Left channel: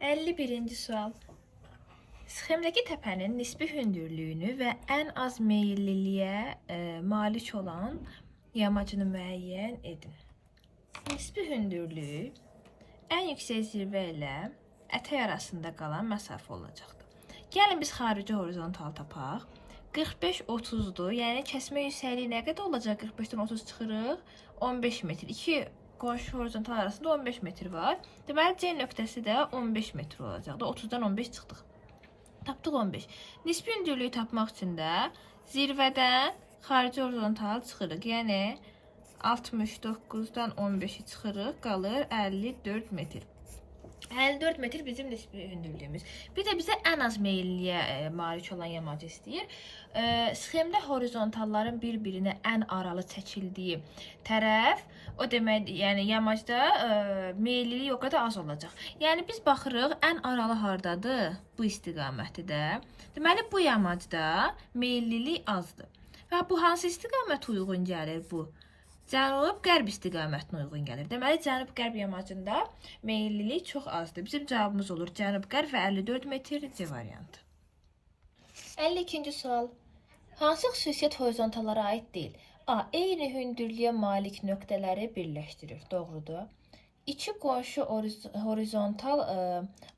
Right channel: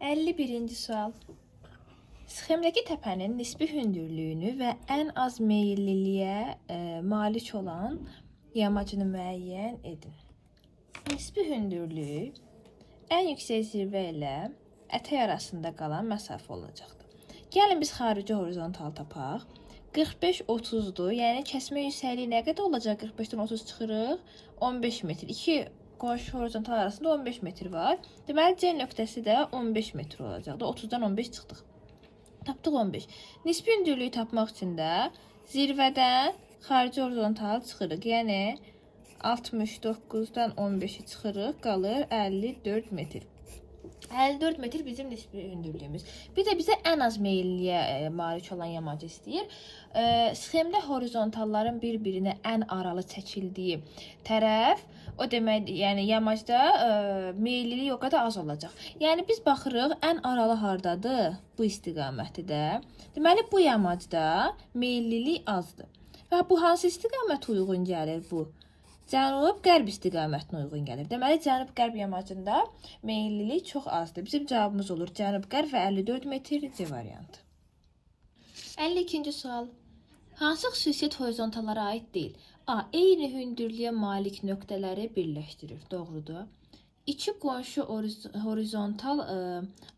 51-ci sual. Sxemdəki təpənin nisbi hündürlüyünü və ən az meyilliliyə malik olan yamacını müəyyən edin. Nisbi hündürlük ən yüksək zirvə ilə ətək arasında qalan məsafə olacaqdır. Gəlin biz xarici horizontal tapaq. 45-30'dur. Yəni kəsmə yüksəkliyi nə qədər olacaq? 45-dən 30 çıxırıq. 15 metr. İki qonşu horizontal arasında 15 metr var. Deməli C nöqtəsi də 15 metr olacaqdır. 30-dan 15 çıxdıq. Tapdıq 15. Nisbi hündürlüyü tapmaq üçün də zirvədən xarici horizontal çıxırıq. Yəni 69-dan 15-i çıxırıq, qalır 54 metr. 54 metr bizim nisbi hündürlüyümüz. Bir də bizə ən az meyilliyə malik olan yamacı istəyir. Sxemdə horizontalların bir-birinə ən aralı çəkildiyi tərəf, o demək, yəni yamacda meyillilik o qədər az olacaq. Yəni biz baxırıq, ən aralı hardadır? Bu istiqamətdə. Deməli bu yamacda meyillilik azdır. Və bu hansı istiqamətə uyğun gəlir bu? Cənub-qərb istiqamətinə uyğun gəlir. Deməli, cənub-qərb yamacında meyillilik çox azdır. Bizim cavabımız olur cənub-qərb və 54 metr C variantı. 52-ci sual. Hansı xüsusiyyət horizontallara aid deyil? A. Eyni hündürlüyə malik nöqtələri birləşdirir. Doğrudur. İki qonşu horizontal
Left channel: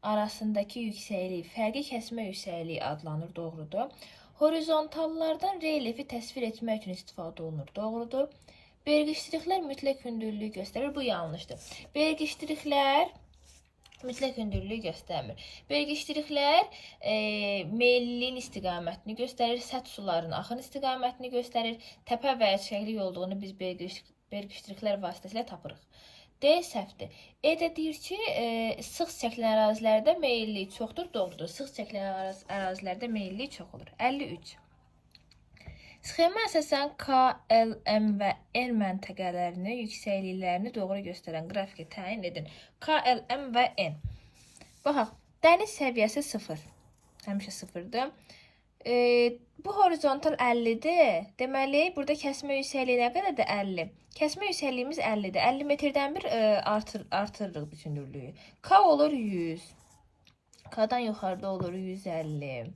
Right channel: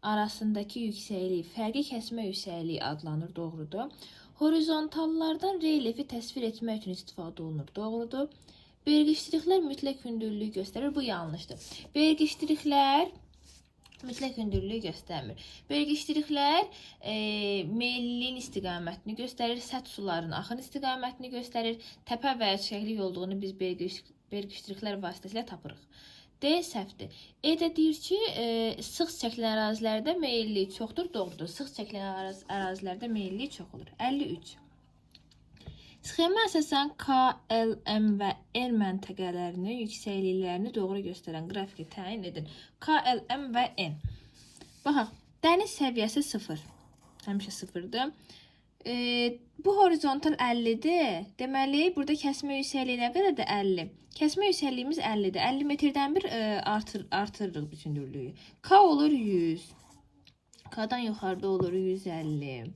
arasındakı yüksəklik, fərqi kəsmə yüksəkliyi adlanır. Doğrudur. Horizontallardan relyefi təsvir etmək üçün istifadə olunur. Doğrudur. Vergiçliklər mütləq hündürlüyü göstərir. Bu yanlışdır. Vergiçliklər mütləq hündürlüyü göstərmir. Vergiçliklər meyilliliyin istiqamətini göstərir. Səth suların axın istiqamətini göstərir. Təpə və çiçəklik olduğunu biz vergiçliklər vasitəsilə tapırıq. D səhvdir. E də deyir ki, sıx çəkilən ərazilərdə meyillilik çoxdur. Doğrudur. Sıx çəkilən ərazilərdə meyillilik çox olur. 53. Sxemə əsasən K, L, M və N məntəqələrinin yüksəkliklərini doğru göstərən qrafiki təyin edin. K, L, M və N. Baxaq, dəniz səviyyəsi 0. Həmişə 0'dır. Bu horizontal 50'dir. Deməli, burada kəsmə yüksəkliyi nə qədərdir? 50. Kəsmə yüksəkliyimiz 50'dir. 50 metrdən bir artırırıq bütünlüyü. K olur 100. K'dan yuxarıda olur 150.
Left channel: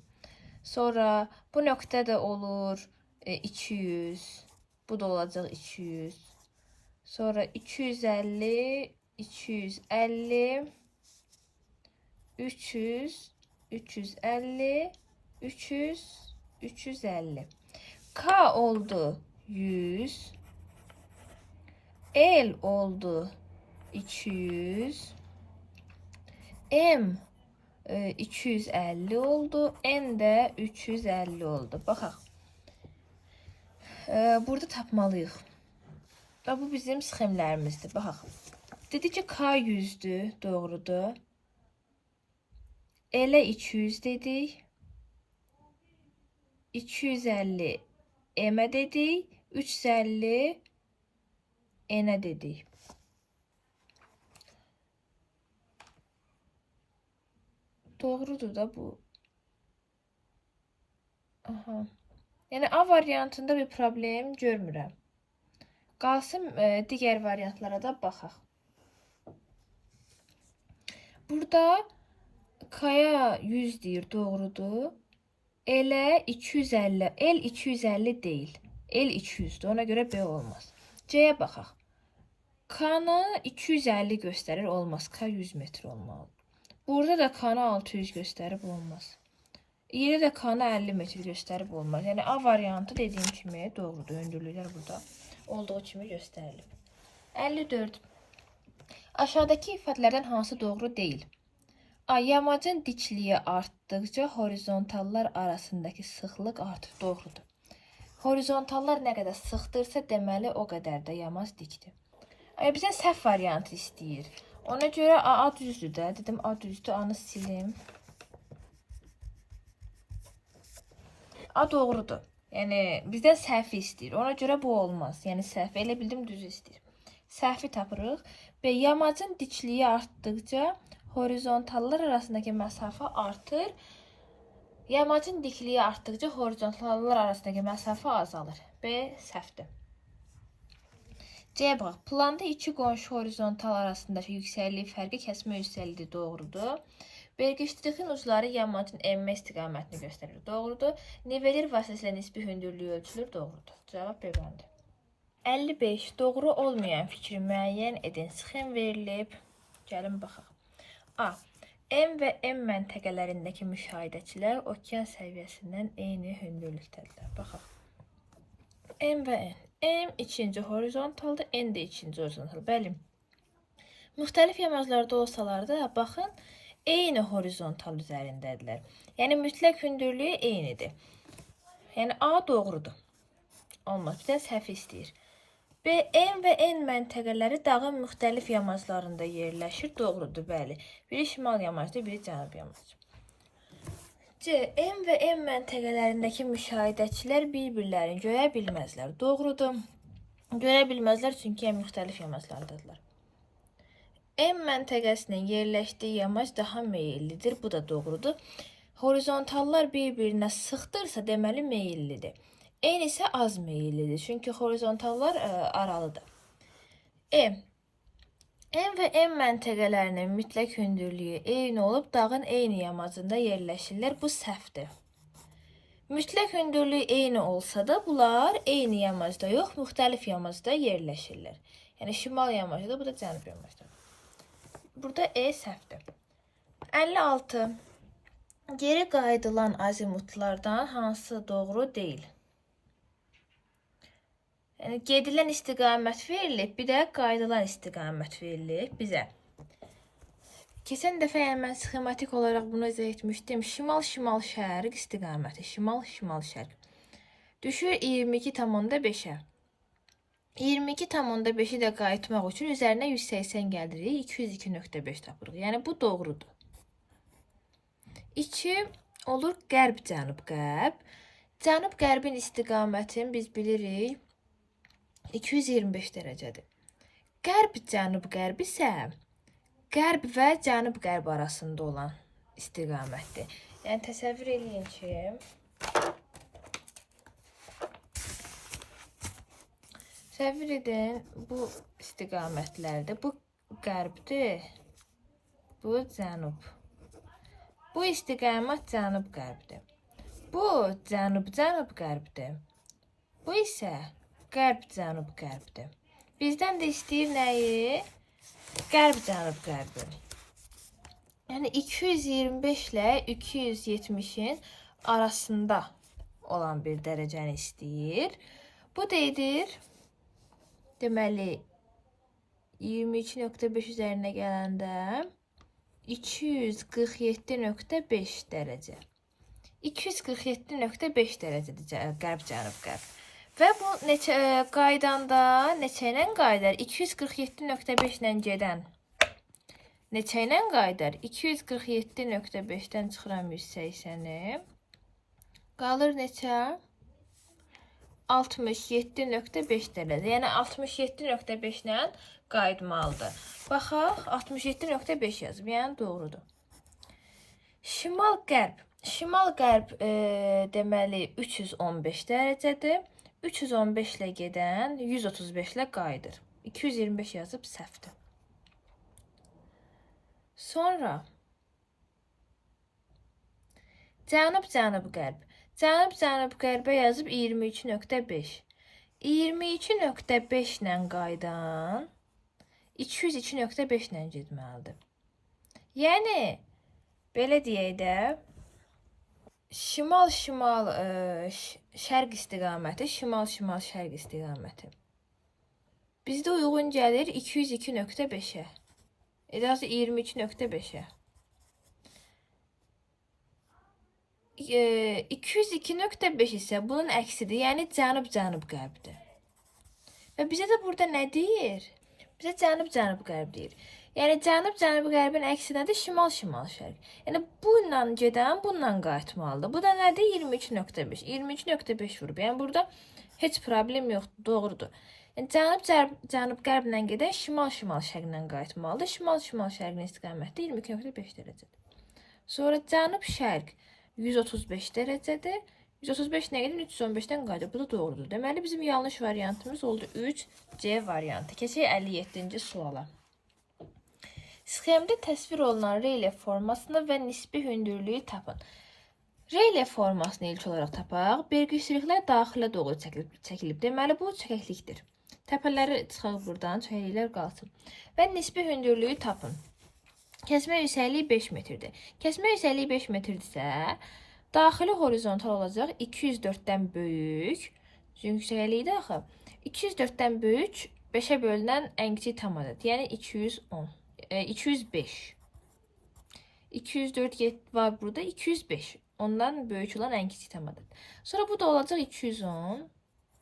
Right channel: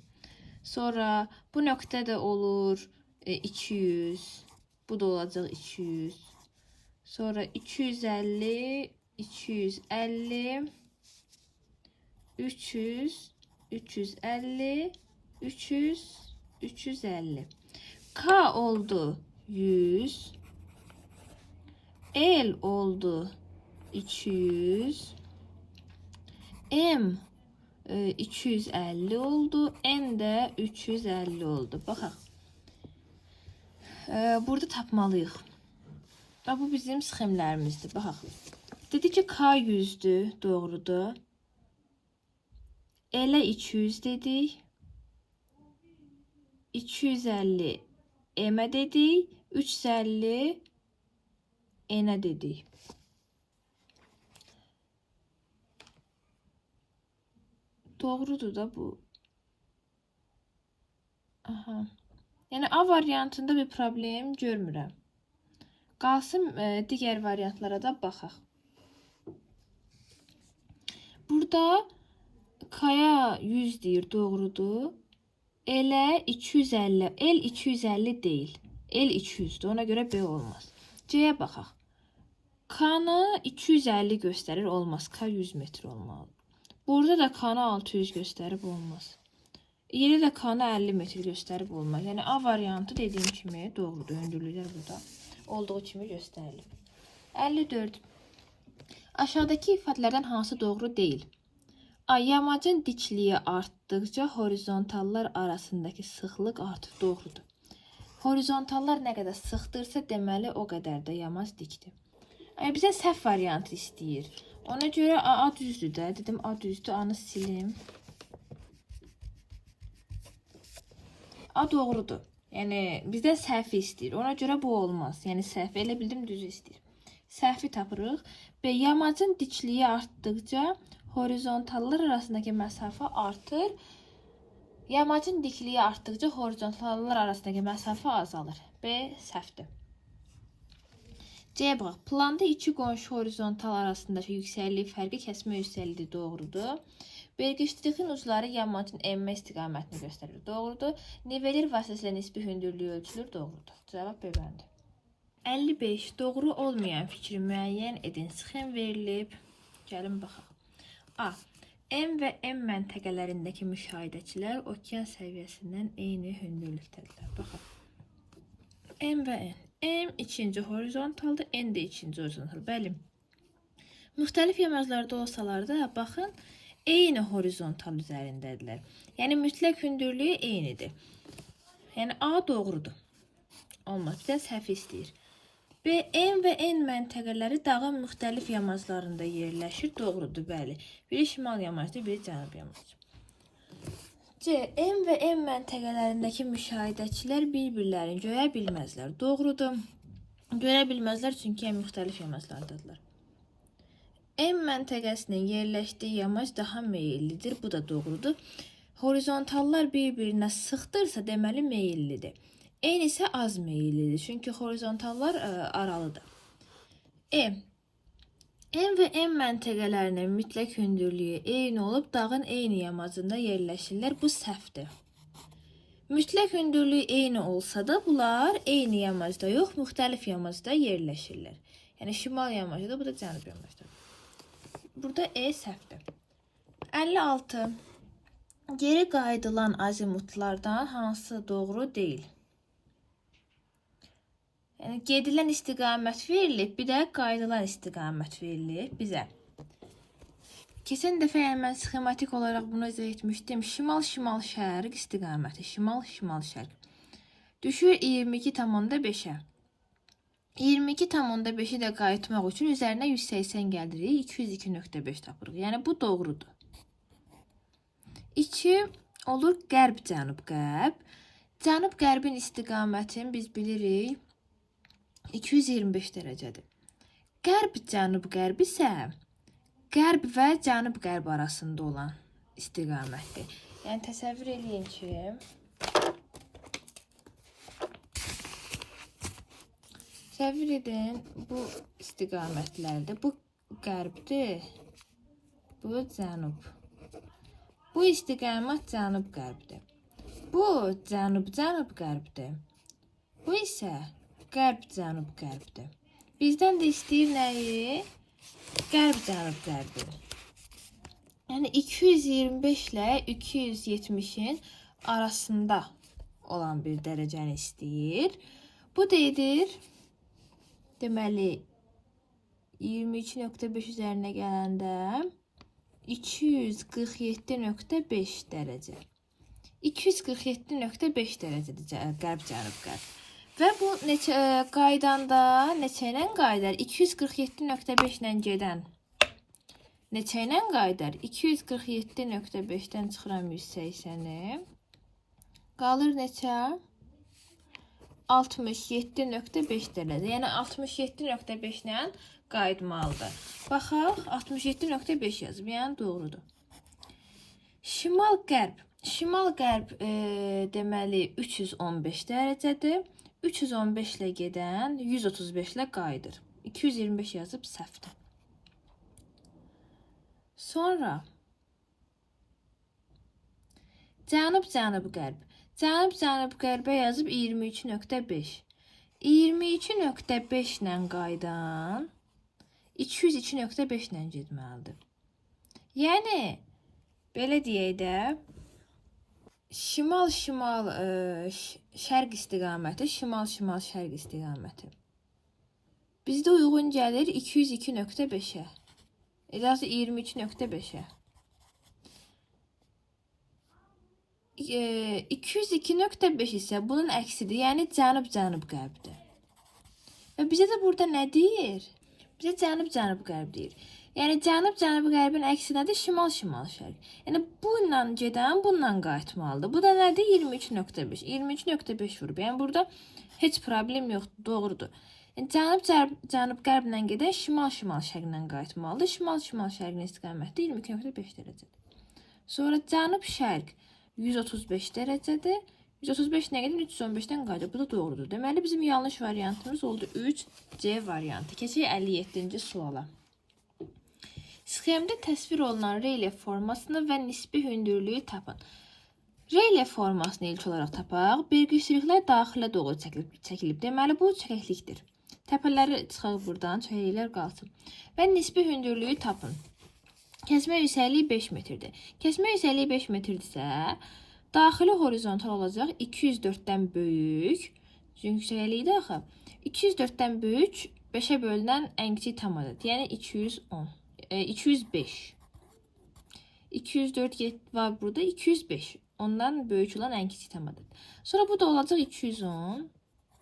Sonra bu nöqtə də olur 200. Bu da olacaq 200. Sonra 250, 250, 300, 350, 300, 350. K oldu 100. L oldu 200. M 250 oldu. N də 350 oldu. Baxaq. Burada tapmalıyıq. Bu bizim sxemlərimizdir. Baxaq. Dedi ki K 100'dür. Doğrudur. L 200 dedik. 250 M dedik. 350 N dedik. Doğrudur da bu. Aha. Yəni A variantında bir problem görmürəm. Qalsın digər variantlara da baxaq. Burada K'ya 100 deyir, doğrudur. L 250. L 250 deyil. L 200'dür. Ona görə B olmaz. C'yə baxaq. K'nı 250 göstərir, olmaz. K 100 metr olmalı. Burada da K'nı 600 göstərib, olmaz. Yine de K'nı 50 metr göstərib olmaz. Yəni A variantı dediyim kimi doğrudur. Hündürlüklər burada olduğu kimi göstərilib. 54. Aşağıdakı ifadələrdən hansı doğru deyil? A. Yamacın dikliyi artdıkca horizontallar arasındakı sıxlıq artır. Doğrudur. Horizontallar nə qədər sıxdırsa, deməli o qədər də yamac dikdir. Bizə səhv variantı istəyir. Ona görə A düzdür də. Dedim A düzdür. A-nı silim. A doğrudur. Yəni bizdən səhvi istəyir. Ona görə bu olmaz. Yəni səhvi elə bildim düz istəyir. Səhvi tapırıq. Və yamacın dikliyi artdıkca horizontallar arasındakı məsafə artır. Yamacın dikliyi artdıkca horizontallar arasındakı məsafə azalır. B səhvdir. C bax. Planda iki qonşu horizontal arasındakı yüksəklik fərqi kəsmə yüksəkliyi doğrudur. Vergiçliyin ucları yamacın enmə istiqamətini göstərir. Doğrudur. Nivelir vasitəsilə nisbi hündürlüyü ölçülür. Doğrudur. Cavab B-bəndi. 55. Doğru olmayan fikri müəyyən edin. Sxem verilib. Gəlin baxaq. A. M və M məntəqələrindəki müşahidəçilər okean səviyyəsindən eyni hündürlükdədirlər. Baxaq. M və N. M ikinci horizontaldır, N də ikinci horizontal. Bəli. Müxtəlif yamaclarda olsalar da, baxın, eyni horizontal üzərindədirlər. Yəni, mütləq hündürlüyü eynidir. Yəni, A doğrudur. Olmaz, bir də səhv istəyir. B, M və N məntəqələri dağın müxtəlif yamaclarında yerləşir. Doğrudur, bəli. Biri şimal yamacdır, biri cənub yamacı. C, M və M məntəqələrindəki müşahidəçilər bir-birlərini görə bilməzlər. Doğrudur. Görə bilməzlər, çünki müxtəlif yamaclardadırlar. M məntəqəsinin yerləşdiyi yamac daha meyillidir. Bu da doğrudur. Horizontallar bir-birinə sıxdırsa, deməli meyillidir. N isə az meyillidir. Çünki horizontallar aralıdır. M və M məntəqələrinin mütləq hündürlüyü eyni olub, dağın eyni yamacında yerləşirlər. Bu səhvdir. Mütləq hündürlüyü eyni olsa da, bunlar eyni yamacda yox, müxtəlif yamacda yerləşirlər. Yəni, şimal yamacda, bu da cənub yamacda. Burada E səhvdir. 56. Geri qayıdılan azimutlardan hansı doğru deyil? Yəni, gedilən istiqamət verilib, bir də qayıdılan istiqamət verilib bizə. Keçən dəfə mən sxematik olaraq bunu izah etmişdim. Şimal-şimal şərq istiqaməti. Şimal-şimal şərq. Düşür 22,5-ə. 22,5-i də qayıtmaq üçün üzərinə 180 gəldiririk. 202,5 tapırıq. Yəni, bu doğrudur. 2 olur qərb-cənub-qərb. Cənub-qərbin istiqamətini biz bilirik. 225 dərəcədir. Qərb-cənub-qərb isə qərb və cənub-qərb arasında olan istiqamətdir. Yəni, təsəvvür eləyin ki, təsəvvür edin, bu istiqamətlərdə, bu qərbdir, bu cənub. Bu istiqamət cənub-qərbdir. Bu cənub-cənub-qərbdir. Bu isə qərb-cənub-qərbdir. Bizdən də istəyir nəyi? Qərb-cənub-qərbi. Yəni 225 ilə 270-in arasında olan bir dərəcəni istəyir. Bu da edir. Deməli 22,5 üzərinə gələndə 247,5 dərəcə. 247,5 dərəcədir qərb-cənub-qərb. Və bu qaydanda neçə ilə qaydar? 247,5 ilə gedən neçə ilə qaydar? 247,5-dən çıxıram 180-i. Qalır neçə? 67,5 dərəcə. Yəni 67,5 ilə qayıtmalıdır. Baxaq, 67,5 yazıb. Yəni doğrudur. Şimal-qərb. Şimal-qərb deməli 315 dərəcədir. 315 ilə gedən 135 ilə qayıdır. 225 yazıb səhvdir. Sonra cənub-cənub-qərb. Cənub-cənub-qərbə yazıb 23,5. 22,5 ilə qayıdan 202,5 ilə getməlidir. Yəni, belə deyək də, şimal-şimal şərq istiqaməti, şimal-şimal şərq istiqaməti. Bizdə uyğun gəlir 202,5-ə. Daha 22,5-ə. 202,5 isə bunun əksidir, yəni cənub-cənub-qərbdir. Və bizə də burada nə deyir? Bizə cənub-cənub-qərb deyir. Yəni cənub-cənub-qərbin əksi nədir? Şimal-şimal şərq. Yəni bununla gedən bununla qayıtmalıdır. Bu da nədir? 23,5. 23,5 vurub. Yəni burada heç problem yoxdur, doğrudur. Yəni cənub-cənub-qərblə gedən şimal-şimal şərqlə qayıtmalıdır. Şimal-şimal şərqin istiqaməti 22,5 dərəcədir. Sonra cənub-şərq 135 dərəcədir. 135 nə qədər? 315-dən qayıdır. Bu da doğrudur. Deməli bizim yanlış variantımız oldu 3C variantı. Keçək 57-ci suala. Sxemdə təsvir olunan relyef formasını və nisbi hündürlüyü tapın. Relyef formasını ilk olaraq tapaq. Bergüçlüklər daxilə doğru çəkilib. Deməli, bu çəkəklikdir. Təpələri çıxaq buradan, çəkəkliklər qalsın. Və nisbi hündürlüyü tapın. Kəsmə yüksəkliyi 5 metrdir. Kəsmə yüksəkliyi 5 metrdirsə, daxili horizontal olacaq 204-dən böyük. Çünki yüksəkliyi də axı 204-dən böyük 5-ə bölünən ən kiçik tam ədəd. Yəni 210. 205. 204 var burada, 205. Ondan böyük olan ən kiçik tam ədəd. Sonra bu da olacaq 210,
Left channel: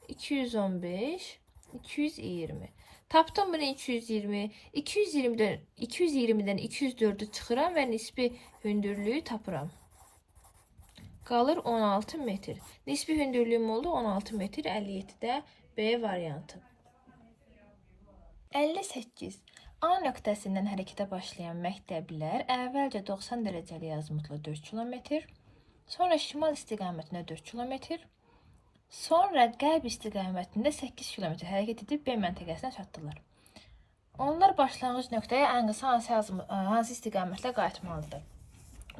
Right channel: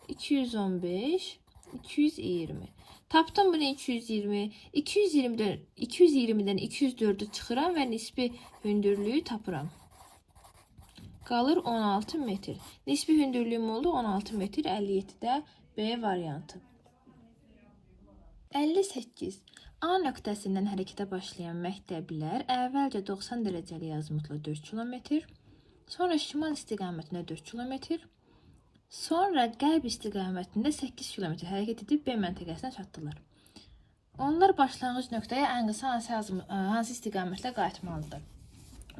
215, 220. Tapdım bunu 220. 220-dən 204'ü çıxıram və nisbi hündürlüyü tapıram. Qalır 16 metr. Nisbi hündürlüyüm oldu 16 metr. 57-də B variantı. 58. A nöqtəsindən hərəkətə başlayan məktəblilər əvvəlcə 90 dərəcəli azimutla 4 km, sonra şimal istiqamətində 4 km, sonra qərb istiqamətində 8 km hərəkət edib B məntəqəsinə çatdılar. Onlar başlanğıc nöqtəyə ən qısa hansı istiqamətlə qayıtmalıdır?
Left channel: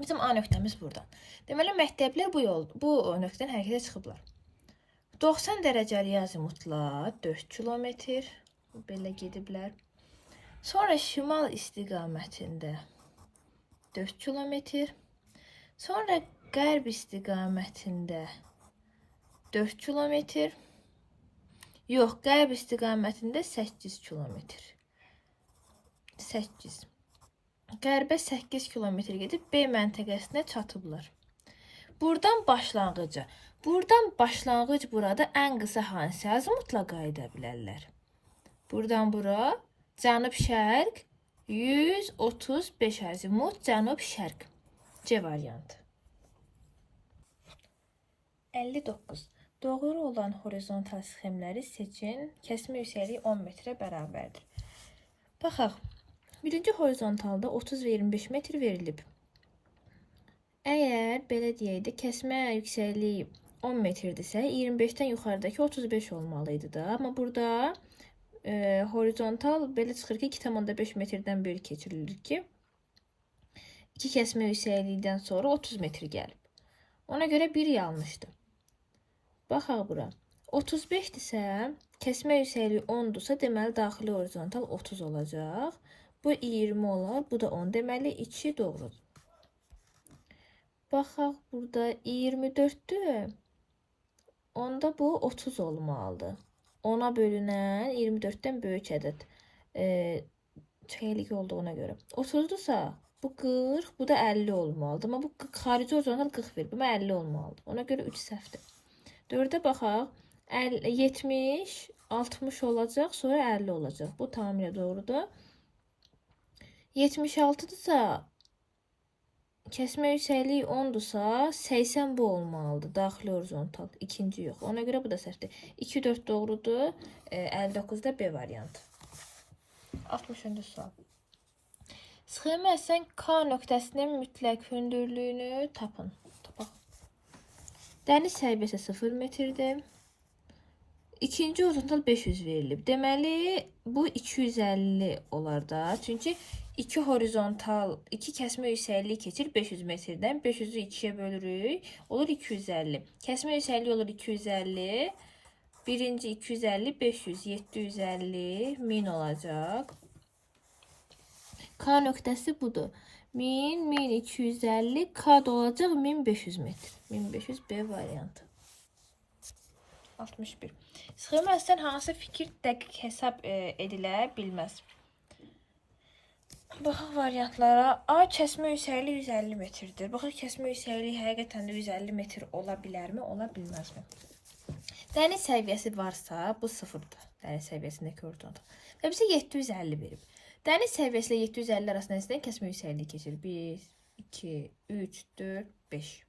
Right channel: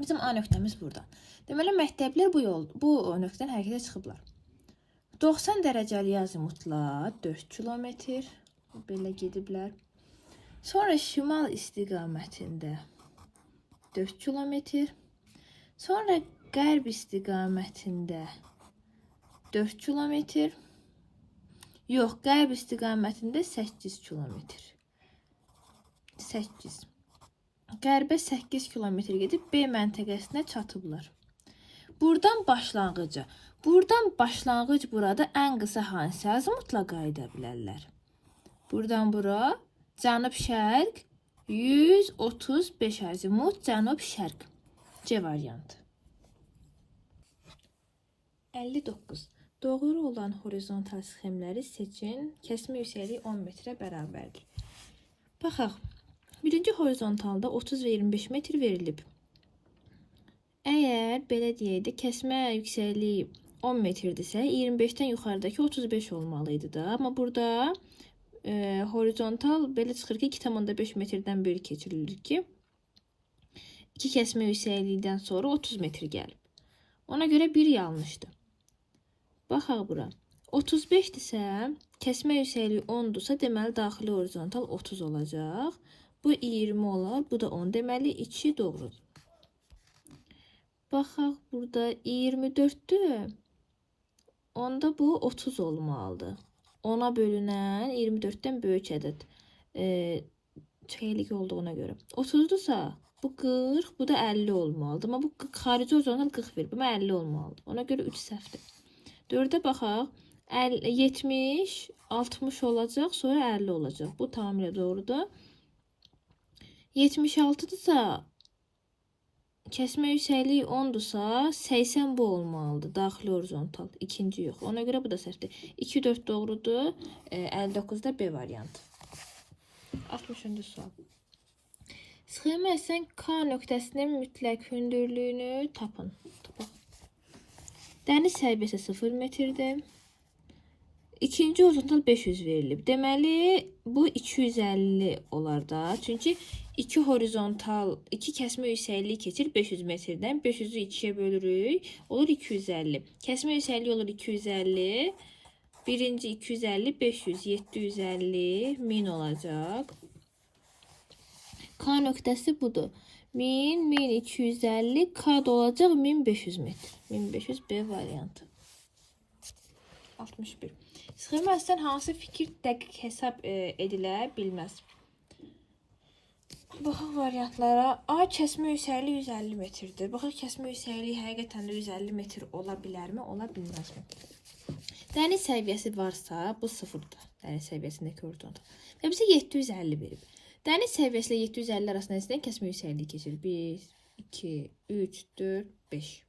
Bizim A nöqtəmiz buradan. Deməli, məktəblilər bu nöqtədən hərəkətə çıxıblar. 90 dərəcəli azimutla 4 km belə gediblər. Sonra şimal istiqamətində 4 km, sonra qərb istiqamətində 4 km, yox, qərb istiqamətində 8 km. 8. Qərbə 8 km gedib B məntəqəsinə çatıblar. Buradan başlanğıc burada ən qısa hansı azimutla qayıda bilərlər? Buradan bura cənub-şərq 135 azimut, cənub-şərq. C variantı. 59. Doğru olan horizontal sxemləri seçin. Kəsmə yüksəkliyi 10 metrə bərabərdir. Baxaq. Birinci horizontalda 30 və 25 metr verilib. Əgər belə deyək də, kəsmə yüksəkliyi 10 metrdirsə, 25-dən yuxarıdakı 35 olmalıydı da. Amma burada horizontal belə çıxır ki, 2,5 metrdən bölü keçirilir ki, 2 kəsmə yüksəklikdən sonra 30 metr gəlib. Ona görə 1 yanlışdır. Baxaq bura. 35-dirsə, kəsmə yüksəkliyi 10-dursa, deməli, daxili horizontal 30 olacaq. Bu 20 olar, bu da 10. Deməli, 2 doğrudur. Baxaq burada 24-dür. Onda bu 30 olmalıdır. 10'a bölünən 24'dən böyük ədəd çəkəklik olduğuna görə. 30'dursa bu 40, bu da 50 olmalıdır. Amma bu xarici horizontal 40 verir. Bu 50 olmalıdır. Ona görə 3 səhvdir. 4'ə baxaq. 70, 60 olacaq, sonra 50 olacaq. Bu tamamilə doğrudur. 76'dırsa, kəsmə yüksəkliyi 10'dursa, 80 bu olmalıdır. Daxili horizontal. İkinci yox. Ona görə bu da səhvdir. 2, 4 doğrudur. 59'da B variantı. 60. sual. Sxemə əsən K nöqtəsinin mütləq hündürlüyünü tapın. Dəniz səviyyəsi 0 metrdir. İkinci horizontal 500 verilib. Deməli, bu 250 olar da. Çünki 2 horizontal, 2 kəsmə yüksəkliyi keçir 500 metrdən. 500'ü 2'ye bölürük. Olur 250. Kəsmə yüksəkliyi olur 250. Birinci 250, 500, 750, 1000 olacaq. K nöqtəsi budur. 1000, 1250, K da olacaq 1500 metr. 1500 B variantı. 61. Sxemə əsasən hansı fikir dəqiq hesab edilə bilməz? Baxaq variantlara. A kəsmə yüksəkliyi 150 metrdir. Baxaq kəsmə yüksəkliyi həqiqətən də 150 metr ola bilərmi, ola bilməzmi? Dəniz səviyyəsi varsa, bu 0'dır. Dəniz səviyyəsindəki horizontal. Və bizə 750 verib. Dəniz səviyyəsi ilə 750 arasında nəzərdən kəsmə yüksəkliyi keçir. 1, 2, 3, 4, 5.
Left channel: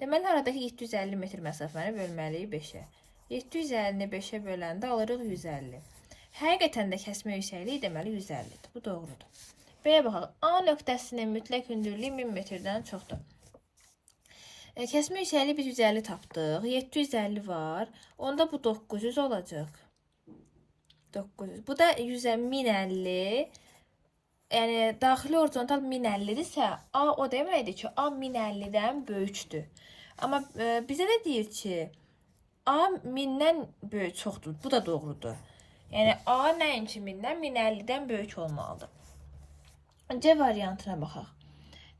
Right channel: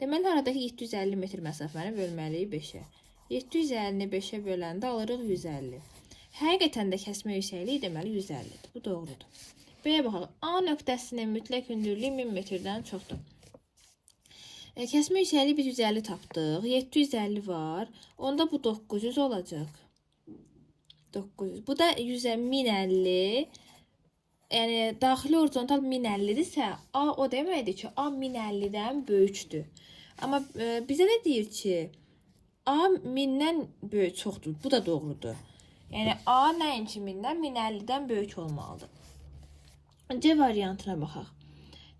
Deməli, aradakı 750 metr məsafəni bölməliyik 5'ə. 750-ni 5'ə böləndə alırıq 150. Həqiqətən də kəsmə yüksəkliyi deməli 150'dir. Bu doğrudur. B'yə baxaq. A nöqtəsinin mütləq hündürlüyü 1000 metrdən çoxdur. Kəsmə yüksəkliyi biz 150 tapdıq. 750 var. Onda bu 900 olacaq. 900. Bu da 1050. yəni daxili horizontal 1050-dirsə, A o deməkdir ki, A 1050-dən böyükdür. Amma bizə də deyir ki, A 1000-dən böyük çoxdur. Bu da doğrudur. Yəni A nəinki 1000-dən, 1050-dən böyük olmalıdır. C variantına baxaq.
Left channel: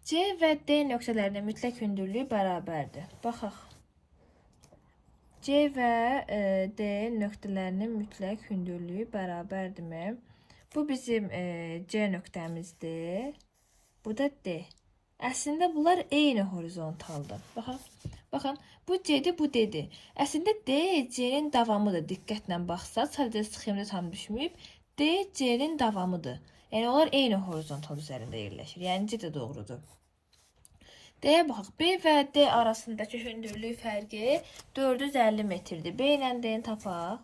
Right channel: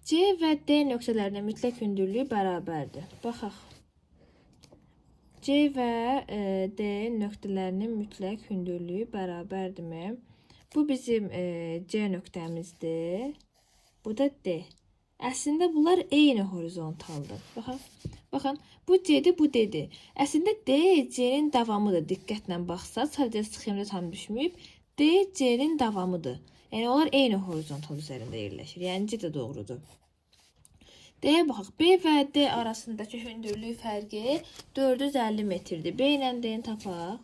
C və D nöqtələrinin mütləq hündürlüyü bərabərdir. Baxaq. C və D nöqtələrinin mütləq hündürlüyü bərabərdirmi? Bu bizim C nöqtəmizdir. Bu da D. Əslində bunlar eyni horizontaldır. Baxın, bu C'dir, bu D'dir. Əslində D C'nin davamıdır. Diqqətlə baxsaq, sadəcə sxemdə tam düşməyib. D C'nin davamıdır. Yəni onlar eyni horizontal üzərində yerləşir. Yəni C də doğrudur. D-yə baxaq. B və D arasındakı hündürlük fərqi 450 metrdir. B ilə D-ni tapaq.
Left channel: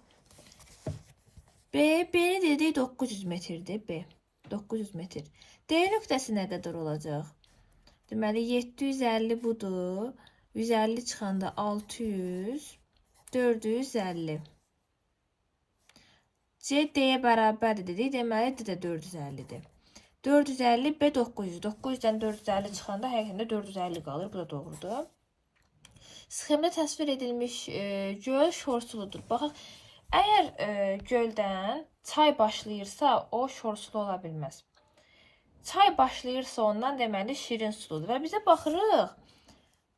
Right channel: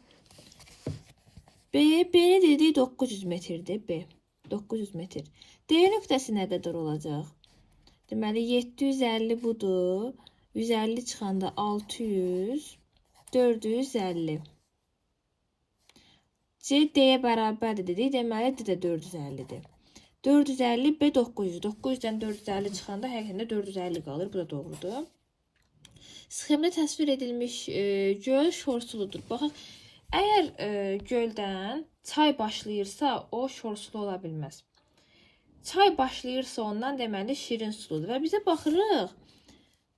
B-ni dedik 900 metrdir. B 900 metr. D nöqtəsi nə qədər olacaq? Deməli 750 budur. 150 çıxanda 600, 450. C D-yə bərabərdir dedik. Deməli D də 450-dir. 450 B 900. 900-dən 450 çıxanda həqiqətən 450 qalır. Bu da doğrudur. Sxemdə təsvir edilmiş göl şorsuludur. Baxaq, əgər göldən çay başlayırsa, o şorsulu ola bilməz. Çay başlayırsa ondan deməli şirin suludur. Və bizə baxırıq.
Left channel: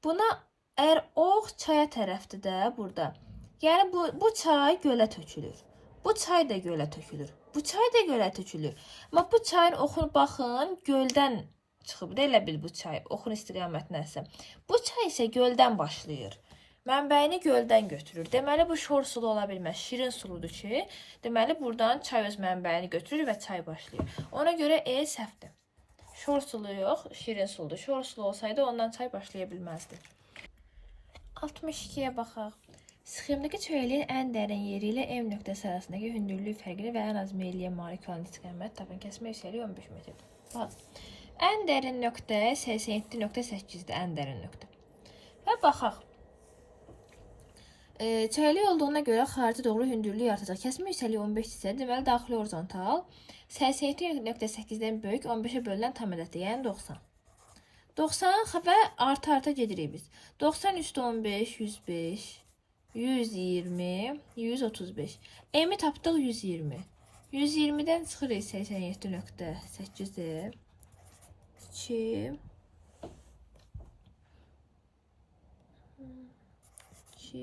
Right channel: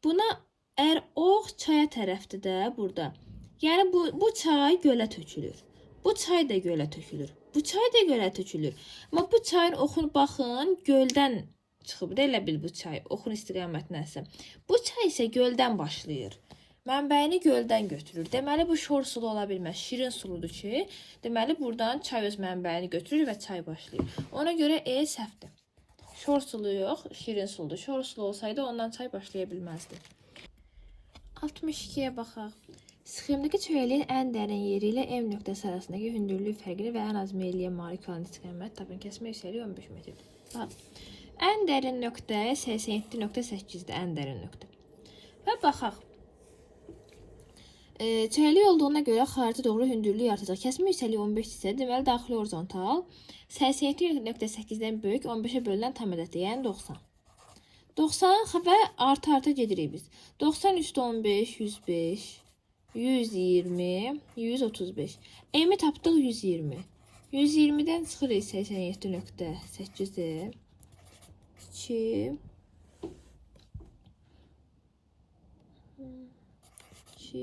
Buna əgər ox çaya tərəfdir də burada. Yəni bu çay gölə tökülür. Bu çay da gölə tökülür. Bu çay da gölə tökülür. Amma bu çayın oxunu baxın, göldən çıxıb da elə bil bu çay. Oxun istiqamətinə. Bu çay isə göldən başlayır. Mənbəyini göldən götürür. Deməli bu şor sulu ola bilməz. Şirin suludur ki, deməli buradan çay öz mənbəyini götürür və çay başlayır. Ona görə E səhvdir. Şor sulu yox, şirin suludur. Şor sulu olsaydı ondan çay başlaya bilməzdi. 62-yə baxaq. Sxemdəki çöləliyin ən dərin yeri ilə M nöqtəsi arasındakı hündürlük fərqini və ən az meylliyə malik olan istiqamət tapın. Kəsmə yüksəliyi 15 metrdir. Bax, ən dərin nöqtə 87.8-dir. Ən dərin nöqtə. Və baxaq. Çöləlik olduğuna görə xarici doğru hündürlük artacaq. Kəsmə yüksəliyi 15 isə, deməli daxili horizontal 87.8-dən böyük 15-ə bölünən tam ədəddir. Yəni 90. 90 və arta gedirik biz. 90 üstü 15, 105, 120, 135. M-i tapdıq 120. 120-dən çıxırıq 87.8-ə. 2,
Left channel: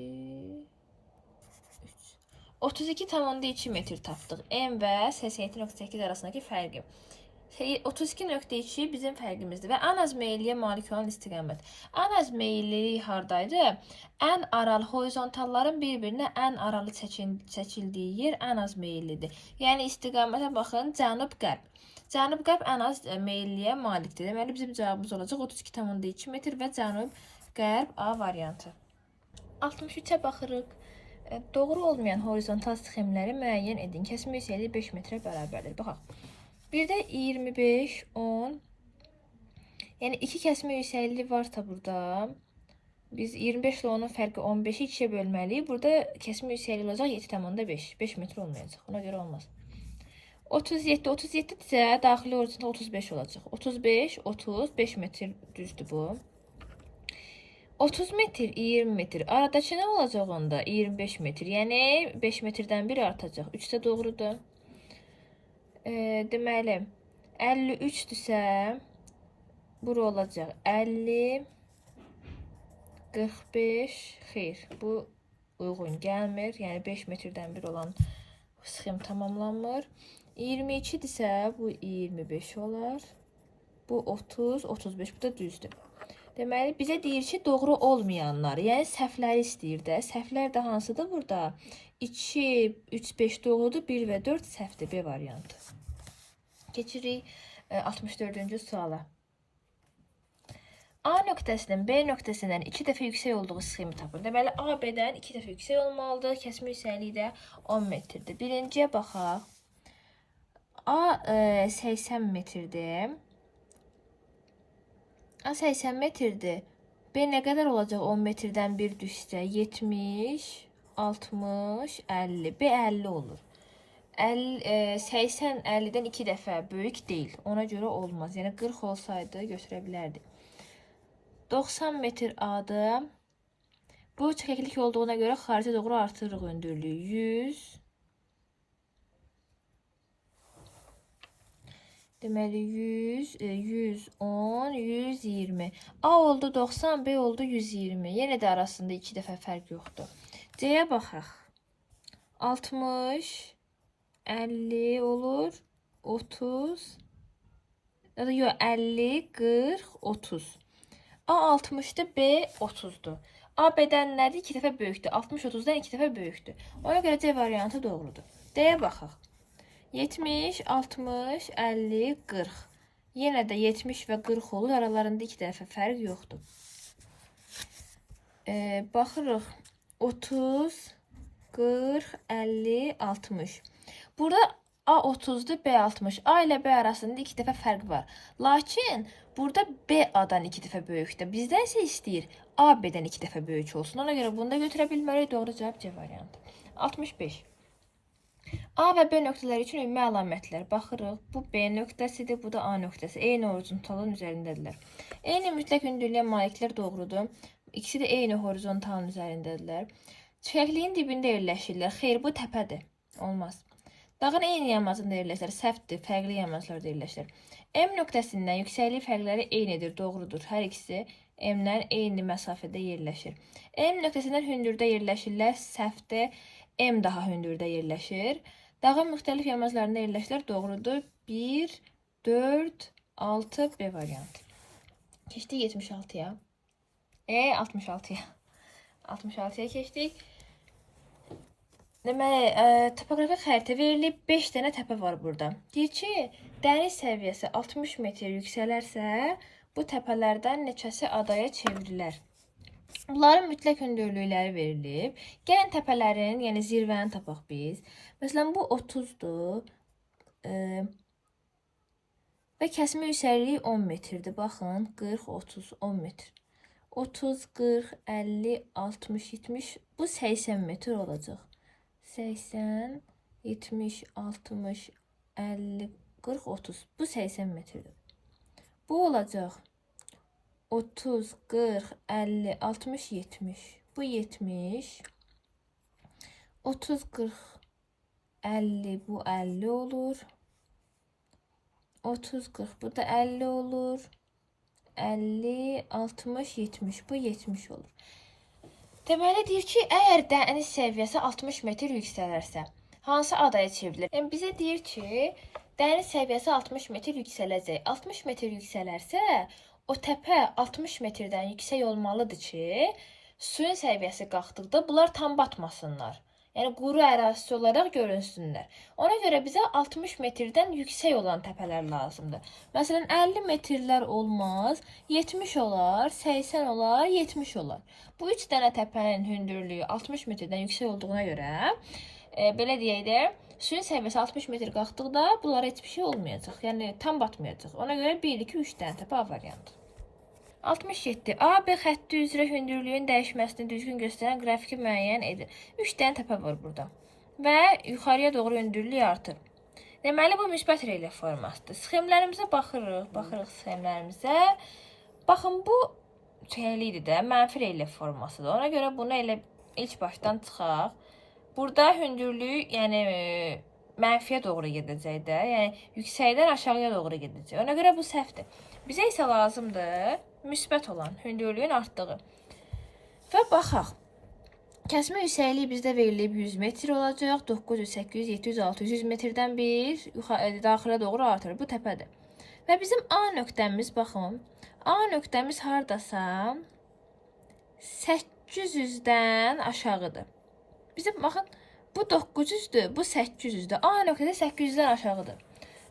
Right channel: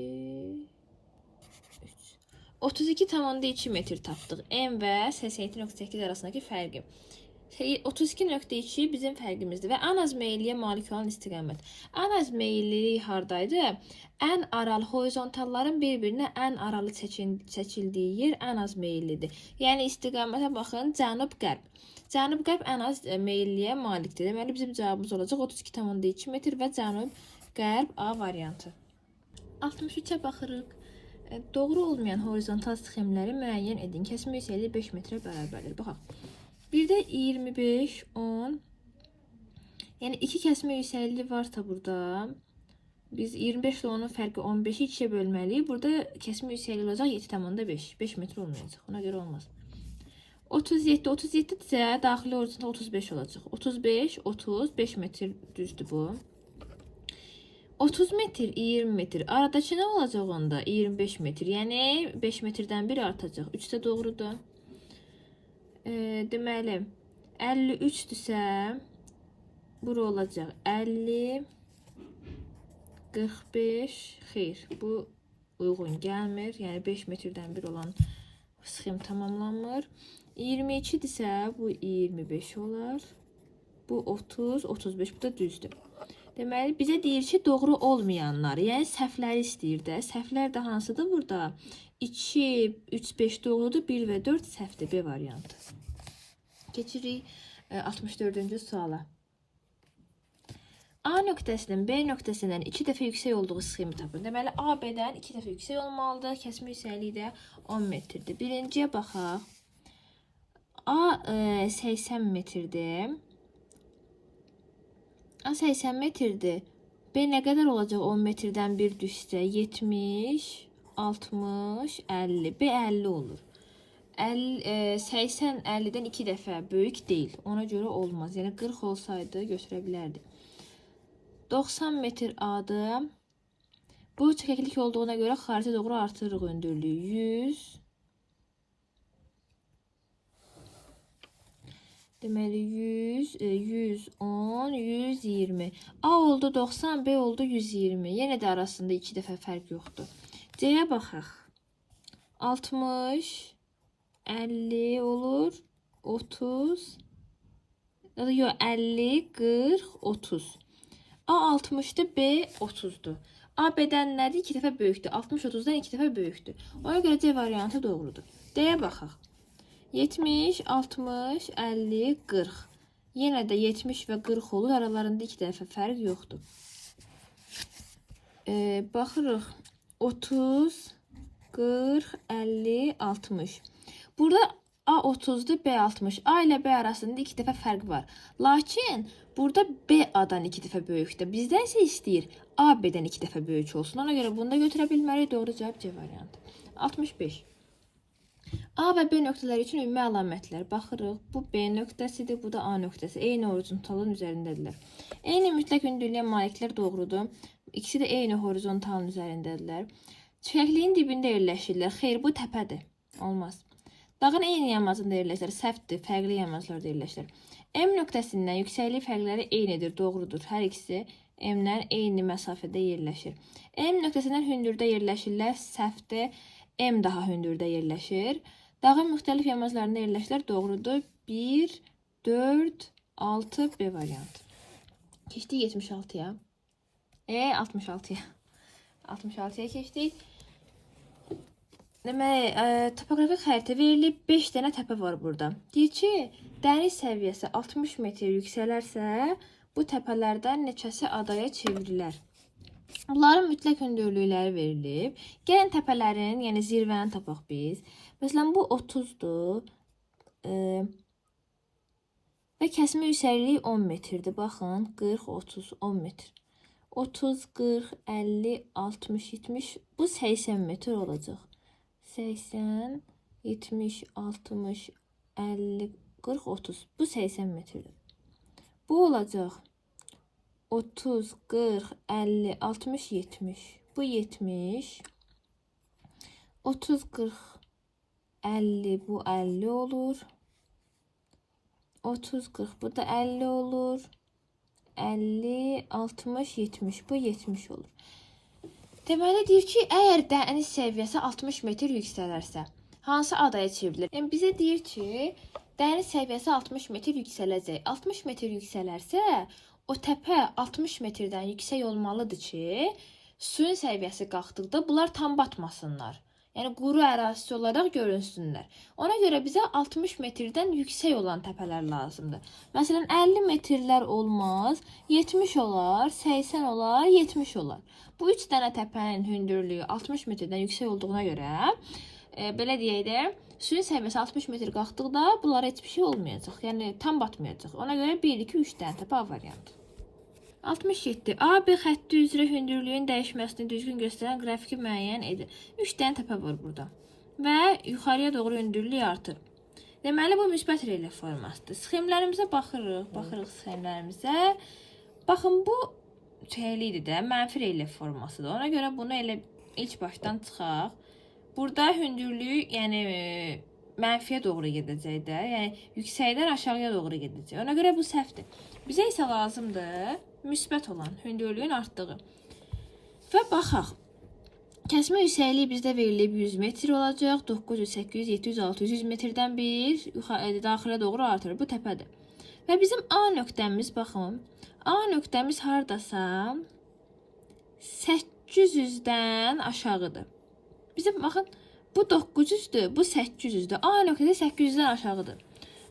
32,2 metr tapdıq. M və 87.8 arasındakı fərqi. 32.2 bizim fərqimizdir və ən az meylliyə malik olan istiqamət. Ən az meyllilik hardaydı? Ən aralı horizontalların bir-birinə ən aralı çəkildiyi yer ən az meyllidir. Yəni istiqamətə baxın, cənub-qərb. Cənub-qərb ən az meylliyə malikdir. Deməli bizim cavabımız olacaq 32,2 metr və cənub-qərb A variantı. 63-ə baxırıq. Doğru olmayan horizontal sxemləri müəyyən edin. Kəsmə yüksəkliyi 5 metrə bərabərdir. Baxaq. Bir də 25, 10. Yəni 2 kəsmə yüksəkliyi varsa burada, biz 25 ilə onun fərqi 15-i 2-yə bölməliyik. Burada kəsmə yüksəkliyi olacaq 7,5. 5 metr olmayacaq. Ona görə olmaz. 37, 37 isə daxili horizontal 35 olacaq. 35, 30, 5 metr düzdür bu. 30 metr, 20 metr. Aradakı nə olacaq onda? 25 metr. Yəni 5 metrdən biri artacaq. 3 də doğrudur. Deməli 53-dürsə bura olacaq 50, 45, xeyr, bu uyğun gəlmir. Yəni 5 metrdən bir olan sxem tamamlanmır. 22-dirsə bu 25 olar. Bu 30, 35, bu da düzdür. Deməli bizə deyir ki, doğru olmayanlar, yəni səhvləri istəyir də. Səhvlər də hansıdır burada? 2, 3, 5 doğrudur, 1 və 4 səhvdir. B variantı. Keçirik 64-cü suala. A nöqtəsinin B nöqtəsindən 2 dəfə yüksək olduğu sxemi tapın. Deməli A B-dən 2 dəfə yüksək olmalıdır. Kəsmə yüksəkliyi də 10 metrdir. Birinciyə baxaq. A 80 metrdir. A 80 metrdir. B nə qədər olacaq 10 metrdən bir düşsə? 70, 60, 50. B 50 olur. 80 50-dən 2 dəfə böyük deyil. Ona görə olmaz. Yəni 40 olsaydı götürə bilərdi. 90 metr A-da bu çəkiklik olduğuna görə xaricə doğru artırırıq hündürlüyü. 100 deməli 100, 110, 120. A oldu 90, B oldu 120. Yenə də arasında 2 dəfə fərq yoxdur. C-yə baxaq. 60, 50 olur, 30, yox 50, 40, 30. A 60'dır, B 30'dur. A B-dən nədir? 2 dəfə böyükdür. 60 30-dan 2 dəfə böyükdür. Ona görə C variantı doğrudur. D-yə baxaq. 70, 60, 50, 40. Yenə də 70 və 40 olur. Aralarında 2 dəfə fərq yoxdur. Baxırıq. 30, 40, 50, 60. Burada A 30'dur, B 60. A ilə B arasında 2 dəfə fərq var. Lakin burada B A-dan 2 dəfə böyükdür. Bizdən isə istəyir A B-dən 2 dəfə böyük olsun. Ona görə bunu da götürə bilmərik. Doğru cavab C variantı. 65. A və B nöqtələri üçün ümumi əlamətlər. Baxırıq. Bu B nöqtəsidir, bu da A nöqtəsi. Eyni horizontalın üzərindədirlər. Eyni mütləq hündürlüyə maliklər doğrudur. İkisi də eyni horizontalın üzərindədirlər. Çəkliyin dibində yerləşirlər. Xeyr, bu təpədir. Olmaz. Dağın eyni yamacında yerləşir. Səhvdir, fərqli yamaclarda yerləşir. M nöqtəsindən yüksəklik fərqləri eynidir, doğrudur. Hər ikisi M-dən eyni məsafədə yerləşir. M nöqtəsindən hündürdə yerləşirlər. Səhvdir, M daha hündürdə yerləşir. Dağın müxtəlif yamaclarında yerləşirlər, doğrudur. 1, 4, 6 B variantı. Keçdik 76-ya. 66-ya. 66-ya keçdik. Deməli, topografik xəritə verilib 5 dənə təpə var burada. Deyir ki, dəniz səviyyəsi 60 metr yüksələrsə, bu təpələrdən neçəsi adaya çevrilər. Bunların mütləq hündürlükləri verilib. Gəlin təpələrin, yəni zirvəni tapaq biz. Məsələn, bu 30-dur və kəsmə yüksəkliyi 10 metrdir. Baxın, 40, 30, 10 metr. 30, 40, 50, 60, 70, bu 80 metr olacaq. 80, 70, 60, 50, 40, 30. Bu 80 metrdir. Bu olacaq 30, 40, 50, 60, 70. Bu 70. 30, 40, 50, bu 50 olur. 30, 40, bu da 50 olur. 50, 60, 70. Bu 70 olur. Deməli deyir ki, əgər dəniz səviyyəsi 60 metr yüksələrsə, hansı adaya çevrilir? Yəni bizə deyir ki, dəniz səviyyəsi 60 metr yüksələcək. 60 metr yüksələrsə, o təpə 60 metrdən yüksək olmalıdır ki, suyun səviyyəsi qalxdıqda bunlar tam batmasınlar. Yəni quru ərazisi olaraq görünsünlər. Ona görə bizə 60 metrdən yüksək olan təpələr lazımdır. Məsələn, 50 metrlər olmaz, 70 olar, 80 olar, 70 olar. Bu 3 dənə təpənin hündürlüyü 60 metrdən yüksək olduğuna görə, belə deyək də, suyun səviyyəsi 60 metr qalxdıqda bunlara heç bir şey olmayacaq. Yəni tam batmayacaq. Ona görə 1, 2, 3 dənə təpə A variantı. 67. A, B xətti üzrə hündürlüyün dəyişməsini düzgün göstərən qrafiki müəyyən edir. 3 dənə təpə var burada. Və yuxarıya doğru hündürlük artır. Deməli, bu müsbət relyef formasıdır. Sxemlərimizə baxırıq. Baxırıq sxemlərimizə. Baxın, bu çəklikdir də, mənfi relyef formasıdır. Ona görə bunu elə ilk başdan çıxaq. Burada hündürlük, yəni mənfiyə doğru gedəcək də. Yəni yüksəkdən aşağıya doğru gedəcək. Ona görə bu səhvdir. Bizə isə lazımdır müsbət olan hündürlüyün artdığı. Və baxaq. Kəsmə yüksəkliyi bizdə verilib 100 metr olacaq. 900, 800, 700, 600, 100 metrdən bir daxilə doğru artır. Bu təpədir. Və bizim A nöqtəmiz, baxın. A nöqtəmiz haradasa 800-dən aşağıdır. Bizim, baxın, bu 900-dür, bu 800-dür. A nöqtədə 800-dən aşağıdır.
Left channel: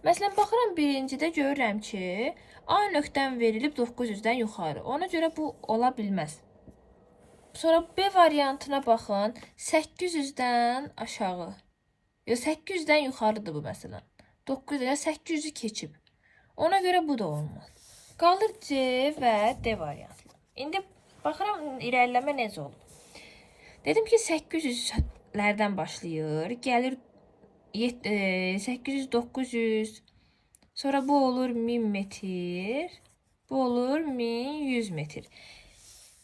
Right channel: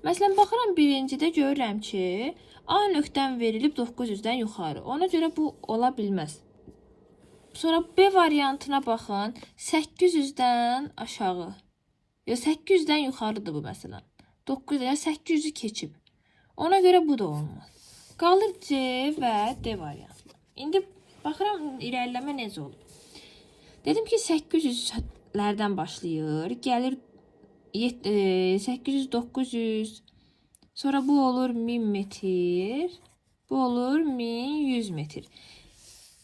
Məsələn, baxıram birincidə görürəm ki, A nöqtəm verilib 900-dən yuxarı. Ona görə bu ola bilməz. Sonra B variantına baxın, 800-dən aşağı. Yox, 800-dən yuxarıdır bu məsələn. 900-dən 800-ü keçib. Ona görə bu da olmaz. Qalır C və D variantı. İndi baxıram irəliləmə necə olub. Dedim ki 800-lərdən başlayır, gəlir 800, 900. Sonra bu olur 1000 metr. Bu olur 1100 metr.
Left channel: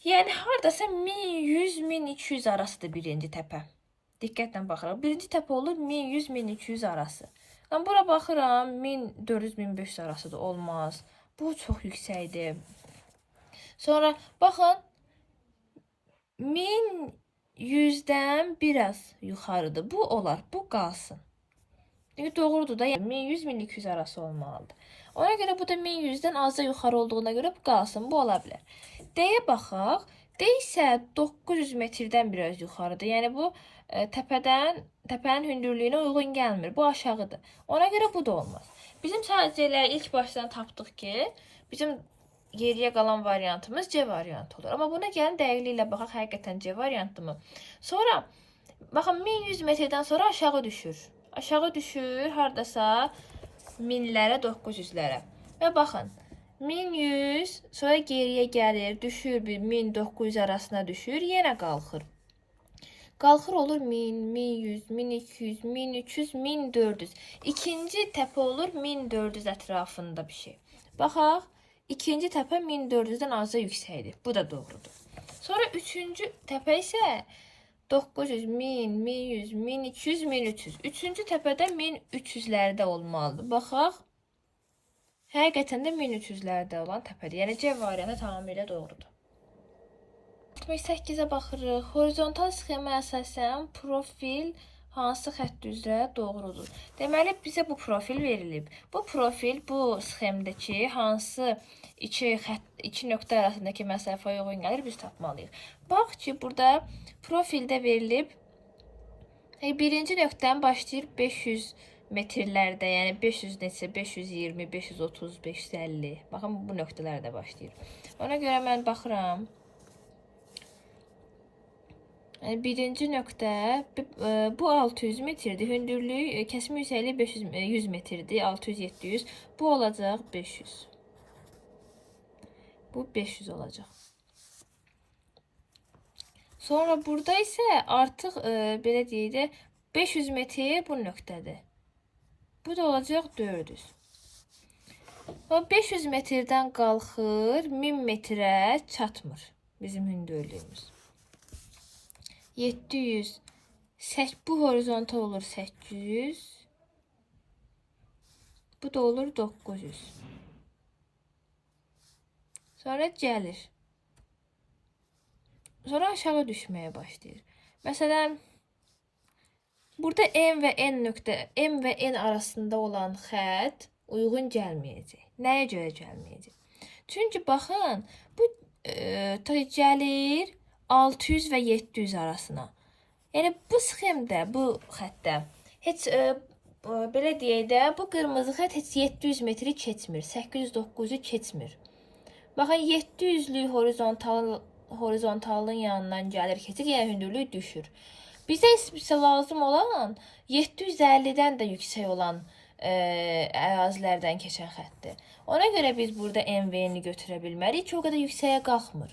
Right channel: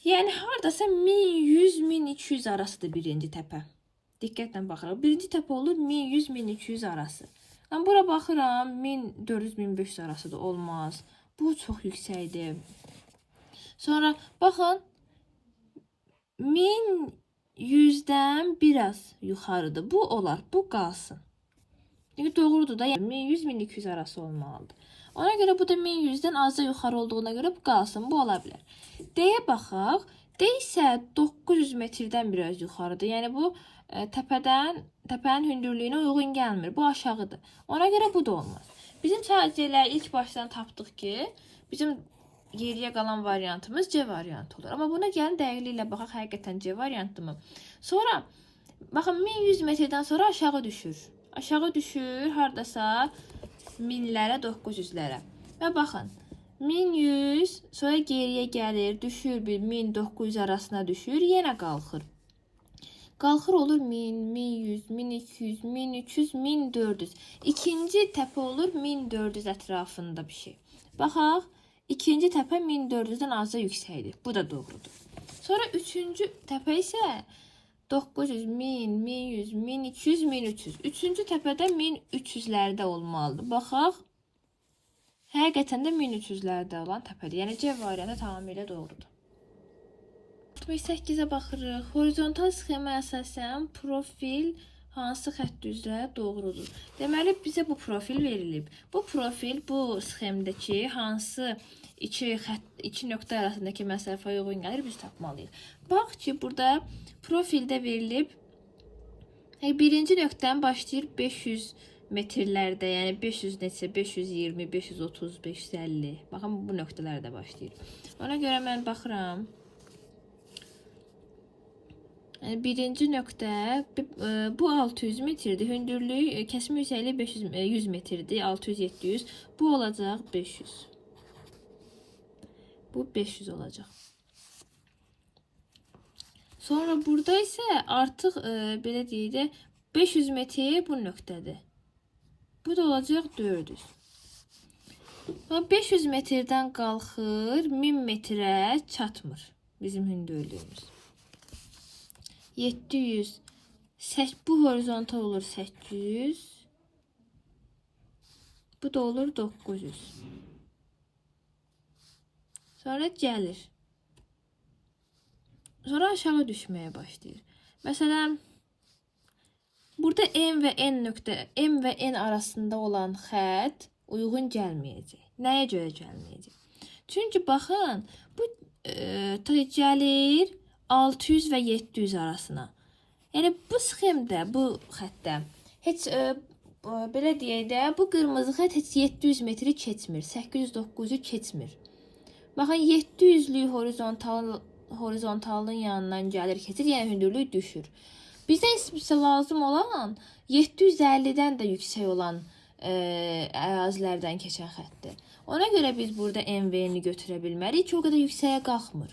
Yəni hardasa 1100, 1200 arasıdır birinci təpə. Diqqətlə baxırıq. Birinci təpə olur 1100, 1200 arası. Mən bura baxıram 1400, 1500 arasıdır. Olmaz. Bu çox yüksəkdir. Sonra baxın 1100-dən biraz yuxarıdır. Bu olar. Bu qalsın. Çünki doğrudur da, yəni 1100-1200 arası olmalıdır. Ona görə bu da 1100-dən azca yuxarı olduğuna görə bu qalsın. Bu ola bilər. D-yə baxaq. D isə 900 metrdən biraz yuxarıdır. Yəni bu təpənin hündürlüyünə uyğun gəlmir. Bu aşağıdır. Ona görə bu da olmaz. Bizim sadəcə ilk başdan tapdıq ki, bizim geriyə qalan variantımız C variantı olur. Amma buna gəlin dəqiqliklə baxaq, həqiqətən C variantıdır. Sonra baxın 1100 metrdən sonra aşağı düşür. Aşağı düşür hardasa 1000-lərə, 900-lərə. Və baxın 1100 sonra geriyə gəlir, düşür bir 1000-900 arasına düşür, yenə qalxır. Qalxır olur 1000, 1100, 1200, 1300, 1400. İkinci təpə olur 1400 ətrafında bir şey. Baxaq, ikinci təpə 1400-dən azca yüksəkdir. Bu da doğrudur. Sonra üçüncü təpə isə 900, 1000, 1100, 1200, 1300. Üçüncü təpədə 1300-lərdə olmalıdır. Baxaq, həqiqətən də 1300-lərdə olan təpədir. Yəni C variantı tamamilə doğrudur. 68-ə baxırıq. Horizontal sxemə əsasən profil hansı xətt üzrə doğrudur? Deməli, bizə bu profil verilib. Bu profil bu sxemdəki hansı iki nöqtə arasındakı məsafəyə uyğun gəlir, biz tapmalıyıq. Bax ki, burada profildə verilib. Birinci nöqtədən başlayır 500 metrlərdə, yəni 500 neçə, 520, 530, 550. Baxın, bu nöqtələrdə başlayır. Ona görə mən baxıram. Birinci nöqtə, bu 600 metrdir. Hündürlük, kəsmə yüksəkliyi 100 metrdir. 600-700. Bu olacaq 500. Bu 500 olacaq. Sonra burada isə artıq belə deyək də 500 metr bu nöqtədir. Bu da olacaq 400. 500 metrdən qalxır, 1000 metrə çatmır bizim hündürlüyümüz. 700. Bu horizontal olur 800. Bu da olur 900. Sonra gəlir. Sonra aşağı düşməyə başlayır. Məsələn, burada M və N nöqtə, M və N arasında olan xətt uyğun gəlməyəcək. Nəyə görə gəlməyəcək? Çünki baxın, bu gəlir 600 və 700 arasına. Yəni bu sxemdə, bu xəttdə heç belə deyək də, bu qırmızı xətt heç 700 metri keçmir, 800-900-ü keçmir. Baxın, 700'lük horizontallığın yanından gəlir, keçir, yəni hündürlük düşür. Bizə lazım olan 750-dən də yüksək olan ərazilərdən keçən xəttdir. Ona görə biz burada MV-ni götürə bilmərik ki, o qədər yüksəyə qalxmır.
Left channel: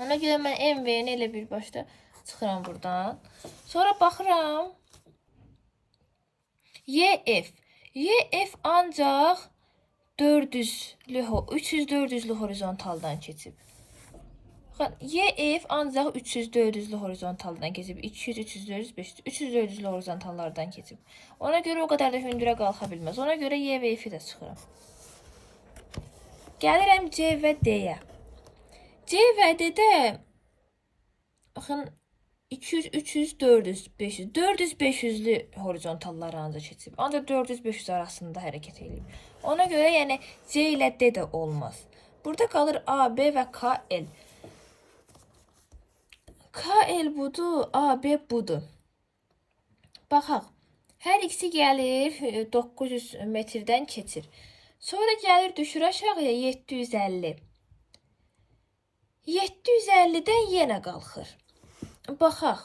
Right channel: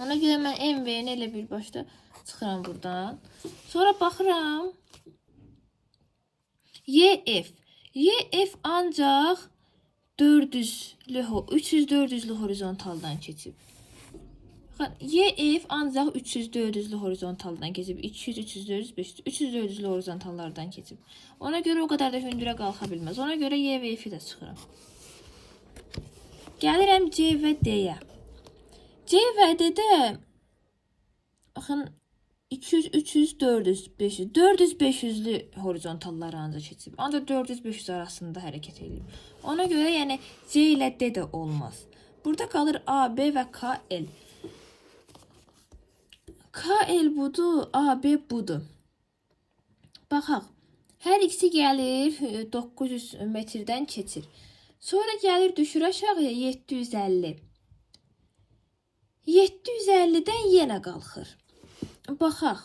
Ona görə mən MV-ni elə bir başda çıxıram buradan. Sonra baxıram. YF. YF ancaq 300-400'lü horizontaldan keçib. YF ancaq 300-400'lü horizontaldan keçib. 200, 300, 400, 500, 300-400'lü horizontallardan keçib. Ona görə o qədər də hündürə qalxa bilməz. Ona görə Y və F-i də çıxıram. Gəlirəm C və D-yə. C və D-də baxın 200, 300, 400, 500. 400-500'lü horizontallar ancaq keçib. Ancaq 400-500 arasında hərəkət edib. Ona görə yəni C ilə D də olmaz. Burada qalır A, B və KL. KL budur, AB budur. Baxaq. Hər ikisi gəlir 900 metrdən keçir. Sonra gəlir düşür aşağıya 750. 750-dən yenə qalxır. Baxaq.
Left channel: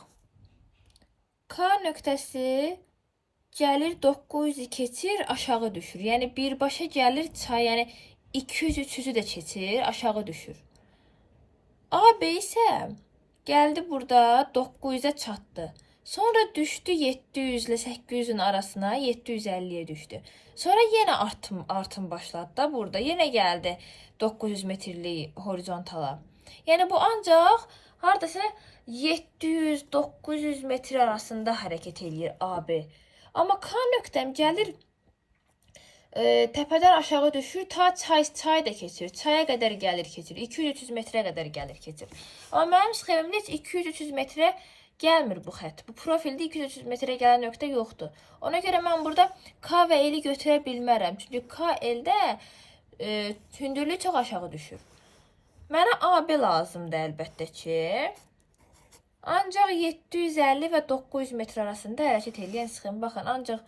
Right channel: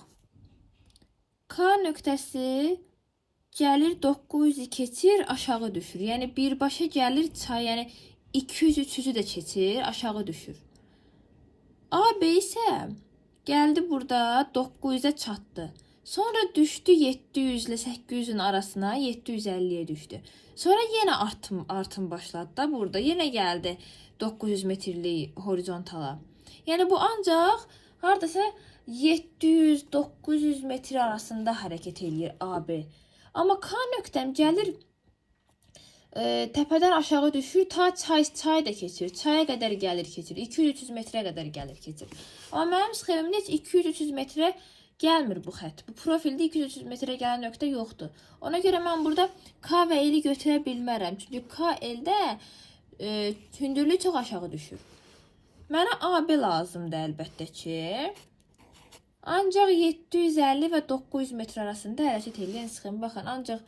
K nöqtəsi gəlir 900'ü keçir, aşağı düşür. Yəni birbaşa gəlir çay, yəni 200-300'ü də keçir, aşağı düşür. AB isə gəldi burada 900'ə çatdı. Sonra düşdü 700 ilə 800-ün arasına, 750-yə düşdü. Sonra yenə artım başladı da burada. Yenə gəldi 900 metrlik horizontala. Yəni bu ancaq hardasa 700-900 metr arasında hərəkət eləyir AB. Amma K nöqtəm gəlir təpədən aşağı düşür, ta çay da keçir. Çaya qədər gəlir, keçir. 200-300 metrə qədər gəlir, keçir. Amma mənim sxemimdə heç 200-300 metrə gəlmir bu xətt. Bu profildə 200-300 metrə gələn nöqtə yoxdur. Ona görə mən burada K və L-i götürə bilmərəm. Çünki K, L-də hündürlük çox aşağı düşür. Mənə AB lazımdır əlbəttə ki. Ancaq 750 və 900 metr arasında hərəkət edən sxem. Baxın, ancaq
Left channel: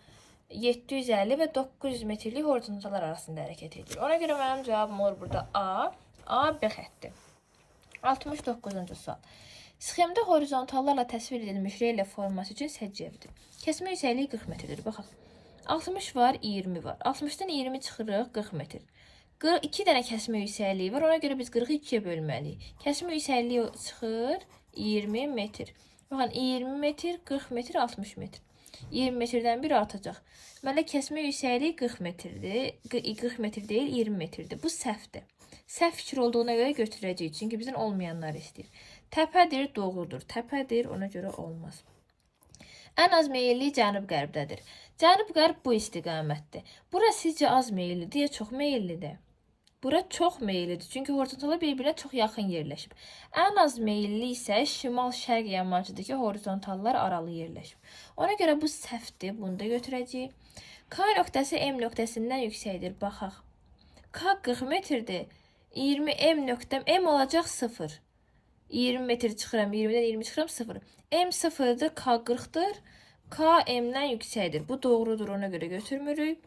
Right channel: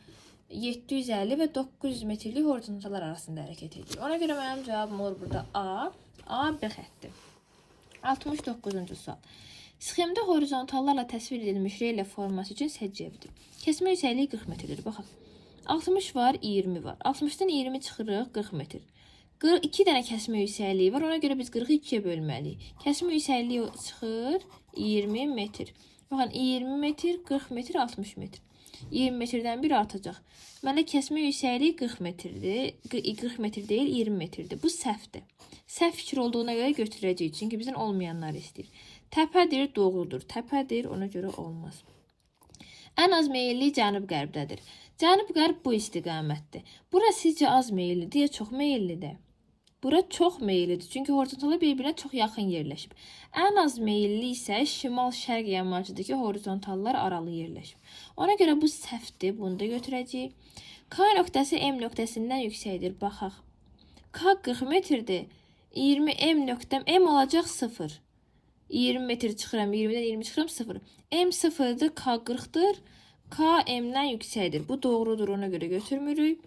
750 və 900 metrlik horizontallar arasında hərəkət edir. Ona görə mənim cavabım olur burada A, B xətti. 69-cu sual. Sxemdə horizontallarla təsvir edilmiş relyef forması üçün səciyyəvidir. Kəsmə yüksəkliyi 40 metrdir. Baxaq. 60 var, 20 var. 60-dan 20 çıxırıq, 40 metr. 2 dənə kəsmə yüksəkliyi var. Ona görə biz 40-ı 2-yə bölməliyik. Kəsmə yüksəkliyi çıxır 20 metr. Baxın, 20 metr, 40 metr, 60 metr. 20 metrdən bir artacaq. Məndə kəsmə yüksəkliyi 40 metrdir. 40 metr deyil, 20 metrdir. Bu səhvdir. Səhv fikir olduğuna görə götürəcəyik. Çünki bizdən olmayanlar istəyir. Təpədir, doğrudur. Təpədir, ona görə olmaz. Ən az meyilli cənub-qərbdədir. Cənub-qərb bu istiqamətdir. Bura sizcə az meyillidir ya çox meyillidir? Bura çox meyillidir. Çünki horizontallar bir-birinə çox yaxın yerləşib. Ən az meyilli isə şimal-şərq yamacındakı horizontallar aralı yerləşib. Ona görə bu səhvdir. Bunu da götürəcəyik. K nöqtəsi M nöqtəsindən yüksəkdir. Baxaq. K 40 metrdir. 20 M nöqtəm. M olacaq 0. 20 metr çıxıram. 20-dən 20 çıxıram 0. M 0-dır. K 40-dır. K M-dən yüksəkdir. Bu doğrudur. Ona görə götürmürük.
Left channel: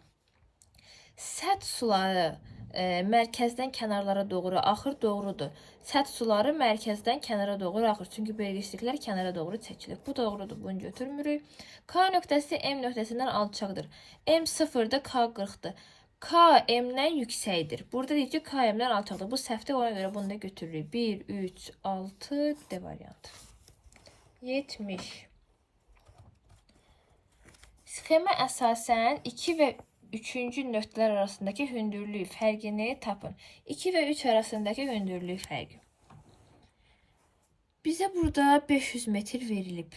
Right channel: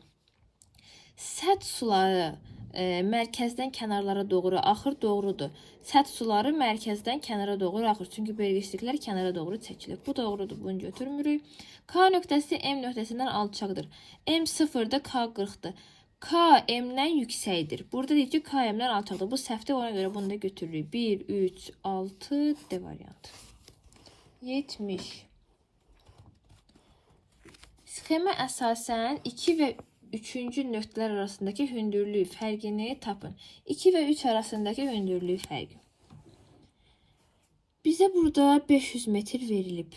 Səth suları mərkəzdən kənarlara doğru axır, doğrudur. Səth suları mərkəzdən kənara doğru axır. Çünki bölgəçiliklər kənara doğru çəkilir. Bu doğrudur. Bunu götürmürük. K nöqtəsi M nöqtəsindən alçaqdır. M 0-dır, K 40-dır. K M-dən yüksəkdir. Burada deyir ki, K M-dən alçaqdır. Bu səhvdir. Ona görə bunu da götürürük. 1, 3, 6 D variantı. 70. Sxemə əsasən 2 və 3-cü nöqtələr arasındakı hündürlük fərqini tapın. 2 və 3 arasındakı hündürlük fərqi. Bizə burada 500 metr verilib.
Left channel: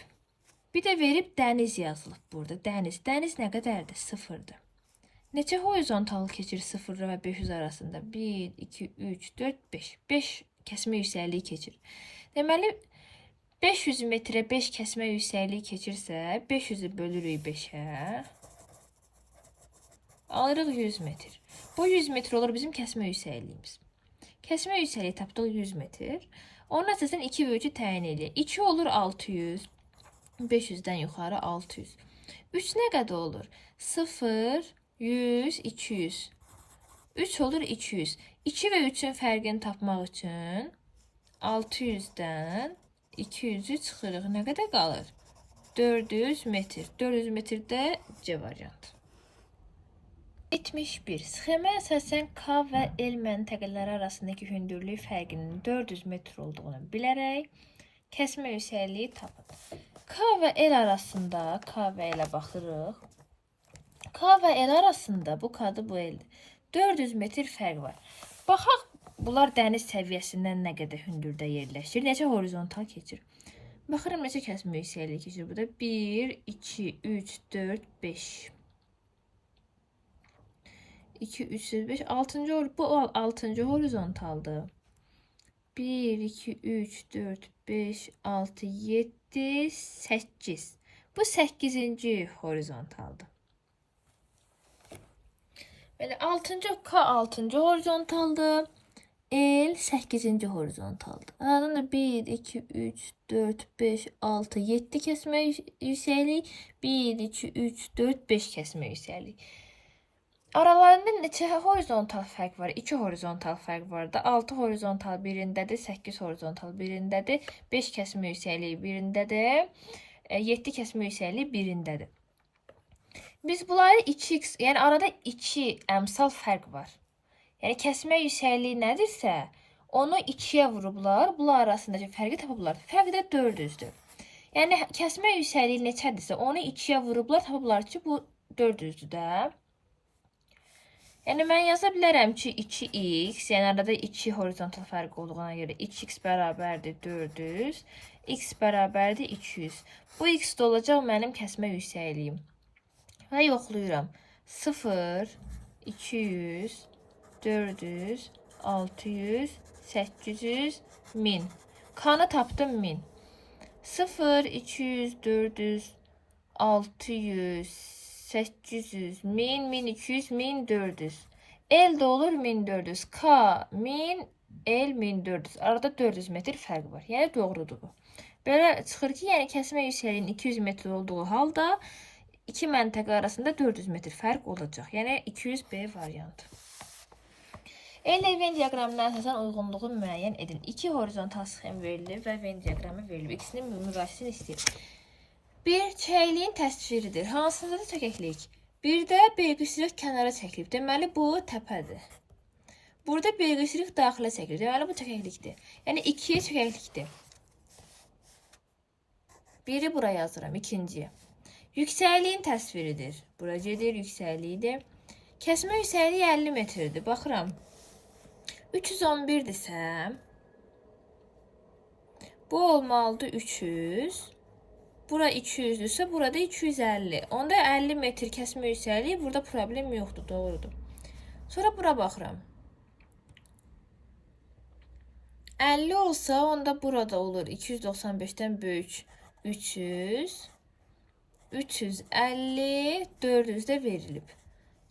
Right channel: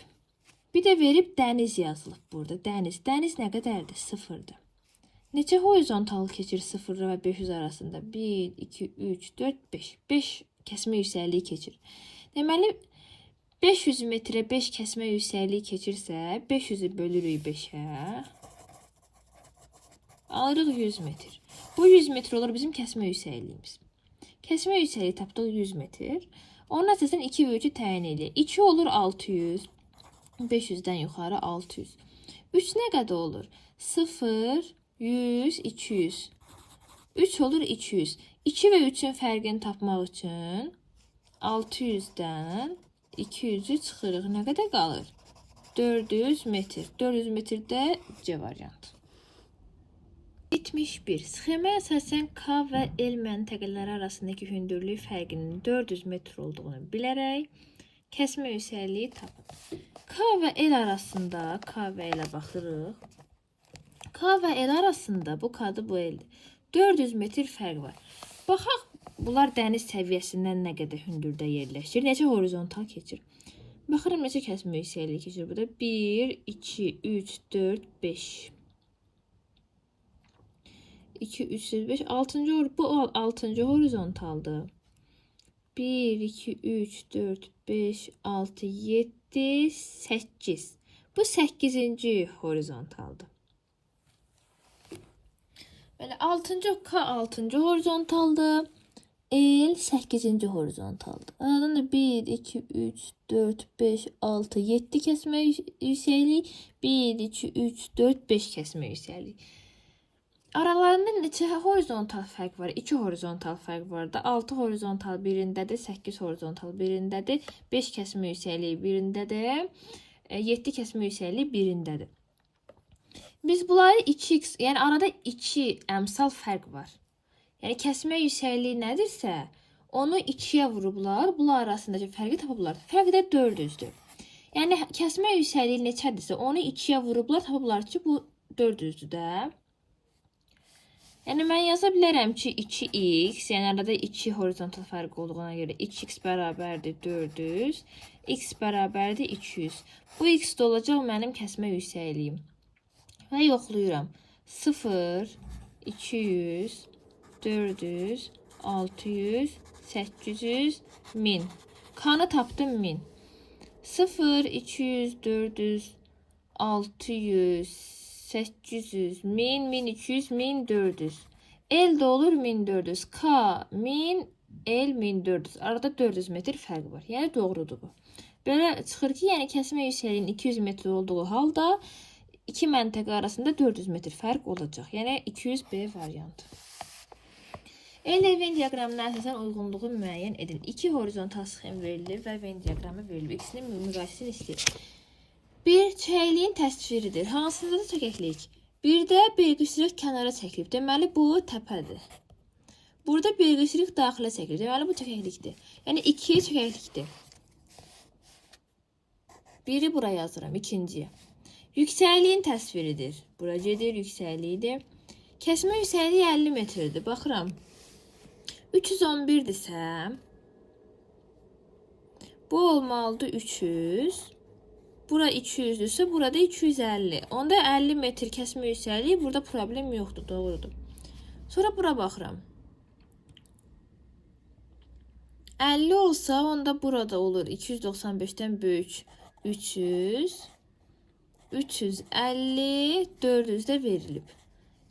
Bir də verib dəniz yazılıb burada. Dəniz. Dəniz nə qədərdir? 0-dır. Neçə horizontal keçir 0 və 500 arasında? 1, 2, 3, 4, 5. 5 kəsmə yüksəkliyi keçir. Deməli, 500 metrə 5 kəsmə yüksəkliyi keçirsə, 500-ü bölürük 5-ə. Alırıq 100 metr. Bu 100 metr olur bizim kəsmə yüksəkliyimiz. Kəsmə yüksəkliyi tapdıq 100 metr. Onun əsasən 2 və 3-ü təyin edir. 2 olur 600. 500-dən yuxarı 600. 3 nə qədər olur? 0, 100, 200. 3 olur 200. 2 və 3-ün fərqini tapmaq üçün 600-dən 200-ü çıxırıq. Nə qədər qalır? 400 metr. 400 metrdə C variantı. 71. Sxemə əsasən K və L məntəqələri arasındakı hündürlük fərqinin 400 metr olduğunu bilərək kəsmə yüksəkliyi tapın. K və L arasında, K və L-ə baxırıq. K və L arasında, bu K-dır, bu L-dir. 400 metr fərq var. Baxaq, bunlar dəniz səviyyəsindən nə qədər hündürdə yerləşir, necə horizontal keçir. Baxırım, necə kəsmə yüksəkliyi keçir. Bu da 1, 2, 3, 4, 5. 2, 3, 5, 6-cı, bu 6-cı horizontaldır. 1, 2, 3, 4, 5, 6, 7, 8. Bu 8-ci horizontaldır. Belə 6-cı K 6-cı horizontaldır. L 8-ci horizontaldır. Aradan da 1, 2, 3, 4, 5, 6, 7 kəsmə yüksəkliyi, 1, 2, 3, 4, 5 kəsmə yüksəkliyi. Aralarında neçə horizontal fərq var? 2 horizontal fərq var da. 6 horizontal birindədir, 8 horizontal birindədir, 5 kəsmə yüksəkliyi birindədir, 7 kəsmə yüksəkliyi birindədir. Biz bunları 2x, yəni arada 2 əmsal fərq var. Yəni kəsmə yüksəkliyi nədirsə, onu 2-yə vurublar, bunlar arasındakı fərqi tapıblar. Fərq də 400-dür. Yəni kəsmə yüksəkliyi neçədirsə, onu 2-yə vurublar, tapıblar ki, bu 400-dür də. Yəni mən yaza bilərəm ki, 2x, yəni arada 2 horizontal fərq olduğuna görə 2x bərabərdir 400, x bərabərdir 200. Bu x də olacaq mənim kəsmə yüksəkliyim. Və yoxlayıram. 0, 200, 400, 600, 800, 1000. Kanı tapdım 1000. 0, 200, 400, 600, 800, 1000, 1200, 1400. El de olur 1400. K, 1000, el 1400. Arada 400 metr fərq var. Yəni doğrudur bu. Belə çıxır ki, yəni kəsmə yüksəkliyinin 200 metr olduğu halda iki məntəqə arasında 400 metr fərq olacaq. Yəni 200B variantı. Elə Venn diaqramına əsasən uyğunluğu müəyyən edin. İki horizontal sxem verilir və Venn diaqramı verilir. İkisinin müqayisəsini istəyir. Bir çəkliyin təsviridir. Hansında da çəkəklik? Bir də belqisirik kənara çəkilib. Deməli bu təpədir. Burada belqisirik daxilə çəkilib. Deməli bu çəkəklikdir. Yəni ikiyə çəkəklikdir. Biri buraya yazıram, ikinciyə. Yüksəkliyin təsviridir. Bura gedir, yüksəkliyidir. Kəsmə yüksəkliyi 50 metrdir. Baxıram. 311-dirsə, bu olmalıdır 300. Bura 200-dürsə, burada 250. Onda 50 metr kəsmə yüksəkliyi, burada problem yoxdur, doğrudur. Sonra bura baxıram. 50 olsa, onda burada olur 295-dən böyük 300. 350, 400 də verilib.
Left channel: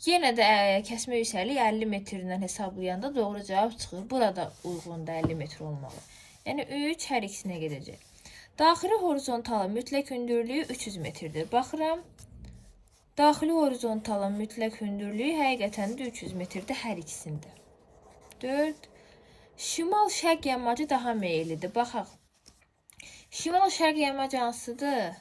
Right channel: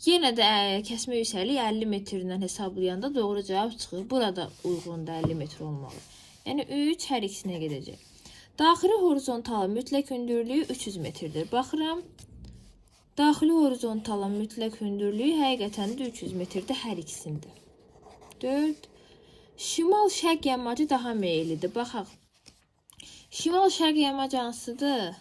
Yenə də kəsmə yüksəkliyi 50 metrindən hesablayanda doğru cavab çıxır. Burada uyğun da 50 metr olmalı. Yəni 3 hər ikisinə gedəcək. Daxili horizontalın mütləq hündürlüyü 300 metrdir. Baxıram. Daxili horizontalın mütləq hündürlüyü həqiqətən də 300 metrdir hər ikisində. 4. Şimal-şərq yamacı daha meyillidir. Baxaq. Şimal-şərq yamacı hansıdır?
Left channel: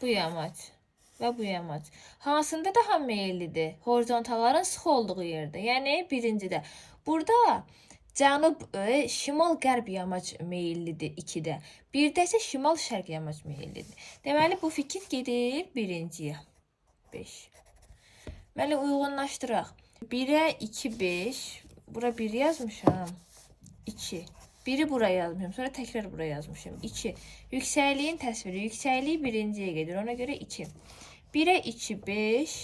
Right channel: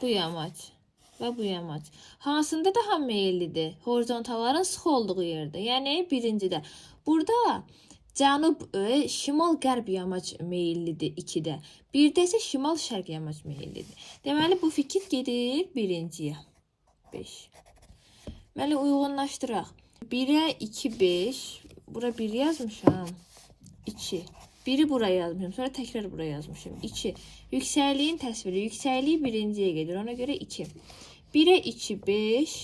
Bu yamac və bu yamac. Hansında daha meyillidir? Horizontalların sıx olduğu yerdə. Yəni birincidə. Burada cənub, şimal-qərb yamac meyillidir 2-də. Birdə isə şimal-şərq yamac meyillidir. Deməli bu fikir gedir birinciyə. 5. Deməli uyğunlaşdıraq. 1-ə 2, 5. Bura 1 yazmışam. 2. Biri buraya yazmışım. Sonra təkrar buraya yazmışım. 2. Yüksəkliyin təsviri. Yüksəkliyi birinciyə gedir. Ona görə 2. 1'ə 2, 5.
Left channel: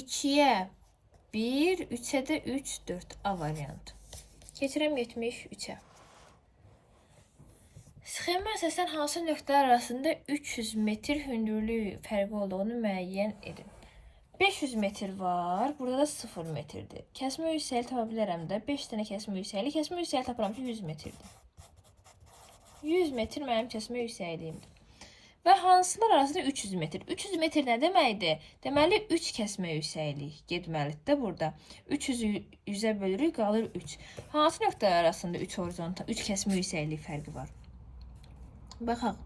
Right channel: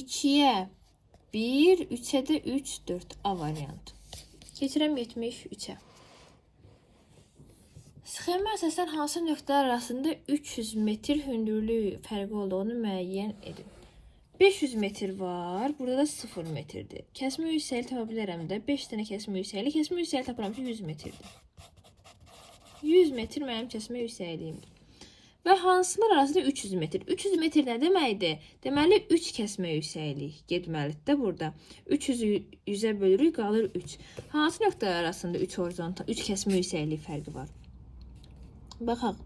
2'yə 1. 3'ə də 3, 4. A variantı. Keçirəm 73'ə. Sxemə əsasən hansı nöqtələr arasında 300 metr hündürlük fərqi olduğunu müəyyən edin. 500 metr var. Burada da 0 metrdir. Kəsmə yüksəkliyi tapa bilərəm də. 5 dənə kəsmə yüksəkliyi. Kəsmə yüksəkliyi tapıram ki 100 metrdir. 100 metr mənim kəsmə yüksəkliyimdir. Və hansılar arasında 300 metr. 300 metr nə deməkdir? Deməli 3 kəsmə yüksəklik getməlidir də burada. 300-ü 100-ə bölürük, qalır 3. Hansı nöqtələr arasında 3 horizontal, 3 kəsmə yüksəklik fərqi var? Baxaq.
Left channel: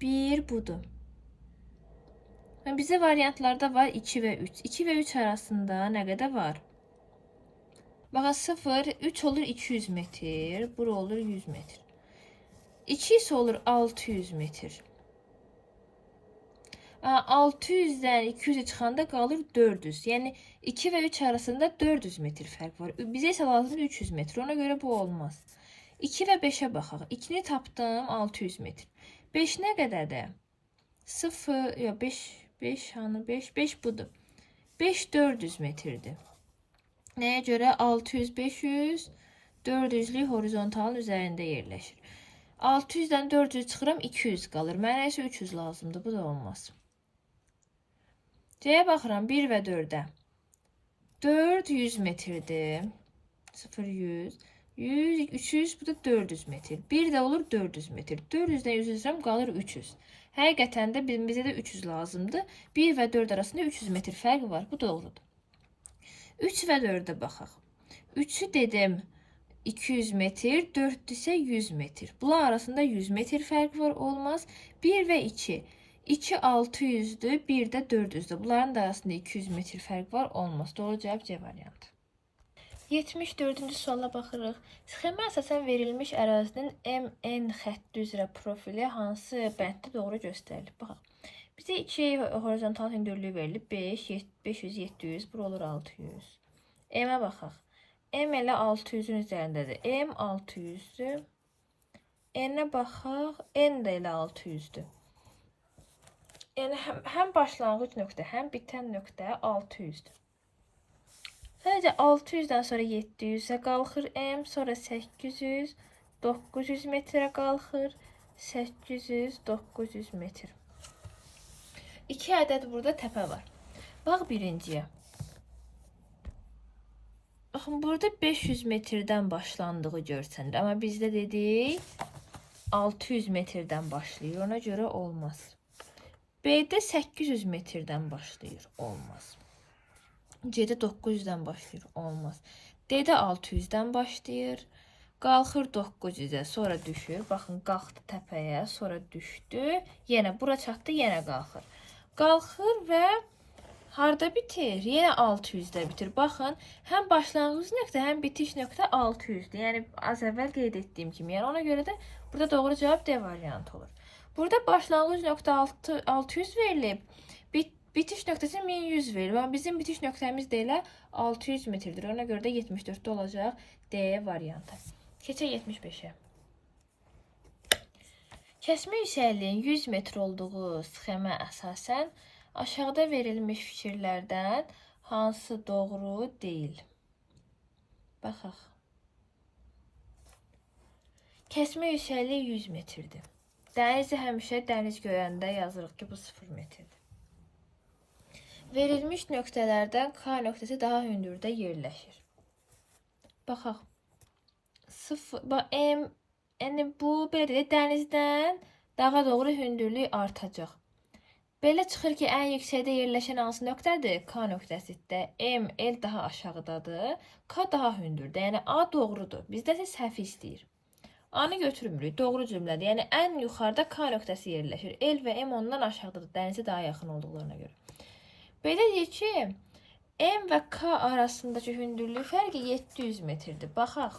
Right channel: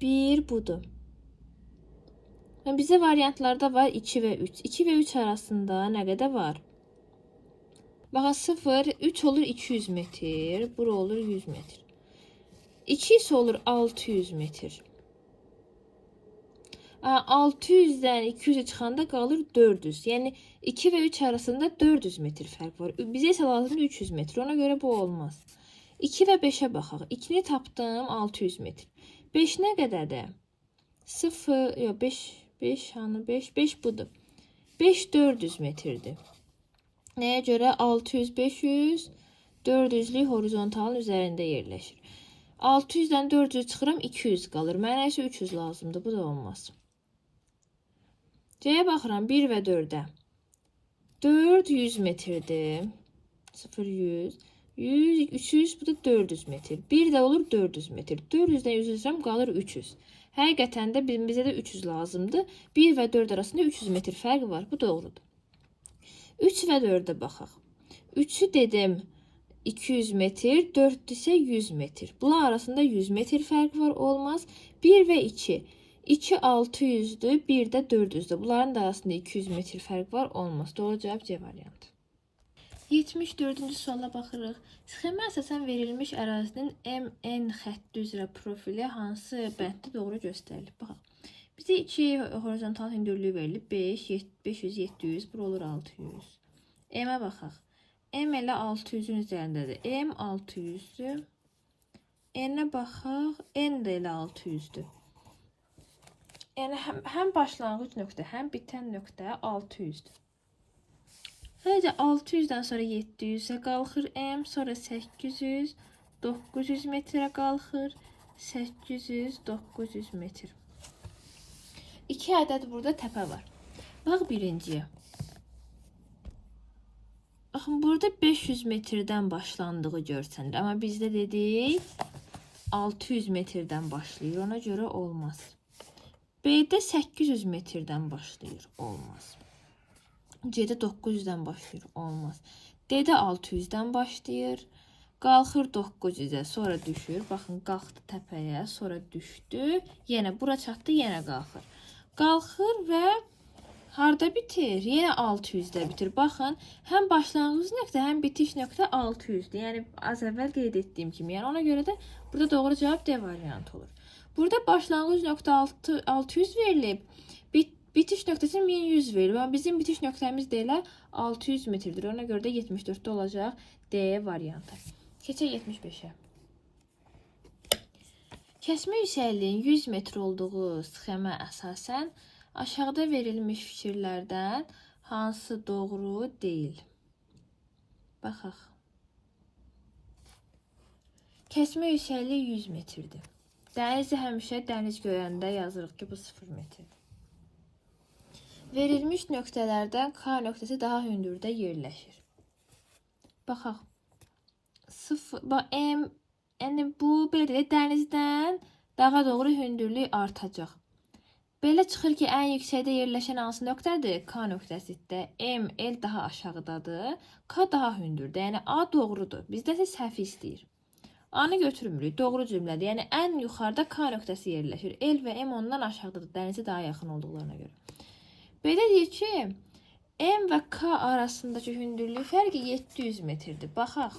1 budur. Bizə variantlarda var 2 və 3. 2 və 3 arasında nə qədər var? Baxaq 0, 3 olur 200 metr, bura olur 100 metr. 2 ise olur 600 metr. 600'dən 200'ə çıxanda qalır 400. Yəni 2 və 3 arasında 400 metr fərq var. Bizə isə lazımdır 300 metr. Ona görə bu olmaz. 2 və 5'ə baxaq. 2'ni tapdım 600 metr. 5 nə qədərdir? 0, yox 5 hanı 5? 5 budur. 5 400 metrdir. Nəyə görə? 600, 500, 400'lük horizontalın üzərində yerləşir. 600'dən 400 çıxıram 200 qalır. Mənə isə 300 lazımdır. Bu da olmaz. C-yə baxıram 1 və 4'ə. 4 100 metrdir. 0 100. 100 300 bu da 400 metr. 1 də olur 400 metr. 400'dən 100 çıxıram qalır 300. Həqiqətən də bizə də 300 lazımdır. 1 və 4 arasında 300 metr fərqi var. Bu doğrudur. 3 və 4'ə baxaq. 3'ü dedim 200 metr, 4 ise 100 metr. Bunlar arasında 100 metr fərq var, olmaz. 1 və 2. 2 600'dür, 1 də 400'dür. Bunların da arasında 200 metr fərq var, olmaz. Doğru cavab C variantı. 74-cü suala baxırıq. Sxemə əsasən verilmiş ərazinin MN xətti üzrə profili hansı bənddə doğru göstərilir? Baxaq. Bizə 2 horizontal hündürlüyü verilib. 500, 700, bura olur 600. M-ə baxaq. M elə 600-ün üzərindədir. M 600-dür. N-ə baxaq. N də elə 600-dür. Yəni həm başlanğıc nöqtə, həm bitən nöqtə 600-dür. Sadəcə 600-dən sonra 700-ə qalxır M, sonra 800, 900 metrə qalxır, 800, 900 metr. 2 ədəd burada təpə var. Bax birinciyə. Baxın, burada 500 metrdən başlandığı görsənir. Amma bizdə dedik 600 metrdən başlayır. Ona görə olmaz. B-də 800 metrdən başlayır. Olmaz. C-də 900-dən başlayır. Olmaz. D-də 600-dən başlayır. Qalxır 900-ə, sonra düşür. Baxın, qalxdı təpəyə, sonra düşdü. Yenə bura çatdı, yenə qalxır. Qalxır və harda bitir? Yenə 600-də bitir. Baxın, həm başlanğıc nöqtə, həm bitiş nöqtə 600-dür. Yəni az əvvəl qeyd etdiyim kimi. Yəni ona görə də burada doğru cavab D variantı olur. Burada başlanğıc nöqtə 600 verilib. Bitiş nöqtəsi 1100 verilib. Amma bizim bitiş nöqtəmiz də elə 600 metrdir. Ona görə də 74-də olacaq D variantı. Keçək 75-ə. Kəsmə yüksəkliyin 100 metr olduğu sxemə əsasən aşağıda verilmiş fikirlərdən hansı doğru deyil? Baxaq. Kəsmə yüksəkliyi 100 metrdir. Dənizi həmişə dəniz göyəndə yazırıq ki, bu 0 metrdir. Verilmiş nöqtələrdən K nöqtəsi daha hündürdə yerləşir. Baxaq. Yəni bu belə dənizdən dağa doğru hündürlük artacaq. Belə çıxır ki, ən yüksəkdə yerləşən hansı nöqtədir? K nöqtəsidir. M, L daha aşağıdadır. K daha hündürdür. Yəni A doğrudur. Bizdə isə səhvi istəyir. A-nı götürmürük. Doğru cümlədir. Yəni ən yuxarıda K nöqtəsi yerləşir. L və M ondan aşağıdadır. Dənizə daha yaxın olduqlarına görə. Belə deyir ki, M və K arasındakı hündürlük fərqi 700 metrdir. Baxaq.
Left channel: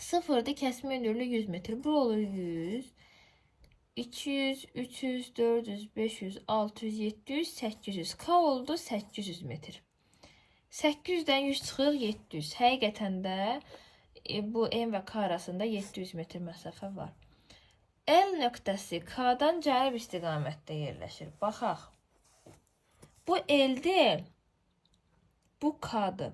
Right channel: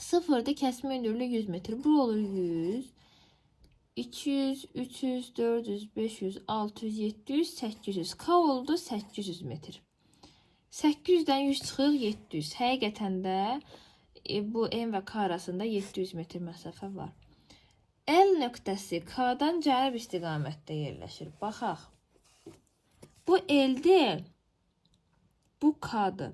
0-dır, kəsmə hündürlüyü 100 metr. Bu olur 100, 200, 300, 400, 500, 600, 700, 800. K oldu 800 metr. 800-dən 100 çıxır 700. Həqiqətən də bu M və K arasında 700 metr məsafə var. L nöqtəsi K-dan cənub istiqamətdə yerləşir. Baxaq. Bu L-dir, bu K-dır.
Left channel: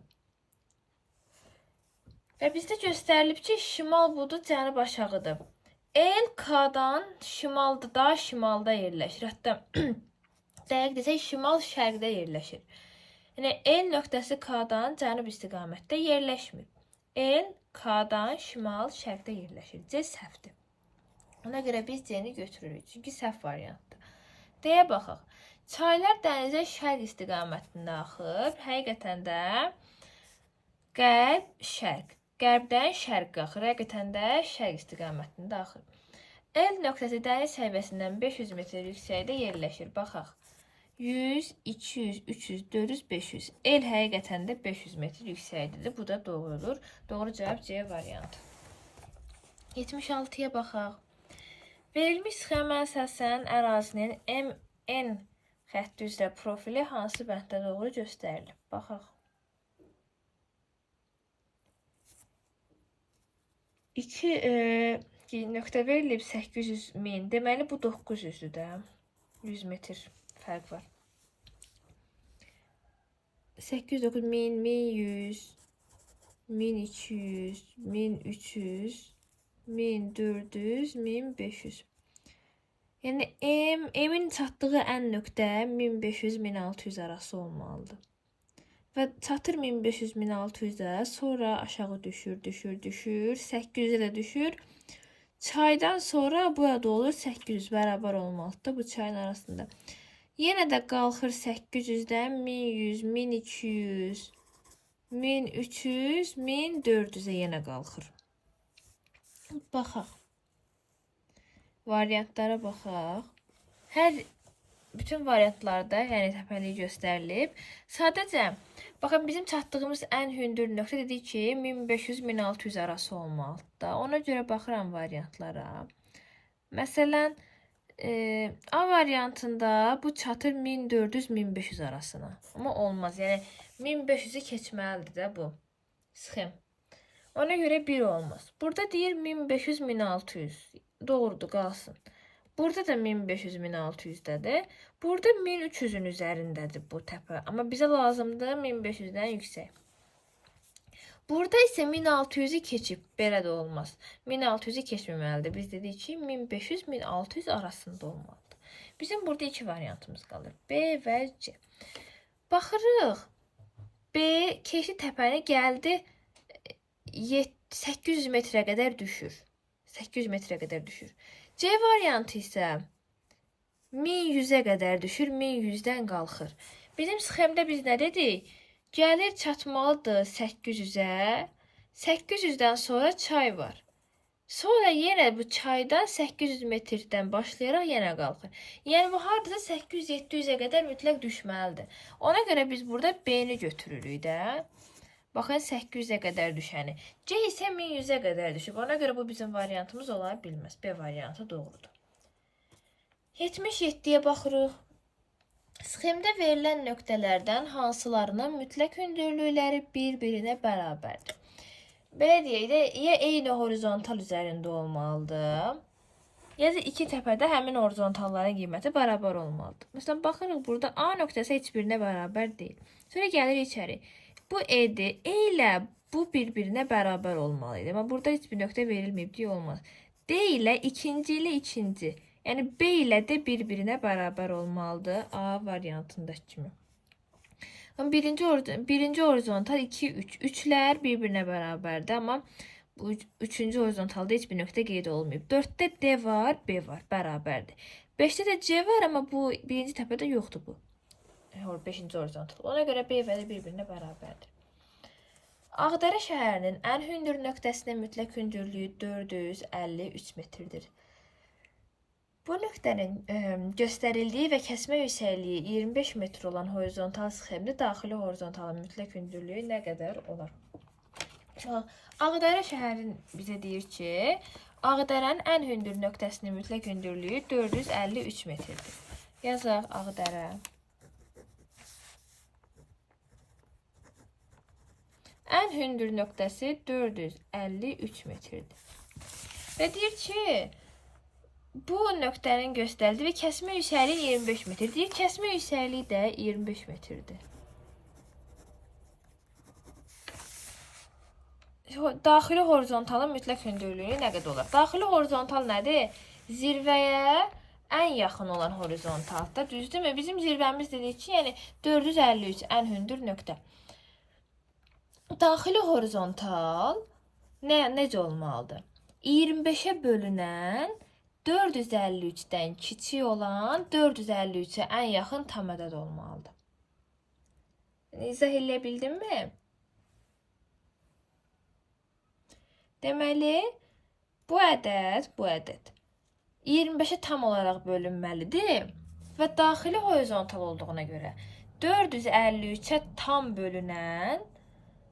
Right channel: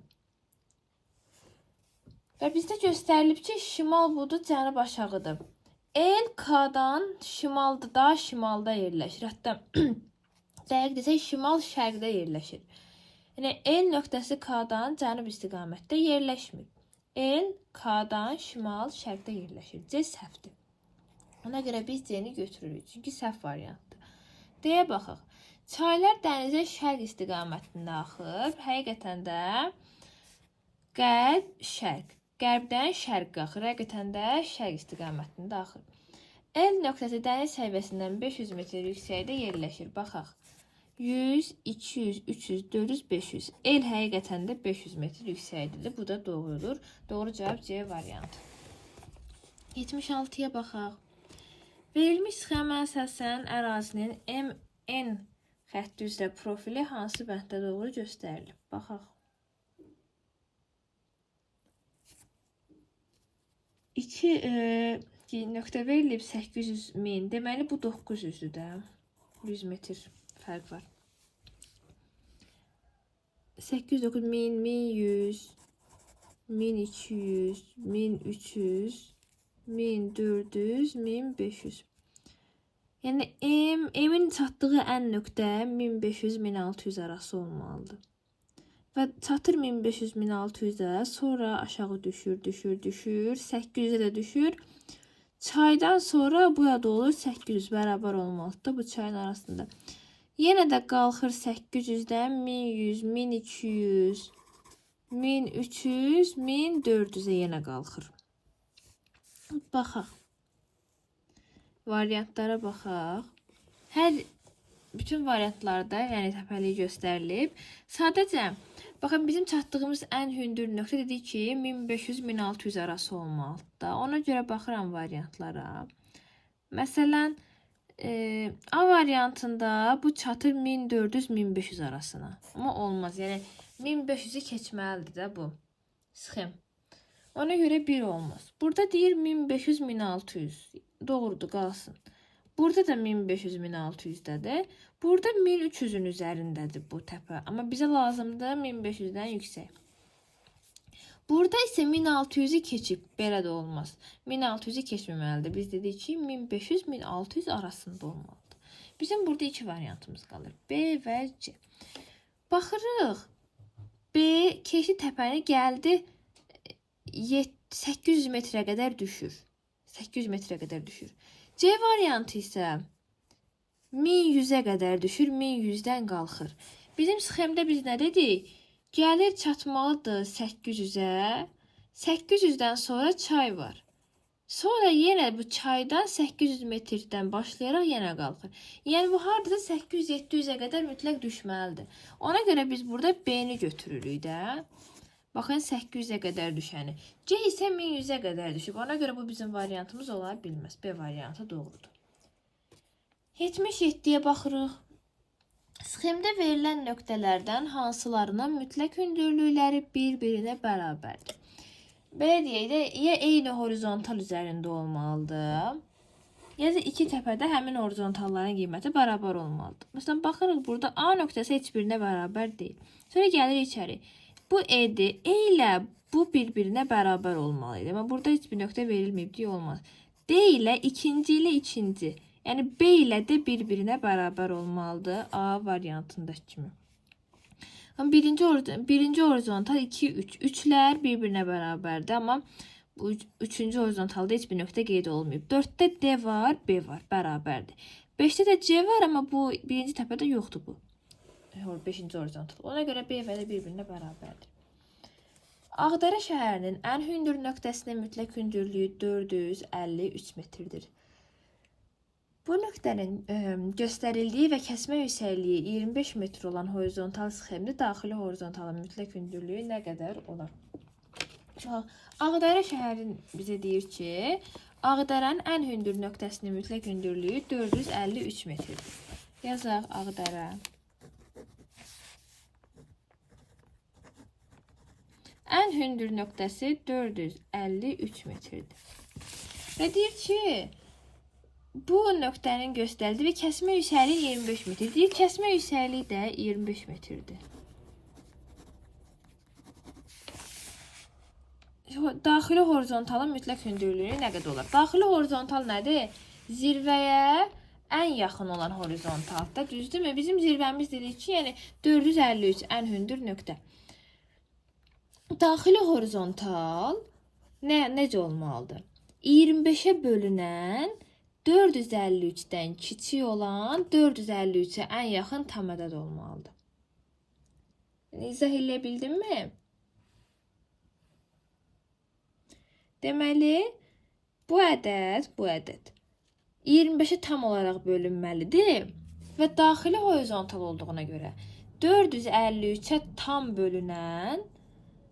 Və bizdə göstərilib ki, şimal budur, cənub aşağıdır. L K-dan şimalda, daha şimalda yerləşir. Hətta dəqiq desək, şimal şərqdə yerləşir. Yəni L nöqtəsi K-dan cənub istiqamətdə yerləşmir. L K-dan şimal şərqdə yerləşir. C səhvdir. Ona görə biz C-ni götürürük. Çünki səhv variantdır. D-yə baxaq. Çaylar dənizə şərq istiqamətində axır. Həqiqətən də qərb, şərq. Qərbdən şərq axır. Həqiqətən də şərq istiqamətində axır. L nöqtəsi dəniz səviyyəsindən 500 metr yüksəkdə yerləşir. Baxaq. 100, 200, 300, 400, 500. L həqiqətən də 500 metr yüksəkdir. Bu da doğrudur. Doğru cavab C variantı. 76-ya baxaq. Verilmiş sxemə əsasən ərazinin MN xətti üzrə profili hansı bənddə doğru göstərilir? Baxaq. 2 nöqtə verilib 800 min. Deməli bu 900-dür də. 100 metr fərq var. 809 min, 1100, 1200, 1300, 1400, 1500. Yəni M-in çatdığı ən nöqtə 1500-1600 arası olmalıdır. Və çatır 1500-1600-ə, sonra aşağı düşür, 800-ə də düşür. Çaydan sonra burada olur 800 bərabər olmalıdır bu çayın arasında. Yenə də qalxır 800-dən 1100, 1200, 1300, 1400-ə yenə qalxır. Baxaq. Variantlara baxaq. Hər bütün variantlarda yəni təpəliyi göstərilib. Sadəcə baxın bizim çatdığımız ən hündür nöqtə dedik ki 1500-1600 arası olmalıdır da. Ona görə baxıram variantlara. Məsələn, A variantında bu çatır 1400-1500 arasına. Amma olmaz. Yəni 1500-ü keçməlidir də bu sxem. Ona görə 1 olmaz. Burada deyir 1500-1600. Doğrudur, qalsın. Burada da 1500-1600-dədir. Burada 1300-ün üzərindədir bu təpə. Amma bizə lazımdır 1500-dən yüksək. Burada isə 1600-ü keçib. Belə də olmaz. 1600-ü keçməməlidir. Biz dedik ki 1500-1600 arasında olmalıdır. Bizim burada iki variantımız qalır. B və C. Baxırıq. B keçi təpəni gəldi 800 metrə qədər düşür. 800 metrə qədər düşür. C variantı isə 1100-ə qədər düşür, 1100-dən qalxır. Bizim sxemdə biz nə dedik? Gəlir çatmalıdır 800-ə. 800-dən sonra çay var. Sonra yenə bu çaydan 800 metrdən başlayaraq yenə qalxır. Yəni bu hardasa 800-700-ə qədər mütləq düşməlidir. Ona görə biz burada B-ni götürürük də. Baxın 800-ə qədər düşəni. C isə 1100-ə qədər düşüb. Ona görə bu bizim variantımız ola bilməz. B variantı doğrudur. 77-yə baxırıq. Sxemdə verilən nöqtələrdən hansılarının mütləq hündürlükləri bir-birinə bərabərdir? Belə deyək də, ya eyni horizontal üzərində olmalıdır, ya da iki təpədə həmin horizontalların qiyməti bərabər olmalıdır. Məsələn, baxırıq burada A nöqtəsi heç birinə bərabər deyil. Sonra gəlir içəri. Bu E-dir. E ilə bu bir-birinə bərabər olmalıydı. Amma burada heç bir nöqtə verilməyib deyə olmaz. D ilə ikinci ilə ikinci. Yəni B ilə də bir-birinə bərabər olmalıdır. A variantındakı kimi. Birinci horizontal 2, 3. Üçlər bir-birinə bərabərdir. Amma bu üçüncü horizontalda heç bir nöqtə qeyd olmayıb. 4-də D var, B var, bərabərdir. 5-də də C var, amma bu birinci təpədə yoxdur bu. 5-ci horizontal. Ona görə B və də bir-birinə bərabərdir. Ağdərə şəhərinin ən hündür nöqtəsinin mütləq hündürlüyü 453 metrdir. Bu nöqtənin göstərildiyi və kəsmə yüksəkliyi 25 metr olan horizontal sxemdə daxili horizontalın mütləq hündürlüyü nə qədər olar? Ağdərə şəhərin bizə deyir ki, Ağdərənin ən hündür nöqtəsinin mütləq hündürlüyü 453 metrdir. Yazaq Ağdərə. Ən hündür nöqtəsi 453 metrdir. Və deyir ki, bu nöqtənin göstərildiyi və kəsmə yüksəkliyi 25 metr. Deyir, kəsmə yüksəkliyi də 25 metrdir. Daxili horizontalın mütləq hündürlüyü nə qədər olar? Daxili horizontal nədir? Zirvəyə ən yaxın olan horizontalda, düzdürmü? Bizim zirvəmiz dedik ki, yəni 453 ən hündür nöqtə. Daxili horizontal necə olmalıdır? 25-ə bölünən 453-dən kiçik olan 453-ə ən yaxın tam ədəd olmalıdır. İzah eləyə bildimmi? Deməli, bu ədəd 25-ə tam olaraq bölünməlidir və daxili horizontal olduğuna görə 453-ə tam bölünən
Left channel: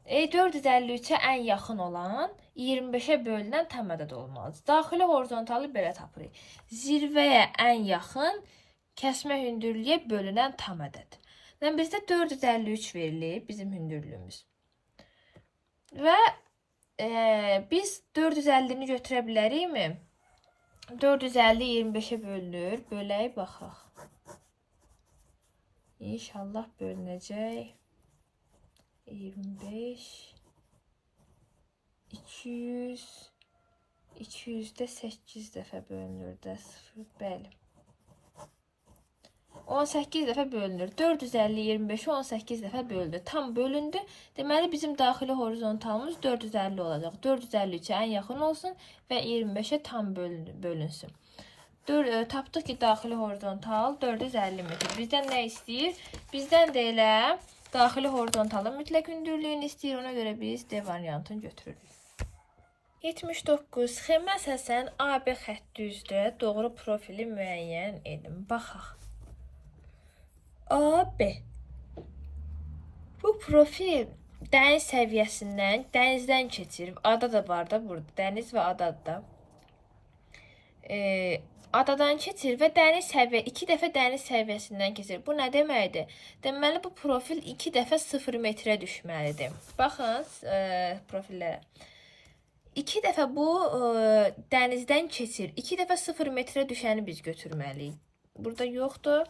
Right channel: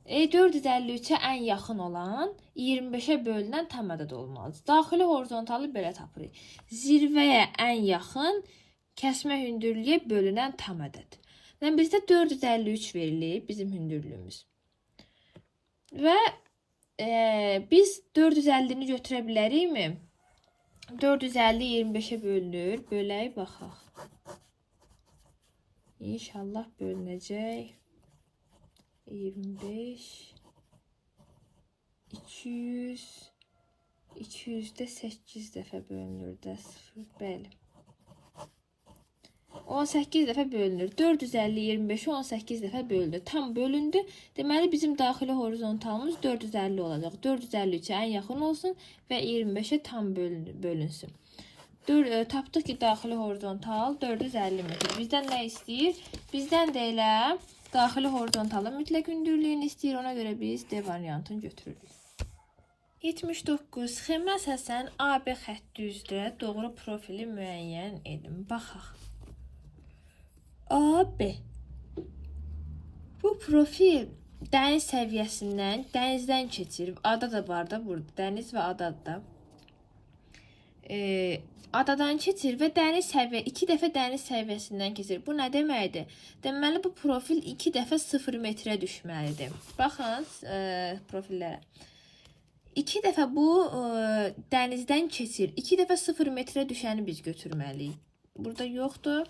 453-ə ən yaxın olan 25-ə bölünən tam ədəd olmalıdır. Daxili horizontalı belə tapırıq. Zirvəyə ən yaxın kəsmə hündürlüyə bölünən tam ədəd. Yəni bizdə 453 verilib bizim hündürlüyümüz. Və biz 450-ni götürə bilərikmi? 450 25-ə bölünür. Bölək baxaq. İnşallah bölünəcək. 25 200 200-də 8 dəfə bölünür də 0. Bəli. 18 dəfə bölünür. 450 25-i 18 dəfə bölündü. Tam bölündü. Deməli bizim daxili horizontalımız 450 olacaq. 453-ə ən yaxın olsun və 25-ə tam bölünsün. Tapdıq ki, daxili horizontal 450 metr. Bizdən nə istəyir? Bizdən də elə daxili horizontalın mütləq hündürlüyünü istəyir. Ona görə biz D variantını götürürük. 79. Sxemə əsasən AB xətti üzrə doğru profili müəyyən edin. Baxaq. AB. Bu profil dəniz səviyyəsindən, dənizdən keçir. Ada da var da burada. Dəniz və ada da. Adadan keçir və dəniz səviyyə 2 dəfə dəniz səviyyəsindən keçir. Bu nə deməkdir? Deməli bu profil 2 dəfə 0 metrə düşməlidir. Baxın profillərə. 2 dəfə bu dənizdən keçir. 2 dəfə 0 metrə düşəni biz götürməliyik. Burada yoxdur.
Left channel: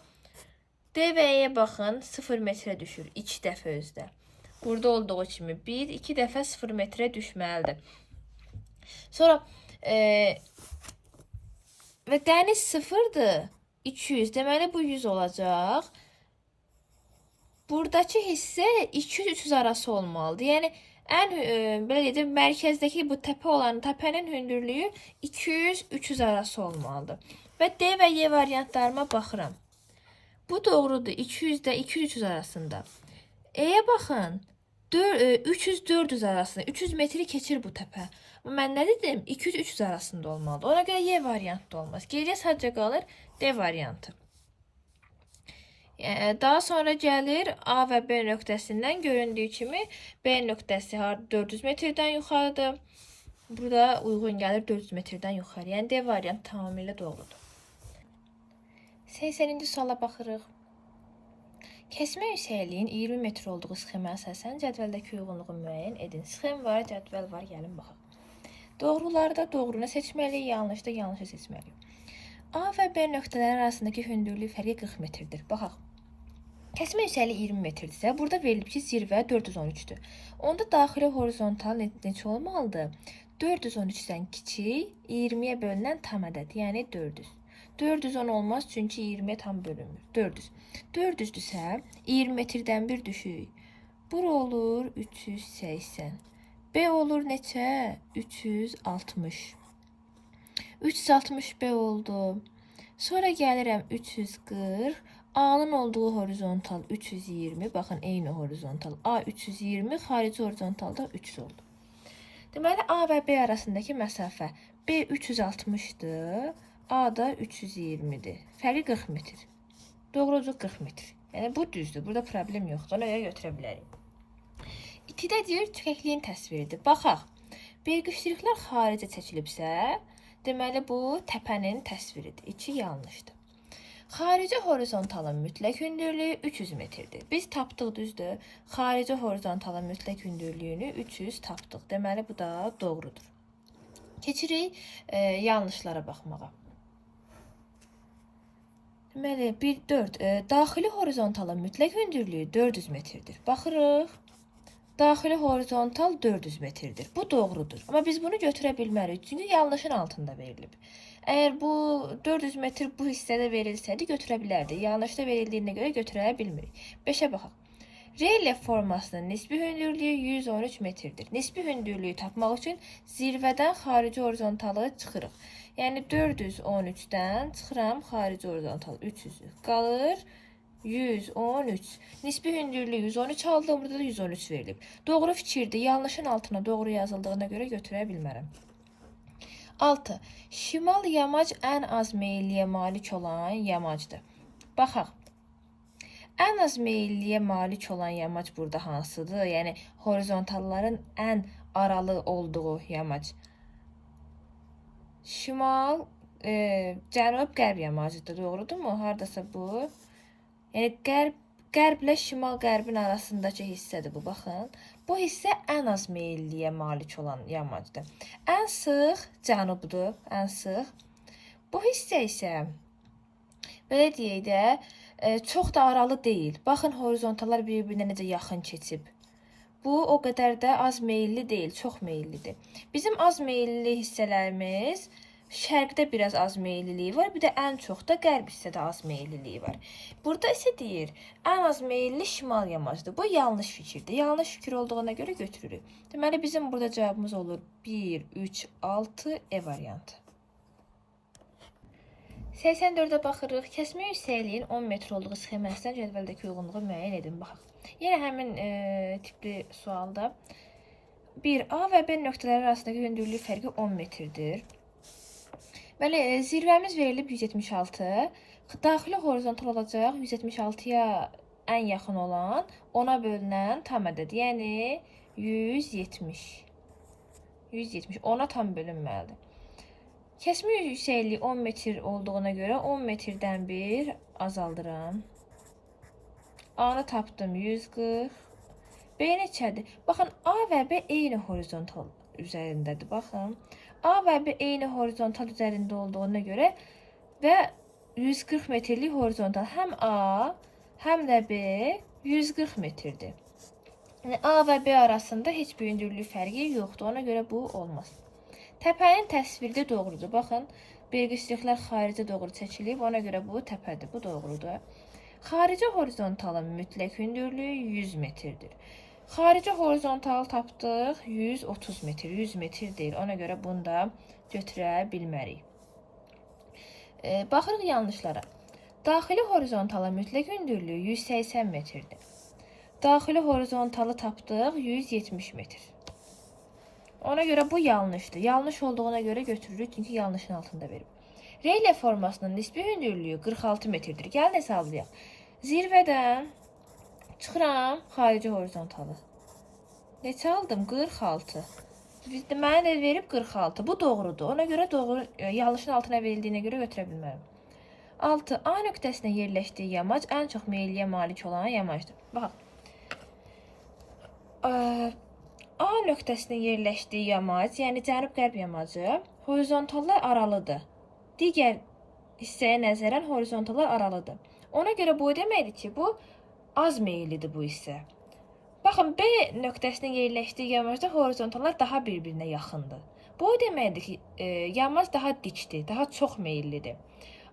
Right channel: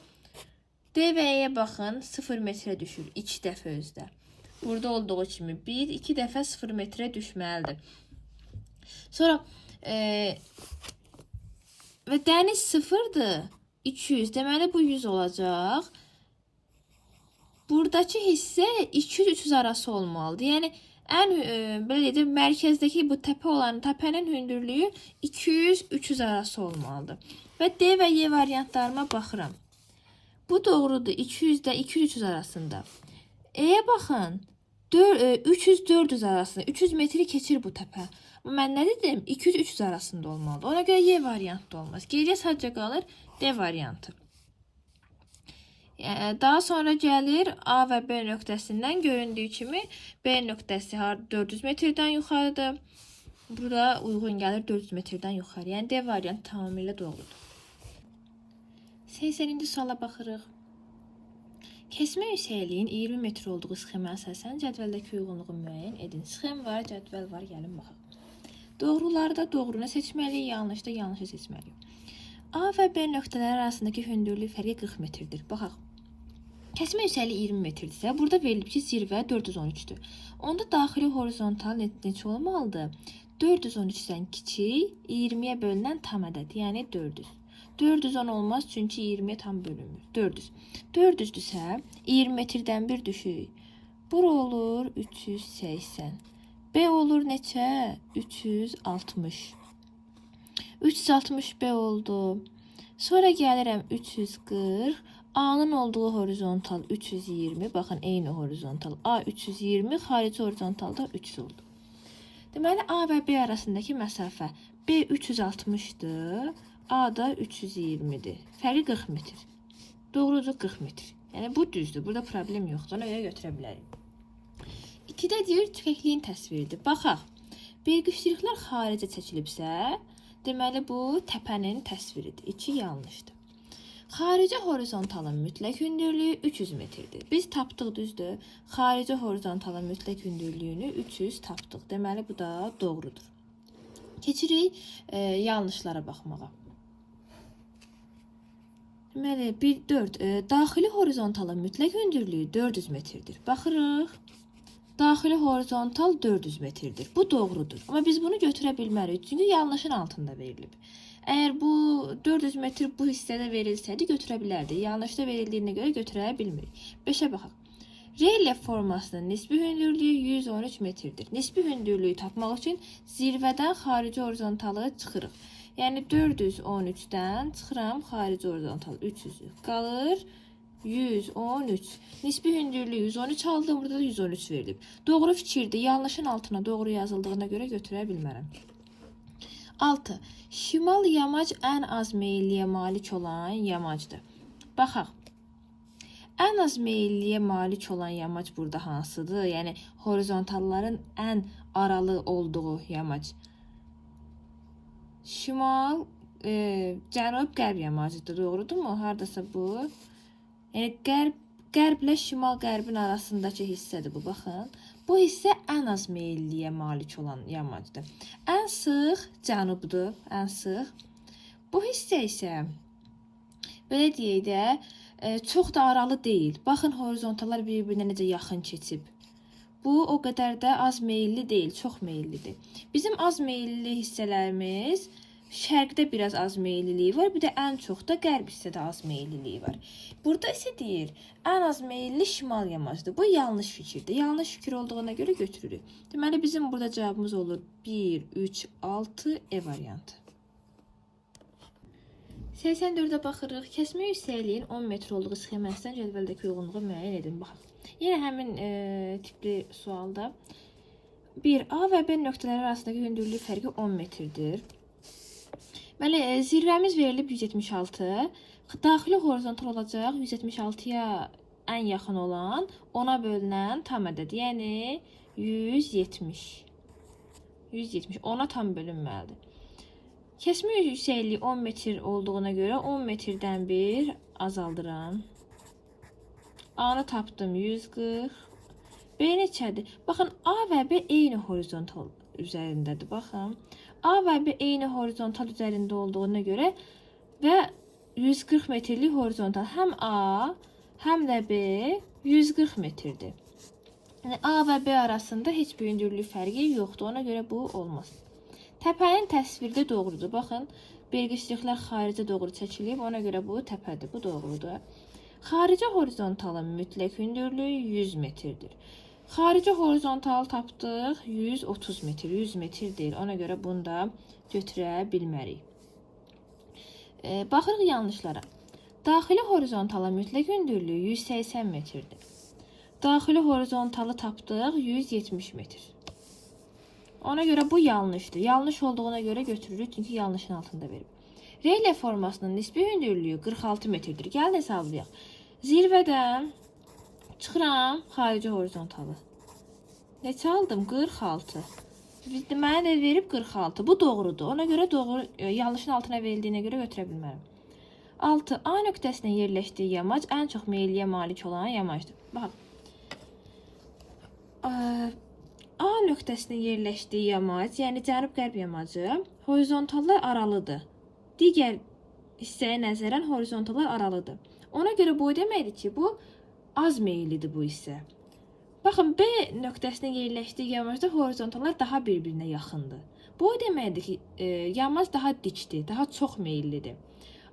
D və E baxın 0 metrə düşür. 2 dəfə özdə. Burada olduğu kimi 1, 2 dəfə 0 metrə düşməlidir. Sonra və dəniz 0'dır. 200. Deməli bu 100 olacaq. Buradakı hissə 200-300 arası olmalıdır. Yəni ən belə deyək, mərkəzdəki bu təpə olan təpənin hündürlüyü 200-300 arası olmalıdır. Və D və Y variantlarıma baxıram. Bu doğrudur. 200 də 200-300 arasında. E'yə baxın. 300-400 arasında. 300 metri keçir bu təpə. Mən nə dedim? 200-300 arasında olmalıdır. Ona görə Y variantı olmaz. Geriyə sadəcə qalır D variantı. Daha sonra gəlir A və B nöqtəsindən göründüyü kimi B nöqtəsi 400 metrdən yuxarıdır. Burada uyğun gəlir 400 metrdən yuxarı. Yəni D variantı tamamilə doğrudur. 80-ci suala baxırıq. Kəsmə yüksəkliyin 20 metr olduğu sxemə əsasən cədvəldəki uyğunluğu müəyyən edin. Sxem var, cədvəl var, gəlin baxaq. Doğrularda doğrunu seçməliyik, yanlışda yanlışı seçməliyik. A və B nöqtələri arasındakı hündürlük fərqi 40 metrdir. Baxaq. Kəsmə yüksəkliyi 20 metrdirsə, burada verilib ki, zirvə 413-dür. Onda daxili horizontal neçə olmalıdır? 413-dən kiçik, 20-yə bölünən tam ədəd, yəni 400. 410 olmaz çünki 20'ye tam bölünmür. 400. 400'dürsə 20 metrdən bir düşük. Bura olur 380. B olur neçə? 360. 360 B oldu. Sonra gəlirəm 340. A'nın olduğu horizontal 320. Baxın eyni horizontal. A 320, xarici horizontalda 300 oldu. Deməli A və B arasındakı məsafə B 360'dır. A da 320'dir. Fərqi 40 metr. Doğrudur 40 metr. Yəni bu düzdür. Burada problem yoxdur. Ona görə götürə bilərik. 2-də deyir tükəkliyin təsviridir. Baxaq. Belqişliklər xaricə çəkilibsə, deməli bu təpənin təsviridir. 2 yanlışdır. Xarici horizontalın mütləq hündürlüyü 300 metrdir. Biz tapdıq düzdür. Xarici horizontalın mütləq hündürlüyünü 300 tapdıq. Deməli bu da doğrudur. Keçirik yanlışlara baxmağa. Deməli 4. Daxili horizontalın mütləq hündürlüyü 400 metrdir. Baxırıq. Daxili horizontal 400 metrdir. Bu doğrudur. Amma biz bunu götürə bilmərik. Çünki yanlışın altında verilib. Əgər bu 400 metr bu hissədə verilsəydi götürə bilərdik. Yanlışda verildiyinə görə götürə bilmirik. 5'ə baxaq. Relyef formasının nisbi hündürlüyü 113 metrdir. Nisbi hündürlüyü tapmaq üçün zirvədən xarici horizontalı çıxırıq. Yəni 413'dən çıxıram xarici horizontal 300. Qalır 113. Nisbi hündürlüyü 113 aldım. Burada da 113 verilib. Doğru fikirdir. Yanlışın altına doğru yazıldığına görə götürə bilmərəm. 6. Şimal yamac ən az meyilliyə malik olan yamacdır. Baxaq. Ən az meyilliyə malik olan yamac burada hansıdır? Yəni horizontalların ən aralı olduğu yamac. Şimal, cənub-qərb yamacıdır. Doğrudurmu? Hardasa bu. Yəni qərblə şimal-qərbin arasındakı hissədir bu. Baxın. Bu hissə ən az meyilliyə malik olan yamacdır. Ən sıx cənubdur. Ən sıx. Bu hissə isə belə deyək də çox da aralı deyil. Baxın horizontallar bir-birinə necə yaxın keçib. Bu o qədər də az meyilli deyil, çox meyillidir. Bizim az meyilli hissələrimiz şərqdə biraz az meyilliliyi var, bir də ən çox da qərb hissədə az meyilliliyi var. Burada isə deyir, ən az meyilli şimal yamacdır. Bu yanlış fikirdir. Yanlış fikir olduğuna görə götürürük. Deməli bizim burada cavabımız olur 1, 3, 6 E variantı. 84'ə baxırıq. Kəsmə yüksəkliyin 10 metr olduğu sxemasından cədvəldəki uyğunluğu müəyyən edin. Baxaq. Yenə həmin tipli sualda 1. A və B nöqtələri arasındakı hündürlük fərqi 10 metrdir. Bəli, zirvəmiz verilib 176. Daxili horizontal olacaq 176-ya ən yaxın olan 10-a bölünən tam ədəd, yəni 170. 170 10-a tam bölünməlidir. Kəsmə yüksəkliyi 10 metr olduğuna görə 10 metrdən bir azaldıram. A-nı tapdım 140. B neçədir? Baxın, A və B eyni horizontal üzərindədir. Baxın, A və B eyni horizontal üzərində olduğuna görə və 140 metrlik horizontal. Həm A, həm də B 140 metrdir. Yəni A və B arasında heç bir hündürlük fərqi yoxdur. Ona görə bu olmaz. Təpənin təsviri doğrudur. Baxın, belgişliklər xaricə doğru çəkilib. Ona görə bu təpədir. Bu doğrudur. Xarici horizontalın mütləq hündürlüyü 100 metrdir. Xarici horizontal tapdıq 130 metr. 100 metr deyil. Ona görə bunu da götürə bilmərik. Baxırıq yanlışlara. Daxili horizontalın mütləq hündürlüyü 180 metrdir. Daxili horizontalı tapdıq 170 metr. Ona görə bu yanlışdır. Yanlış olduğuna görə götürürük, çünki yanlışın altında verib. Reylə formasının nisbi hündürlüyü 46 metrdir. Gəlin hesablayaq. Zirvədən çıxıram xarici horizontalı. Neçə aldım? 46. Mənə də verib 46. Bu doğrudur. Ona görə doğru, yanlışın altına verildiyinə görə götürə bilmərəm. 6. A nöqtəsində yerləşdiyi yamac ən çox meyilliyə malik olan yamacdır. Baxın. A nöqtəsində yerləşdiyi yamac, yəni cənub-qərb yamacı, horizontallar aralıdır. Digər hissəyə nəzərən horizontallar aralıdır. Ona görə bu deməkdir ki, bu az meyillidir bu hissə. Baxın, B nöqtəsində yerləşdiyi yamacda horizontallar daha bir-birinə yaxındır. Bu deməkdir ki, yamac daha dikdir, daha çox meyillidir.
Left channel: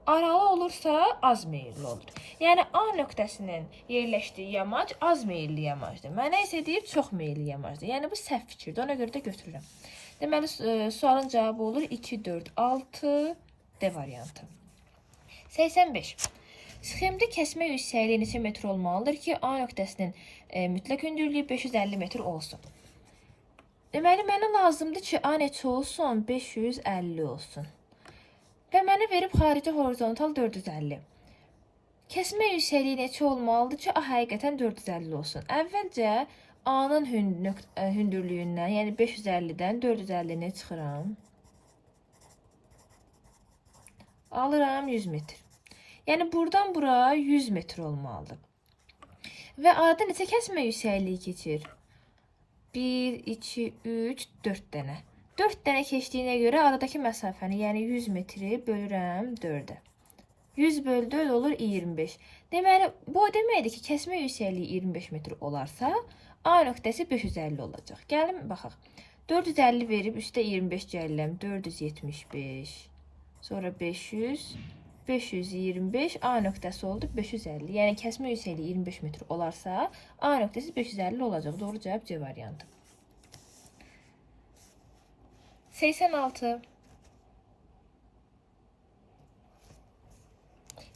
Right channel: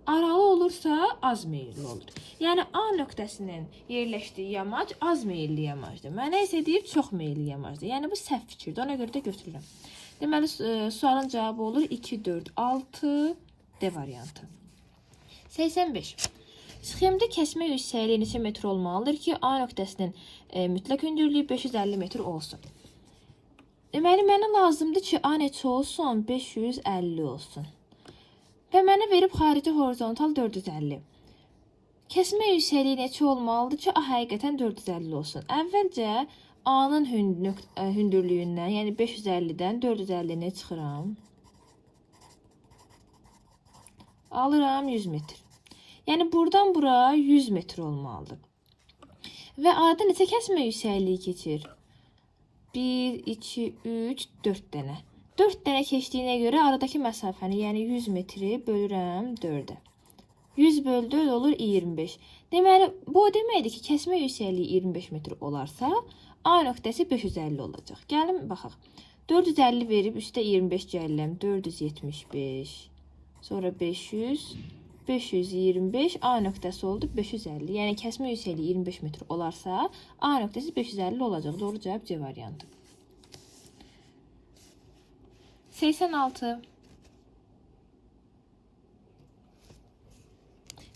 Aralı olursa az meyilli olur. Yəni A nöqtəsinin yerləşdiyi yamac az meyilli yamacdır. Mənə isə deyib çox meyilli yamacdır. Yəni bu səhv fikirdir. Ona görə də götürürəm. Deməli sualın cavabı olur 2, 4, 6 D variantı. 85. Sxemdə kəsmə yüksəkliyi neçə metr olmalıdır ki, A nöqtəsinin mütləq hündürlüyü 550 metr olsun. Deməli mənə lazımdır ki, A neçə olsun? 550 olsun. Və mənə verib xarici horizontal 450. Kəsmə yüksəkliyi neçə olmalıdır ki, A həqiqətən 450 olsun. Əvvəlcə A-nın hündürlüyündən, yəni 550-dən 450-ni çıxıram. Alıram 100 metr. Yəni buradan bura 100 metr olmalıdır. Və arada neçə kəsmə yüksəkliyi keçir? 1, 2, 3, 4 dənə. 4 dənə keçdiyinə görə aradakı məsafəni, yəni 100 metri bölürəm 4-ə. 100 bölü 4 olur 25. Deməli, bu deməkdir ki, kəsmə yüksəkliyi 25 metr olarsa, A nöqtəsi 550 olacaq. Gəlin, baxaq. 450 verib, üstə 25 gəlirəm. 475. Sonra 500. 525. A nöqtəsi oldu 550. Yəni, kəsmə yüksəkliyi 25 metr olarsa, A nöqtəsi 550 olacaq. Doğru cavab C variantı. 86.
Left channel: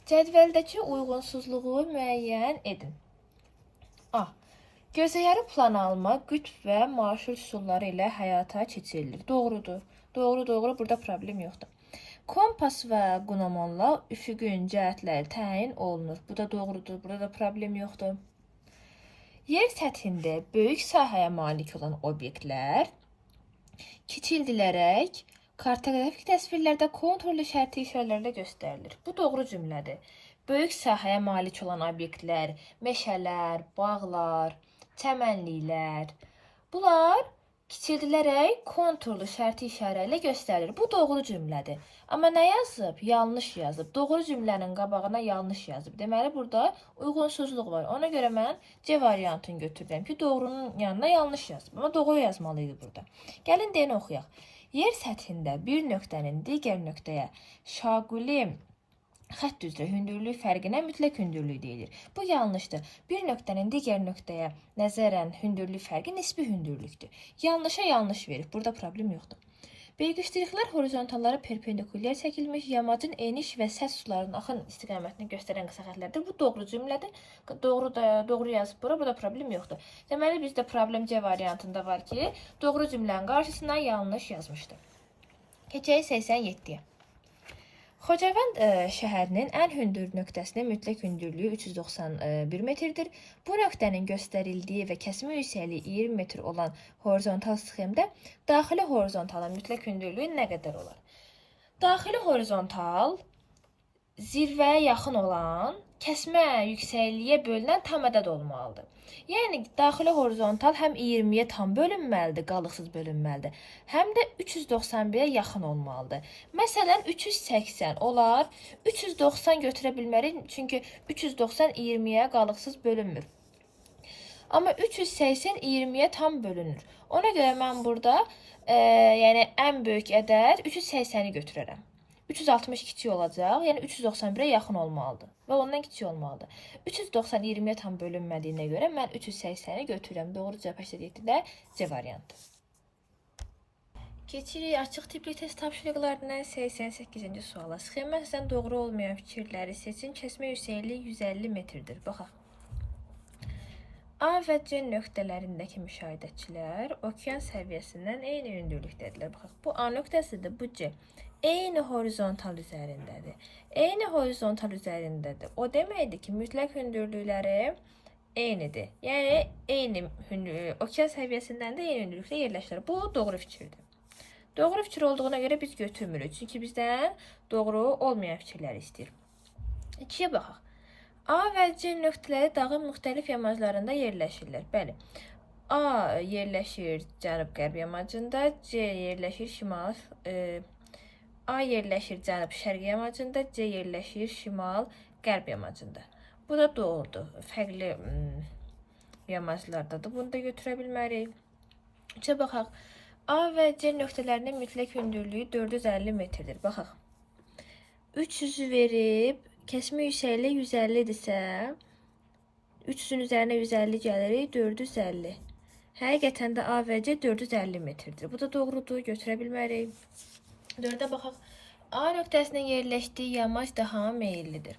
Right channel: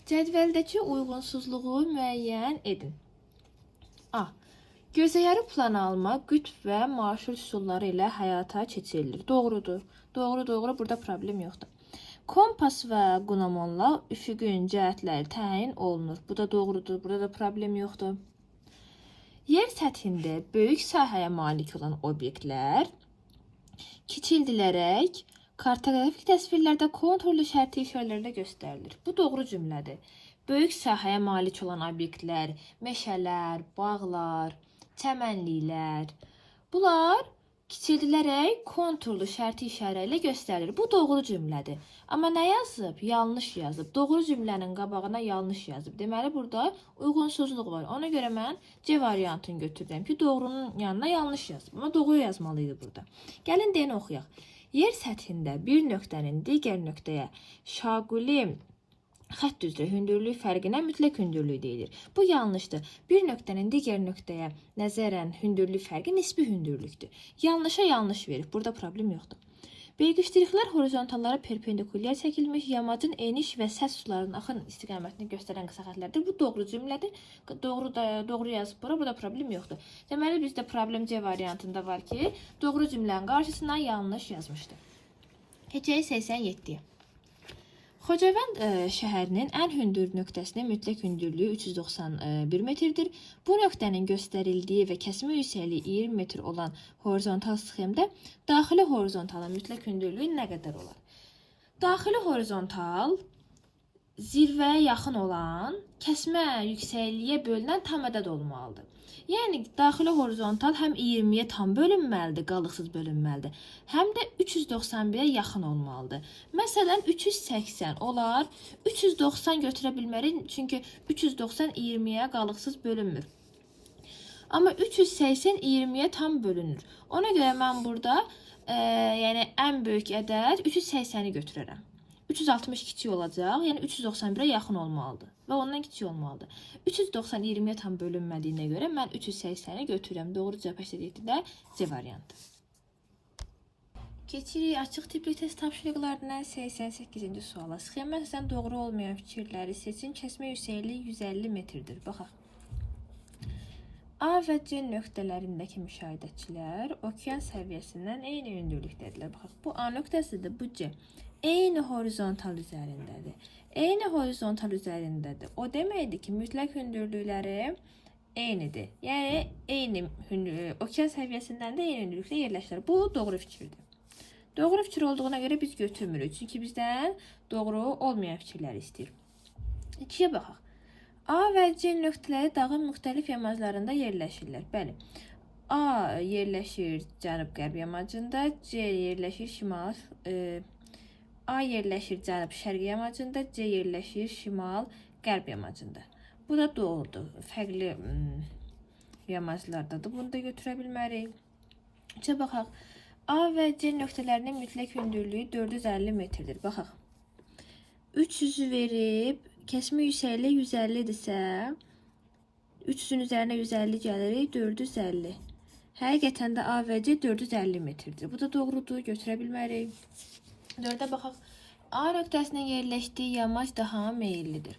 Cədvəldəki uyğunsuzluğu müəyyən edin. A. Gözəyarı plan alma, qütb və marşrut üsulları ilə həyata keçirilir. Doğrudur. Doğru. Burada problem yoxdur. Kompas və qunamanla üfüqün cəhətləri təyin olunur. Bu da doğrudur. Burada da problem yoxdur. Yer səthində böyük sahəyə malik olan obyektlər kiçildilərək kartoqrafik təsvirlərdə konturlu şərti işarələrlə göstərilir. Bu doğru cümlədir. Böyük sahəyə malik olan obyektlər, meşələr, bağlar, çəmənliklər, bunlar kiçildilərək konturlu şərti işarə ilə göstərilir. Bu doğru cümlədir. Amma nə yazıb? Yanlış yazıb. Doğru cümlənin qabağına yanlış yazıb. Deməli, burada uyğunsuzluq var. Ona görə mən C variantını götürürəm ki, doğrunun yanına yanlış yazıb. Amma doğru yazmalıydı burada. Gəlin deyəni oxuyaq. Yer səthində bir nöqtənin digər nöqtəyə şaquli xətt üzrə hündürlük fərqinə mütləq hündürlük deyilir. Bu yanlışdır. Bir nöqtənin digər nöqtəyə nəzərən hündürlük fərqi nisbi hündürlükdür. Yanlışa yanlış verir. Burada problem yoxdur. Belgişdiriklər horizontallara perpendikulyar çəkilmiş yamacın eniş və səs sularının axın istiqamətini göstərən qısa xətlərdir. Bu doğru cümlədir. Doğru yazıb bura. Burada problem yoxdur. Deməli, bizdə problem C variantında var ki, doğru cümlənin qarşısına yanlış yazmışdır. Keçək 87-yə. Xocavənd şəhərinin ən hündür nöqtəsinin mütləq hündürlüyü 391 metrdir. Bu nöqtənin göstərildiyi və kəsmə yüksəkliyi 20 metr olan horizontal sxemdə daxili horizontalın mütləq hündürlüyü nə qədər olar? Daxili horizontal zirvəyə yaxın olan kəsmə yüksəkliyə bölünən tam ədəd olmalıdır. Yəni daxili horizontal həm 20-yə tam bölünməlidir, qalıqsız bölünməlidir, həm də 391-ə yaxın olmalıdır. Məsələn, 380 olar, 390 götürə bilmərik, çünki 390 20-yə qalıqsız bölünmür. Amma 380 20-yə tam bölünür. Ona görə mən burada yəni ən böyük ədəd 380-i götürərəm. 360 kiçik olacaq, yəni 391-ə yaxın olmalıdır və ondan kiçik olmalıdır. 390 20-yə tam bölünmədiyinə görə mən 380-i götürürəm. Doğru cavab 87-də C variantı. Keçirik açıq tipli test tapşırıqlarından 88-ci suala. Sxemə əsasən doğru olmayan fikirləri seçin. Kəsmə yüksəkliyi 150 metrdir. Baxaq. A və C nöqtələrindəki müşahidəçilər okean səviyyəsindən eyni hündürlükdədirlər. Baxaq, bu A nöqtəsidir, bu C. Eyni horizontal üzərindədir. Eyni horizontal üzərindədir. O deməkdir ki, mütləq hündürlükləri eynidir. Yəni, eyni okean səviyyəsindən də eyni hündürlükdə yerləşirlər. Bu, doğru fikirdir. Doğru fikir olduğuna görə biz götürmürük. Çünki bizdən doğru olmayan fikirləri istəyir. 2-yə baxaq. A və C nöqtələri dağın müxtəlif yamaclarında yerləşirlər. Bəli. A yerləşir cənub-qərb yamacında, C yerləşir A yerləşir cənub-şərq yamacında, C yerləşir şimal-qərb yamacında. Bu da doğrudur. Fərqli yamaclardadır. Bunu da götürə bilmərik. 3-ə baxaq. A və C nöqtələrinin mütləq hündürlüyü 450 metrdir. Baxaq. 300-ü verib, kəsmə yüksəkliyi 150-dirsə, 300-ün üzərinə 150 gəlirik, 450. Həqiqətən də A və C 450 metrdir. Bu da doğrudur, götürə bilmərik. 4-ə baxaq. A nöqtəsinin yerləşdiyi yamac daha meyillidir.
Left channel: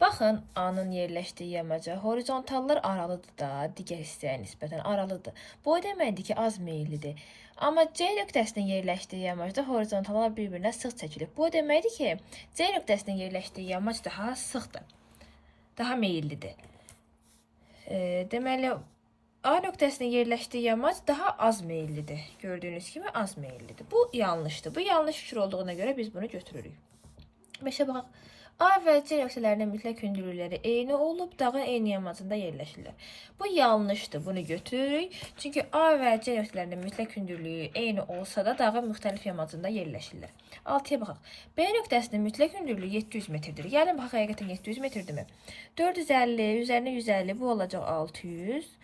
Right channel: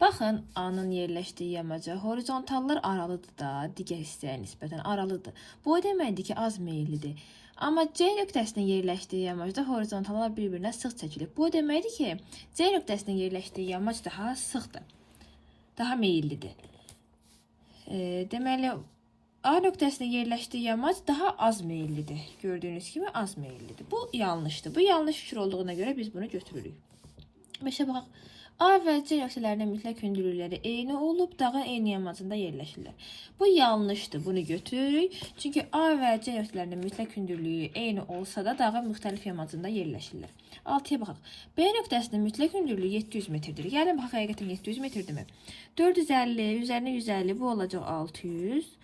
Baxın, A-nın yerləşdiyi yamaca horizontallar aralıdır da, digər hissəyə nisbətən aralıdır. Bu o deməkdir ki, az meyillidir. Amma C nöqtəsinin yerləşdiyi yamacda horizontallar bir-birinə sıx çəkilir. Bu o deməkdir ki, C nöqtəsinin yerləşdiyi yamac daha sıxdır, daha meyillidir. Deməli, A nöqtəsinin yerləşdiyi yamac daha az meyillidir. Gördüyünüz kimi az meyillidir. Bu yanlışdır. Bu yanlış fikir olduğuna görə biz bunu götürürük. 5-ə baxaq. A və C nöqtələrinin mütləq hündürlükləri eyni olub, dağın eyni yamacında yerləşirlər. Bu yanlışdır. Bunu götürürük. Çünki A və C nöqtələrinin mütləq hündürlüyü eyni olsa da dağın müxtəlif yamacında yerləşirlər. 6-ya baxaq. B nöqtəsinin mütləq hündürlüyü 700 metrdir. Gəlin baxaq, həqiqətən 700 metrdirmi? 450, üzərinə 150, bu olacaq 600.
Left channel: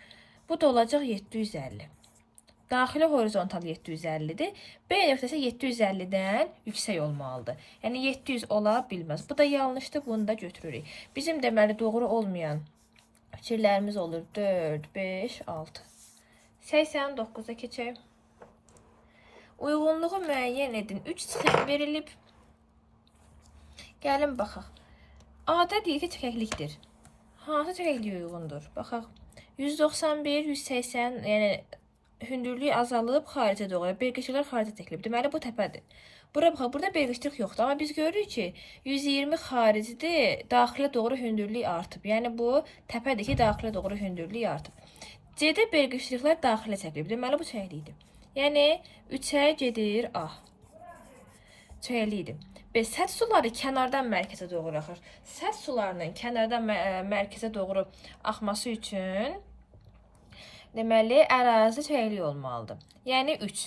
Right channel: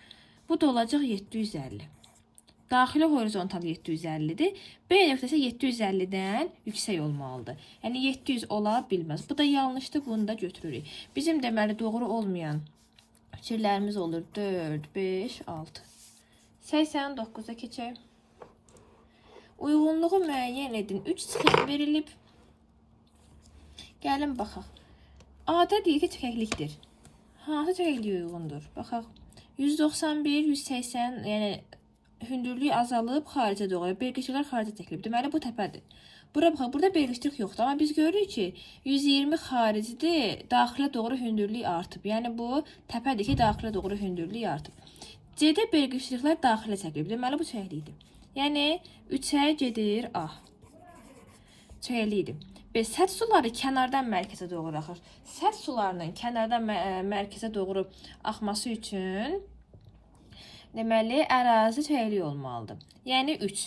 Bu da olacaq 750. Daxili horizontal 750-dir. B nöqtəsi 750-dən yüksək olmalıdır. Yəni 700 ola bilməz. Bu da yanlışdır. Bunu da götürürük. Bizim deməli doğru olmayan fikirlərimiz olur 4, 5, 6. 89-a keçək. Uyğunluğu müəyyən edin. 3 sxem verilib. Gəlin baxaq. A-da deyir ki, çəkəklikdir. Hansı çəkəkliyə uyğundur? Baxaq. 191, 180, yəni hündürlük azalıb xaricə doğru. Belqişliklər xaricə çəkilib. Deməli, bu təpədir. Bura baxaq, burada belqişlik yoxdur. Amma biz görürük ki, 120 xaricidir, daxilə doğru hündürlük artıb. Yəni, bu təpədir ki, daxilə doğru hündürlük artıb. C-də belqişliklər daxilə çəkilib. Deməli, bu çəkəklikdir. Yəni, 3-ə gedir A. Çəkəklikdir. Səth suları kənardan mərkəzə doğru axır. Səth sularının kənardan mərkəzə doğru axması üçün deməli, ərazi çəkəklik olmalıdır. Yəni 3.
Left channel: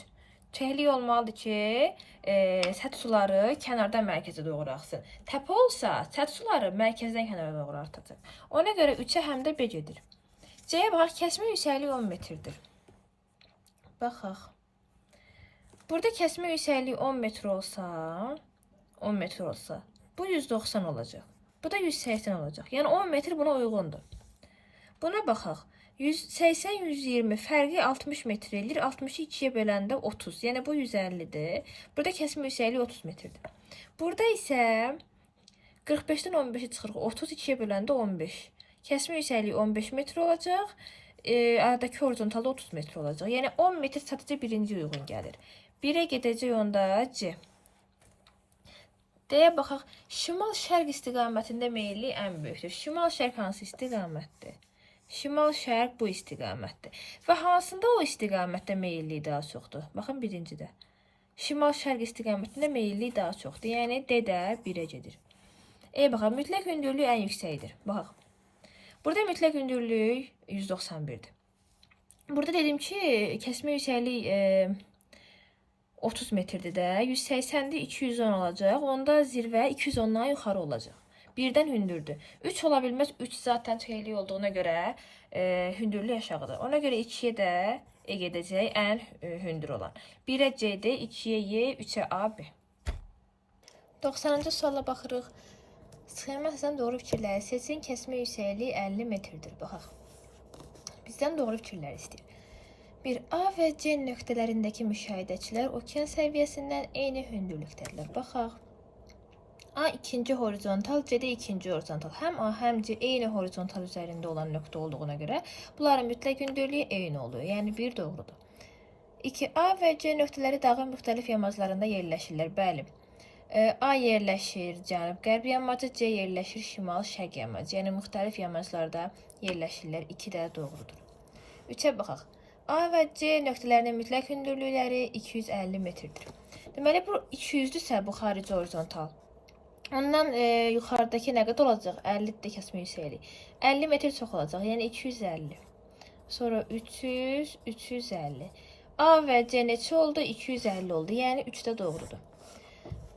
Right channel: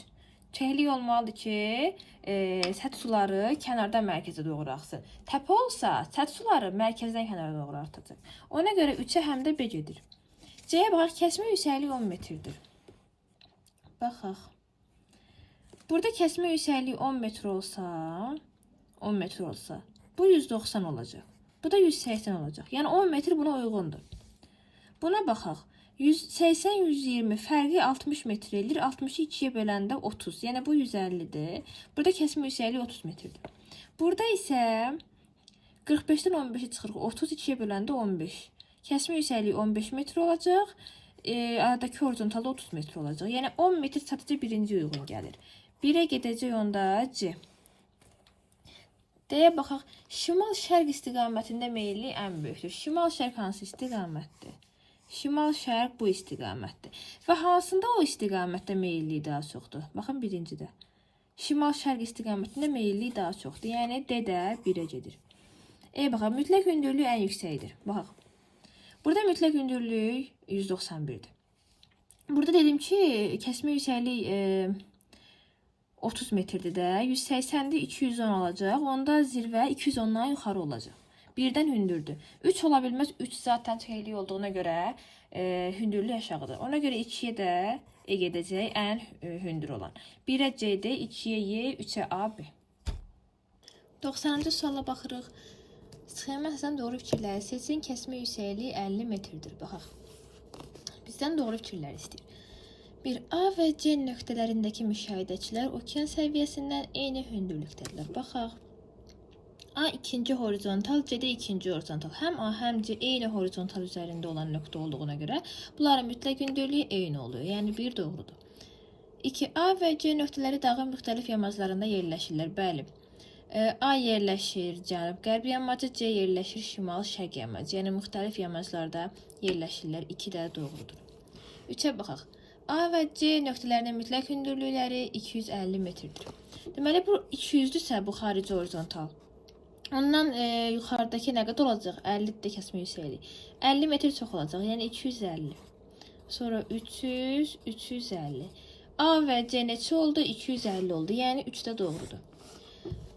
Çəkəklik olmalıdır ki, səth suları kənardan mərkəzə doğru axsın. Təpə olsa, səth suları mərkəzdən kənara doğru artacaq. Ona görə 3-ə həm də B gedir. C-yə baxaq, kəsmə yüksəkliyi 10 metrdir. Baxaq. Burada kəsmə yüksəkliyi 10 metr olsa, bu 190 olacaq. Bu da 180 olacaq. Yəni 10 metr buna uyğundur. Buna baxaq. 180-120 fərqi 60 metr edir. 60-ı 2-yə böləndə 30. Yəni bu 150-dir. Burada kəsmə yüksəkliyi 30 metrdir. Burada isə 45-dən 15-i çıxırıq. 30 2-yə böləndə 15. Kəsmə yüksəkliyi 15 metr olacaq. Aradakı horizontalda 30 metr olacaq. Yəni 10 metr sadəcə birinci uyğun gəlir. 1-ə gedəcək onda C. Deyə baxaq, şimal-şərq istiqamətində meyillik ən böyükdür. Şimal-şərq hansı istiqamətdir? Şimal-şərq bu istiqamətdir. Və hansında o istiqamətdə meyillik daha çoxdur? Baxın, birincidə. Şimal-şərq istiqamətində meyillik daha çoxdur. Yəni, D də 1-ə gedir. Baxaq, mütləq hündürlük ən yüksəkdir. Baxaq, burada mütləq hündürlük 191-dir. Burada dedim ki, kəsmə yüksəklik 30 metrdir də, 180-dir, 210 olacaq. Onda zirvə 210-dan yuxarı olacaq. Birdən hündürdür. 3 ola bilməz, 3 zaten çəklik olduğuna görə hündürlük aşağıdır. Ona görə 2-yə də gedəcək ən hündür olan. 1-ə C-dir, 2-yə Y, 3-ə A, B. 90-cı suala baxırıq. Sxemə əsasən doğru fikirləri seçin. Kəsmə yüksəkliyi 50 metrdir. Baxaq. Bizdən doğru fikirlər istəyir. Bir A və C nöqtələrindəki müşahidəçilər okean səviyyəsindən eyni hündürlükdədirlər. Baxaq. A ikinci horizontal, C də ikinci horizontal. Həm A, həm C eyni horizontal üzərində olan nöqtə olduğuna görə bunların mütləq hündürlüyü eyni oluyor. Yəni 1 doğrudur. 2. A və C nöqtələri dağın müxtəlif yamaclarında yerləşirlər. Bəli. A yerləşir cənub-qərb yamacı, C yerləşir şimal-şərq yamacı. Yəni müxtəlif yamaclarda yerləşirlər. 2 də doğrudur. 3-ə baxaq. A və C nöqtələrinin mütləq hündürlükləri 250 metrdir. Deməli, bu 200-dürsə, bu xarici horizontal. Ondan yuxarıdakı nə qədər olacaq? 50-dir kəsmə yüksəklik. 50 metr çox olacaq, yəni 250. Sonra 300, 350. A və C neçə oldu? 250 oldu, yəni 3 də doğrudur.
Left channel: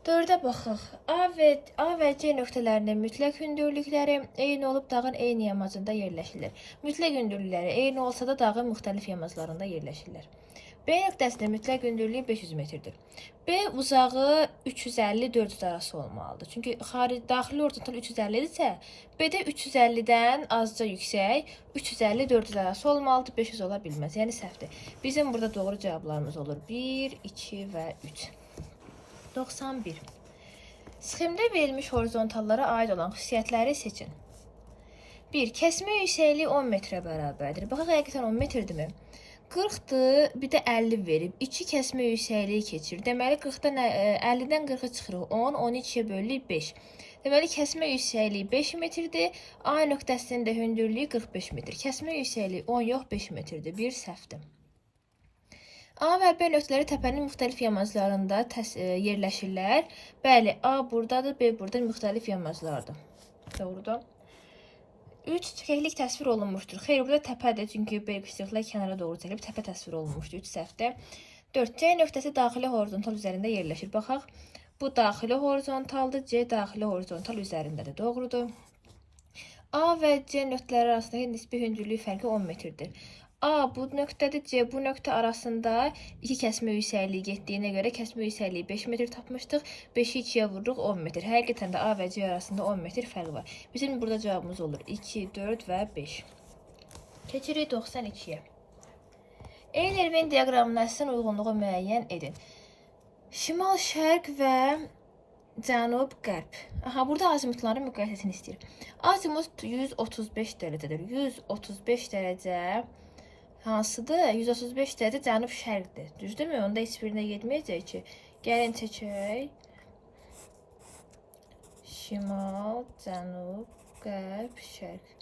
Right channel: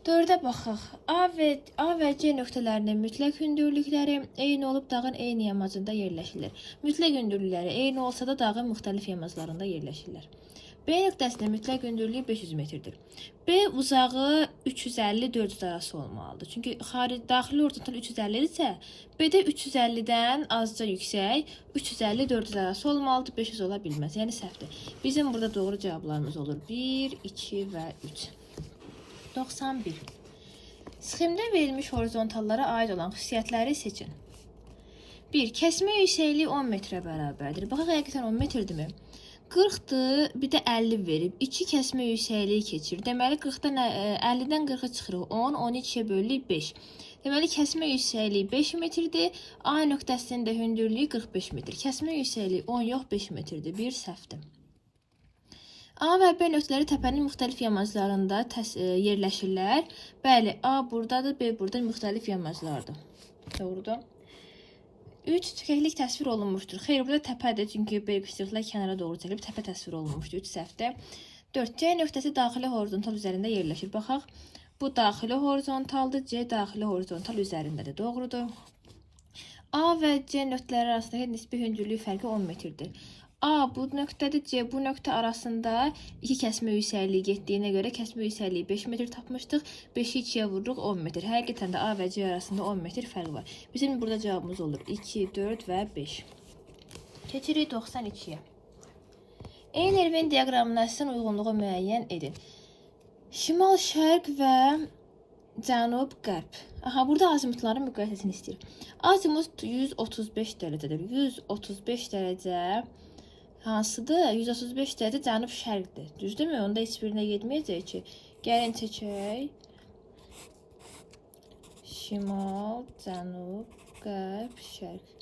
4-ə baxaq. A və C nöqtələrinin mütləq hündürlükləri eyni olub dağın eyni yamacında yerləşirlər. Mütləq hündürlükləri eyni olsa da dağın müxtəlif yamaclarında yerləşirlər. B nöqtəsinin mütləq hündürlüyü 500 metrdir. B uzağı 350-400 arası olmalıdır. Çünki daxili horizontal 350-dirsə, B də 350-dən azca yüksək, 350-400 arası olmalıdır, 500 ola bilməz. Yəni səhvdir. Bizim burada doğru cavablarımız olur 1, 2 və 3. 91. Sxemdə verilmiş horizontallara aid olan xüsusiyyətləri seçin. 1. Kəsmə yüksəkliyi 10 metrə bərabərdir. Baxaq, həqiqətən 10 metrdirmi? 40-dır, bir də 50 verib. 2 kəsmə yüksəkliyi keçir. Deməli, 50-dən 40-a çıxırıq. 10, 12-yə bölürük 5. Deməli, kəsmə yüksəkliyi 5 metrdir. A nöqtəsinin də hündürlüyü 45 metr. Kəsmə yüksəkliyi 10 yox, 5 metrdir. Bir səhvdir. A və B nöqtələri təpənin müxtəlif yamaclarında yerləşirlər. Bəli, A buradadır, B burada müxtəlif yamaclardır. Doğrudur. 3. Çəkəklik təsvir olunmuşdur. Xeyr, burada təpədir, çünki B küçüklər kənara doğru çəkilib, təpə təsvir olunmuşdur. 3 səhvdir. 4. C nöqtəsi daxili horizontal üzərində yerləşir. Baxaq, bu daxili horizontaldır, C daxili horizontal üzərindədir. Doğrudur. A və C nöqtələri arasındakı nisbi hündürlük fərqi 10 metrdir. A bu nöqtədir, C bu nöqtə arasında 2 kəsmə yüksəkliyi getdiyinə görə kəsmə yüksəkliyi 5 metr tapmışdıq. 5-i 2-yə vururuq 10 metr. Həqiqətən də A və C arasında 10 metr fərq var. Bizim burada cavabımız olur 2, 4 və 5. Keçirik 92-yə. Eyler-Venn diaqramına əsasən uyğunluğu müəyyən edin. Şimal-şərq və cənub-qərb. Aha, burada azimutların müqayisəsini istəyir. Azimut 135 dərəcədir. 135 dərəcə hansıdır? 135 dərəcə cənub-şərqdir. Düzdürmü? Onda heç birinə getməyəcək ki. Gəlin çəkək. Şimal, cənub, qərb, şərq.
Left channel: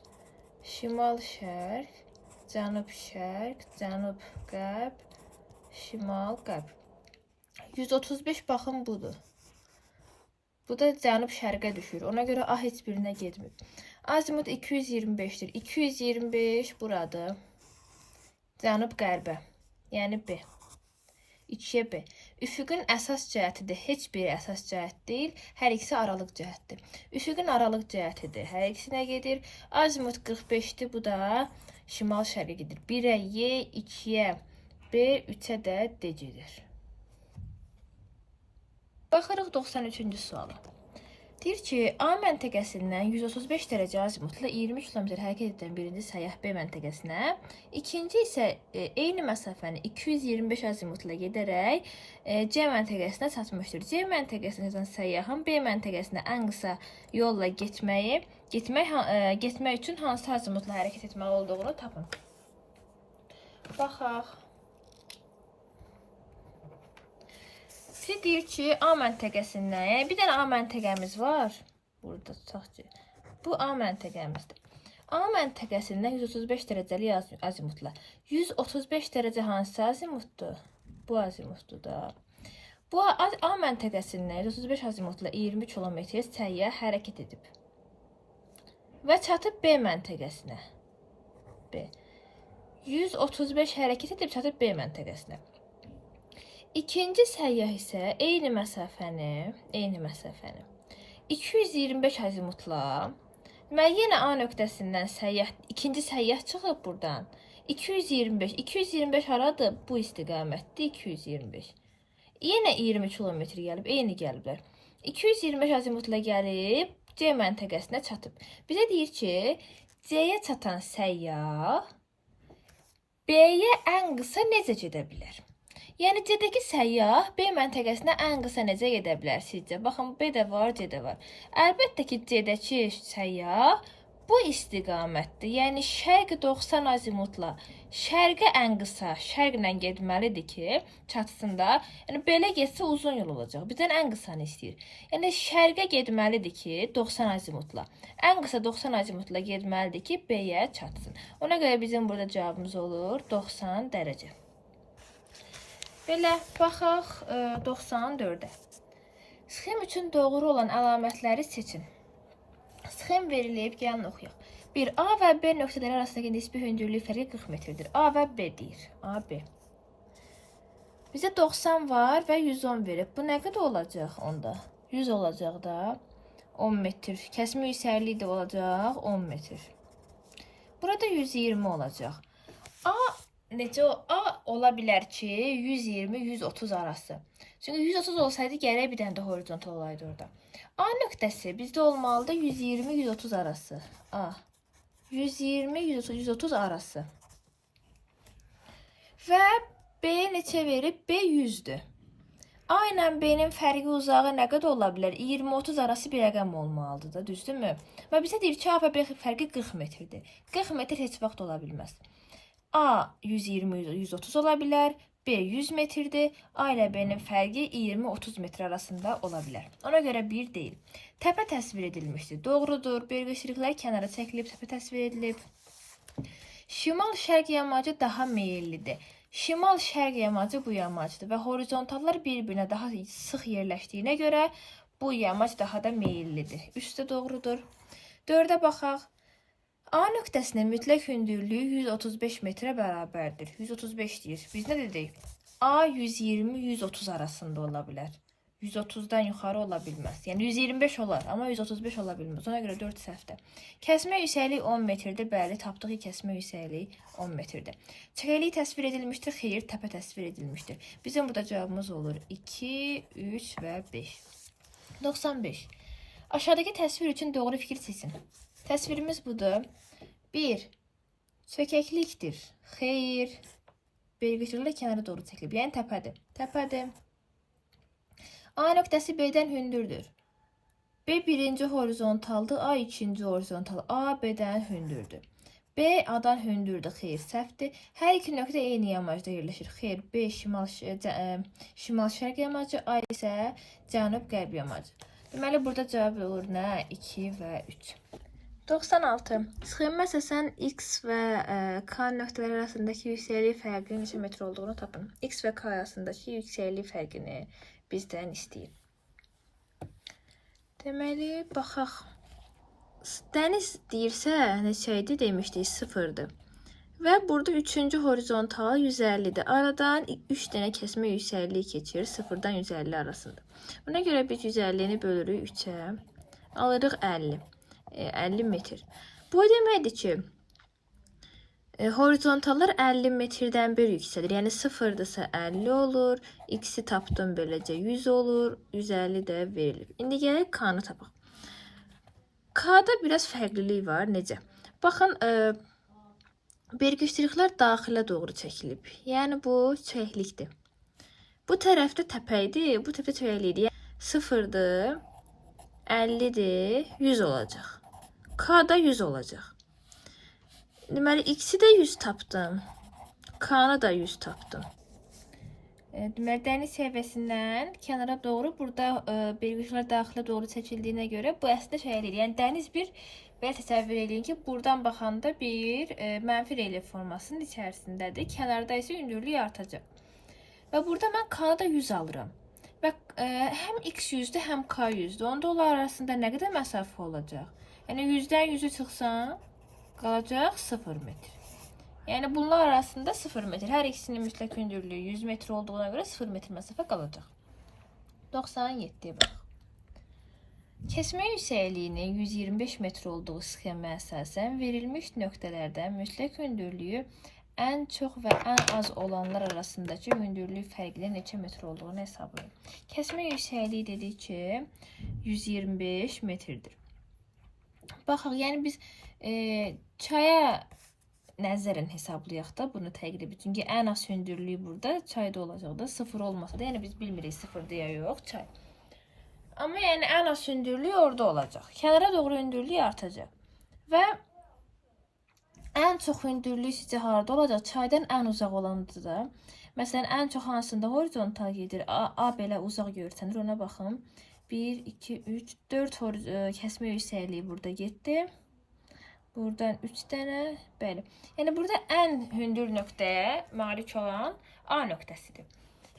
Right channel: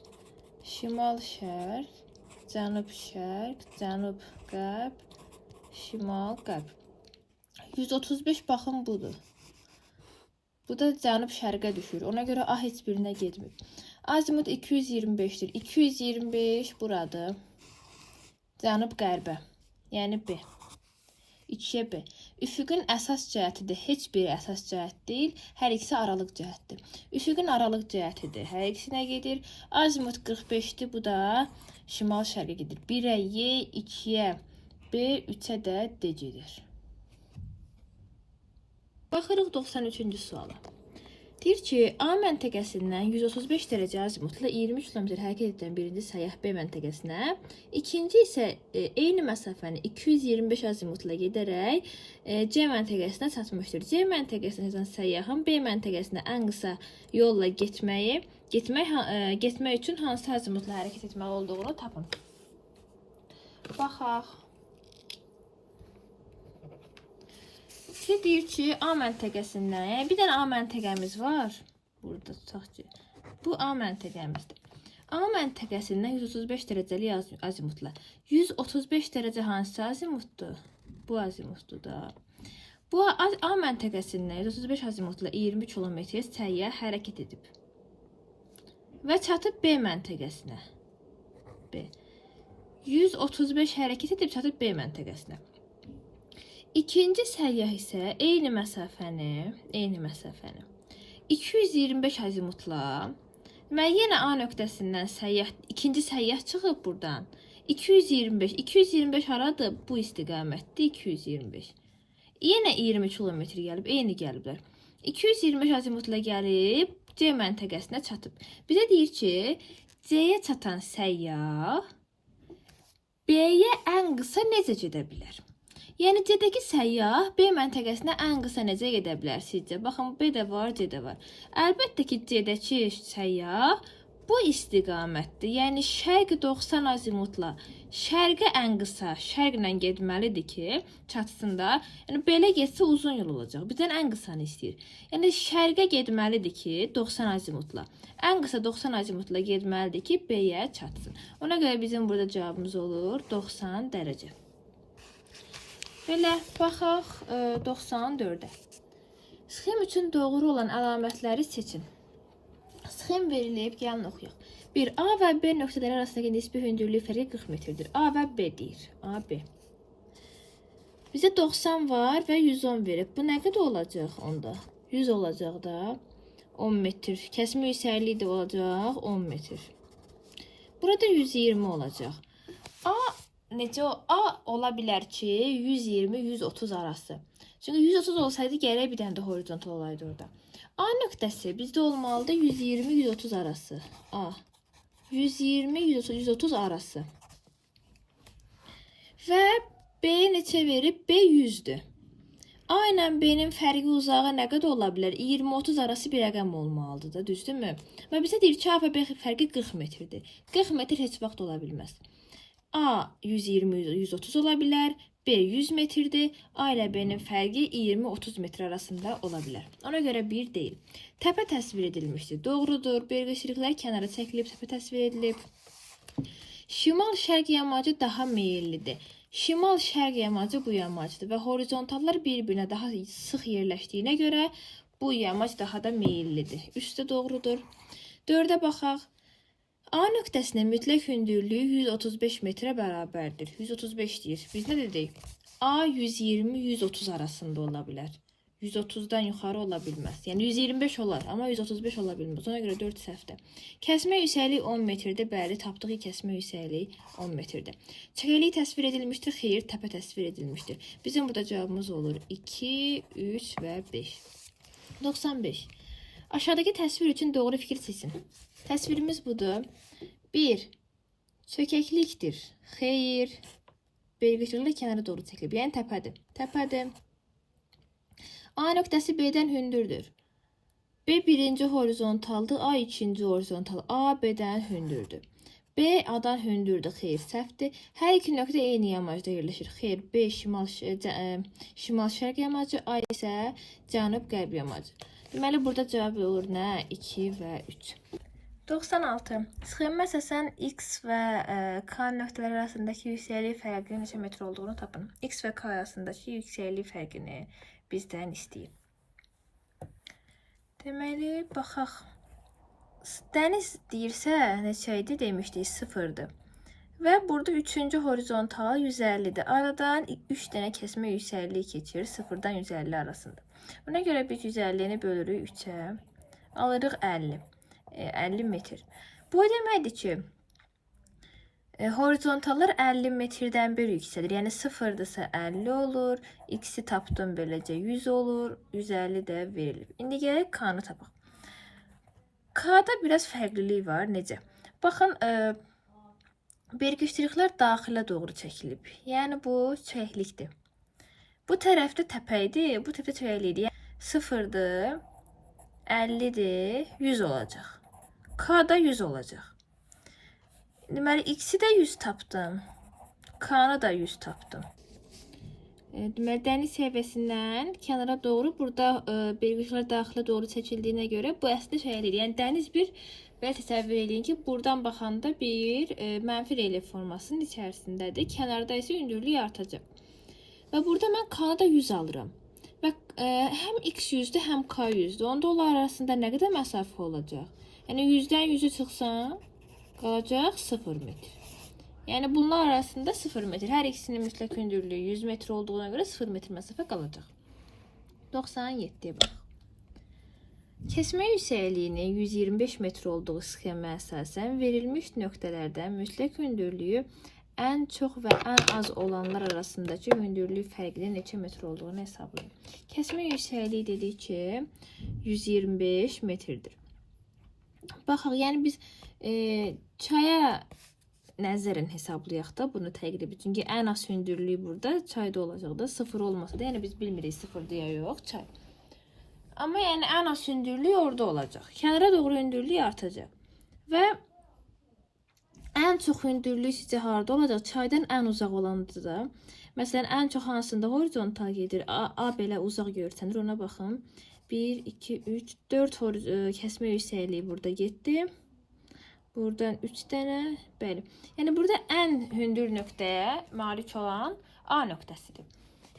Şimal, şərq, cənub, şərq, cənub, qərb, şimal, qərb. 135 baxın budur. Bu da cənub-şərqə düşür. Ona görə A heç birinə getmir. Azimut 225'dir. 225 buradır. Cənub-qərbə. Yəni B. 2-yə B. Üfüqün əsas cəhətidir. Heç bir əsas cəhət deyil. Hər ikisi aralıq cəhətdir. Üfüqün aralıq cəhətidir. Hər ikisinə gedir. Azimut 45'dir. Bu da şimal-şərqə gedir. 1-ə Y, 2-yə B, 3-ə də D gedir. Baxırıq 93-cü suala. Deyir ki, A məntəqəsindən 135 dərəcə azimutla 20 km hərəkət edən birinci səyyah B məntəqəsinə, ikinci isə eyni məsafəni 225 azimutla gedərək C məntəqəsinə çatmışdır. C məntəqəsindən səyyahın B məntəqəsinə ən qısa yolla getmək üçün hansı azimutla hərəkət etməli olduğunu tapın. Baxaq. Siz deyir ki, A məntəqəsindən, yəni bir dənə A məntəqəmiz var. Burada tutaq ki, bu A məntəqəmizdir. A məntəqəsindən 135 dərəcəli azimutla. 135 dərəcə hansı azimutdur? Bu azimutdur da. Bu A məntəqəsindən 135 azimutla 20 kilometr səyyah hərəkət edib. Və çatıb B məntəqəsinə. B. 135 hərəkət edib çatıb B məntəqəsinə. İkinci səyyah isə eyni məsafəni 225 azimutla, yenə A nöqtəsindən ikinci səyyah çıxıb buradan. 225 haradır? Bu istiqamətdir 225. Yenə 20 kilometr gəlib, eyni gəliblər. 225 azimutla gəlib C məntəqəsinə çatıb. Bizə deyir ki, C-yə çatan səyyah B-yə ən qısa necə gedə bilər? Yəni C-dəki səyyah B məntəqəsinə ən qısa necə gedə bilər sizcə? Baxın, B də var, C də var. Əlbəttə ki, C-dəki səyyah bu istiqamətdir. Yəni şərq 90 azimutla şərqə ən qısa şərqlə getməlidir ki, çatsın da. Yəni belə getsə uzun yol olacaq. Bizdən ən qısanı istəyir. Yəni şərqə getməlidir ki, 90 azimutla. Ən qısa 90 azimutla getməlidir ki, B-yə çatsın. Ona görə bizim burada cavabımız olur 90 dərəcə. Belə baxaq 94-ə. Sxem üçün doğru olan əlamətləri seçin. Sxem verilib, gəlin oxuyaq. 1. A və B nöqtələri arasındakı nisbi hündürlük fərqi 40 metrdir. A və B deyir. A, B. Bizə 90 var və 110 verib. Bu nə qədər olacaq onda? 100 olacaq da 10 metr. Kəsmə yüksəkliyi də olacaq 10 metr. Burada 120 olacaq. A necə A ola bilər ki, 120-130 arası. Çünki 130 olsaydı gərək bir dənə də horizontal olaydı orada. A nöqtəsi bizdə olmalıdır 120-130 arası. A. 120-130 arası. Və B neçə verib? B 100-dür. A ilə B-nin fərqi uzağı nə qədər ola bilər? 20-30 arası bir rəqəm olmalıdır da, düzdürmü? Və bizə deyir ki, A və B fərqi 40 metrdir. 40 metr heç vaxt ola bilməz. A 120-130 ola bilər, B 100 metrdir. A ilə B-nin fərqi 20-30 metr arasında ola bilər. Ona görə 1 deyil. Təpə təsvir edilmişdir. Doğrudur. Belirgişliklər kənara çəkilib, təpə təsvir edilib. Şimal-şərq yamacı daha meyillidir. Şimal-şərq yamacı bu yamacdır və horizontallar bir-birinə daha sıx yerləşdiyinə görə bu yamac daha da meyillidir. Üstə doğrudur. 4-ə baxaq. A nöqtəsinin mütləq hündürlüyü 135 metrə bərabərdir. 135 deyir. Biz nə dedik? A 120-130 arasında ola bilər. 130-dan yuxarı ola bilməz. Yəni 125 olar, amma 135 ola bilməz. Ona görə 4 səhvdir. Kəsmə yüksəkliyi 10 metrdir. Bəli, tapdığı kəsmə yüksəkliyi 10 metrdir. Çəkəlik təsvir edilmişdir. Xeyr, təpə təsvir edilmişdir. Bizim burada cavabımız olur 2, 3 və 5. 95. Aşağıdakı təsvir üçün doğru fikir seçin. Təsvirimiz budur. 1. Çökəklikdir. Xeyr. Belirgişliklə kənara doğru çəkilib. Yəni təpədir. Təpədir. A nöqtəsi B-dən hündürdür. B birinci horizontaldır. A ikinci horizontal. A B-dən hündürdür. B A-dan hündürdür. Xeyr, səhvdir. Hər iki nöqtə eyni yamacda yerləşir. Xeyr, B şimal-şərq yamacı, A isə cənub-qərb yamacı. Deməli, burada cavab olur nə? 2 və 3. 96. Sxemə əsasən X və K nöqtələri arasındakı yüksəklik fərqinin neçə metr olduğunu tapın. X və K arasındakı yüksəklik fərqini bizdən istəyir. Deməli, baxaq. Dəniz deyirsə, neçə idi demişdik? 0-dır. Və burada 3-cü horizontal 150-dir. Aradan 3 dənə kəsmə yüksəkliyi keçir 0-dan 150 arasında. Buna görə biz 150-ni bölürük 3-ə. Alırıq 50. 50 metr. Bu deməkdir ki, horizontallar 50 metrdən bir yüksəlir. Yəni 0-dırsa 50 olur. X-i tapdım beləcə 100 olur. 150 də verilir. İndi gələk K-nı tapaq. K-da biraz fərqlilik var. Necə? Baxın, belirgişliklər daxilə doğru çəkilib. Yəni bu çəklikdir. Bu tərəfdə təpə idi, bu tərəfdə çəklikdir. Yəni 0-dır, 50-dir, 100 olacaq. K-da 100 olacaq. Deməli, X-i də 100 tapdım. K-nı da 100 tapdım. Deməli, dəniz səviyyəsindən kənara doğru burada belirgilər daxilə doğru çəkildiyinə görə bu əslində şey eləyir. Yəni dəniz bir belə təsəvvür eləyin ki, buradan baxanda bir mənfi relyef formasının içərisindədir. Kənarda isə hündürlük artacaq. Və burada mən k-da 100 alıram. Və həm x 100-dür, həm k 100-dür. Onda onlar arasında nə qədər məsafə olacaq? Yəni 100-dən 100-ü çıxsam, qalacaq 0 metr. Yəni bunlar arasında 0 metr. Hər ikisinin mütləq hündürlüyü 100 metr olduğuna görə 0 metr məsafə qalacaq. 97-yə bax. Kəsmə yüksəkliyinin 125 metr olduğu sxemə əsasən verilmiş nöqtələrdən mütləq hündürlüyü ən çox və ən az olanlar arasındakı hündürlük fərqinin neçə metr olduğunu hesablayın. Kəsmə yüksəkliyi dedik ki 125 metrdir. Baxaq, yəni biz çaya nəzərən hesablayaq da bunu təqribi. Çünki ən az hündürlüyü burada çayda olacaq da. 0 olmasa da, yəni biz bilmirik 0-dır ya yox çay. Amma yəni ən az hündürlüyü orada olacaq. Kənara doğru hündürlüyü artacaq. Və ən çox hündürlüyü sizcə harda olacaq? Çaydan ən uzaq olandır da. Məsələn, ən çox hansında horizontal gedir? A belə uzaq görsənir. Ona baxın. 1, 2, 3, 4 kəsmə yüksəkliyi burada getdi. Buradan 3 dənə, bəli. Yəni burada ən hündür nöqtəyə malik olan A nöqtəsidir.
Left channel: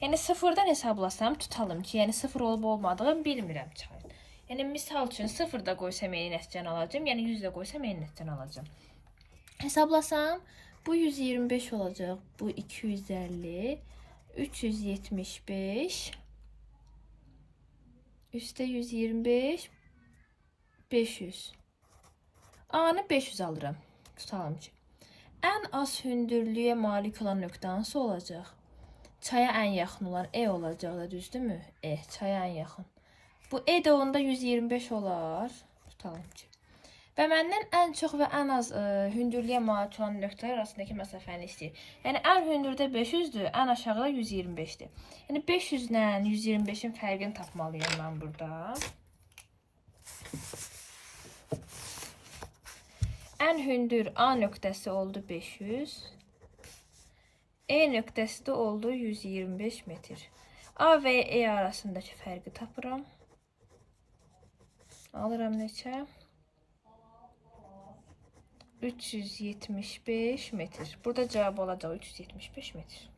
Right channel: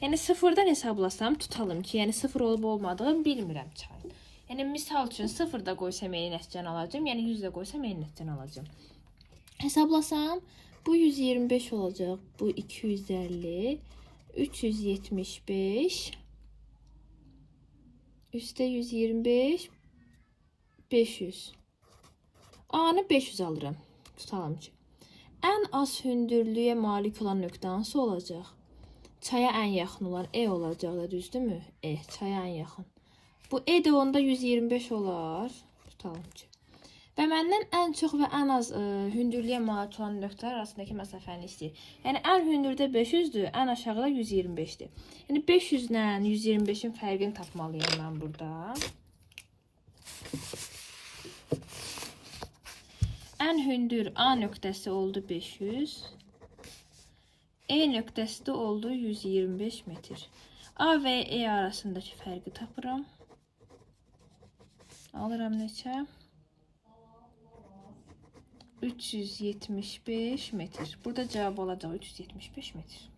Yəni 0-dan hesablasam, tutalım ki, yəni 0 olub olmadığını bilmirəm çayın. Yəni misal üçün 0-da qoysam eyni nəticəni alacağım, yəni 100-də qoysam eyni nəticəni alacağım. Hesablasam, bu 125 olacaq, bu 250, 375, üstə 125, 500. A-nı 500 alıram. Tutalım ki. Ən az hündürlüyə malik olan nöqtə hansı olacaq? Çaya ən yaxın olan E olacaq da, düzdürmü? E, çaya ən yaxın. Bu E də onda 125 olar. Tutalım ki. Və məndən ən çox və ən az hündürlüyə malik olan nöqtələr arasındakı məsafəni istəyir. Yəni ən hündürdə 500-dür, ən aşağıda 125-dir. Yəni 500 ilə 125-in fərqini tapmalıyam mən burada. Ən hündür A nöqtəsi oldu 500. E nöqtəsi də oldu 125 metr. A və E arasındakı fərqi tapıram. Alıram neçə? 375 metr. Burada cavab olacaq 375 metr.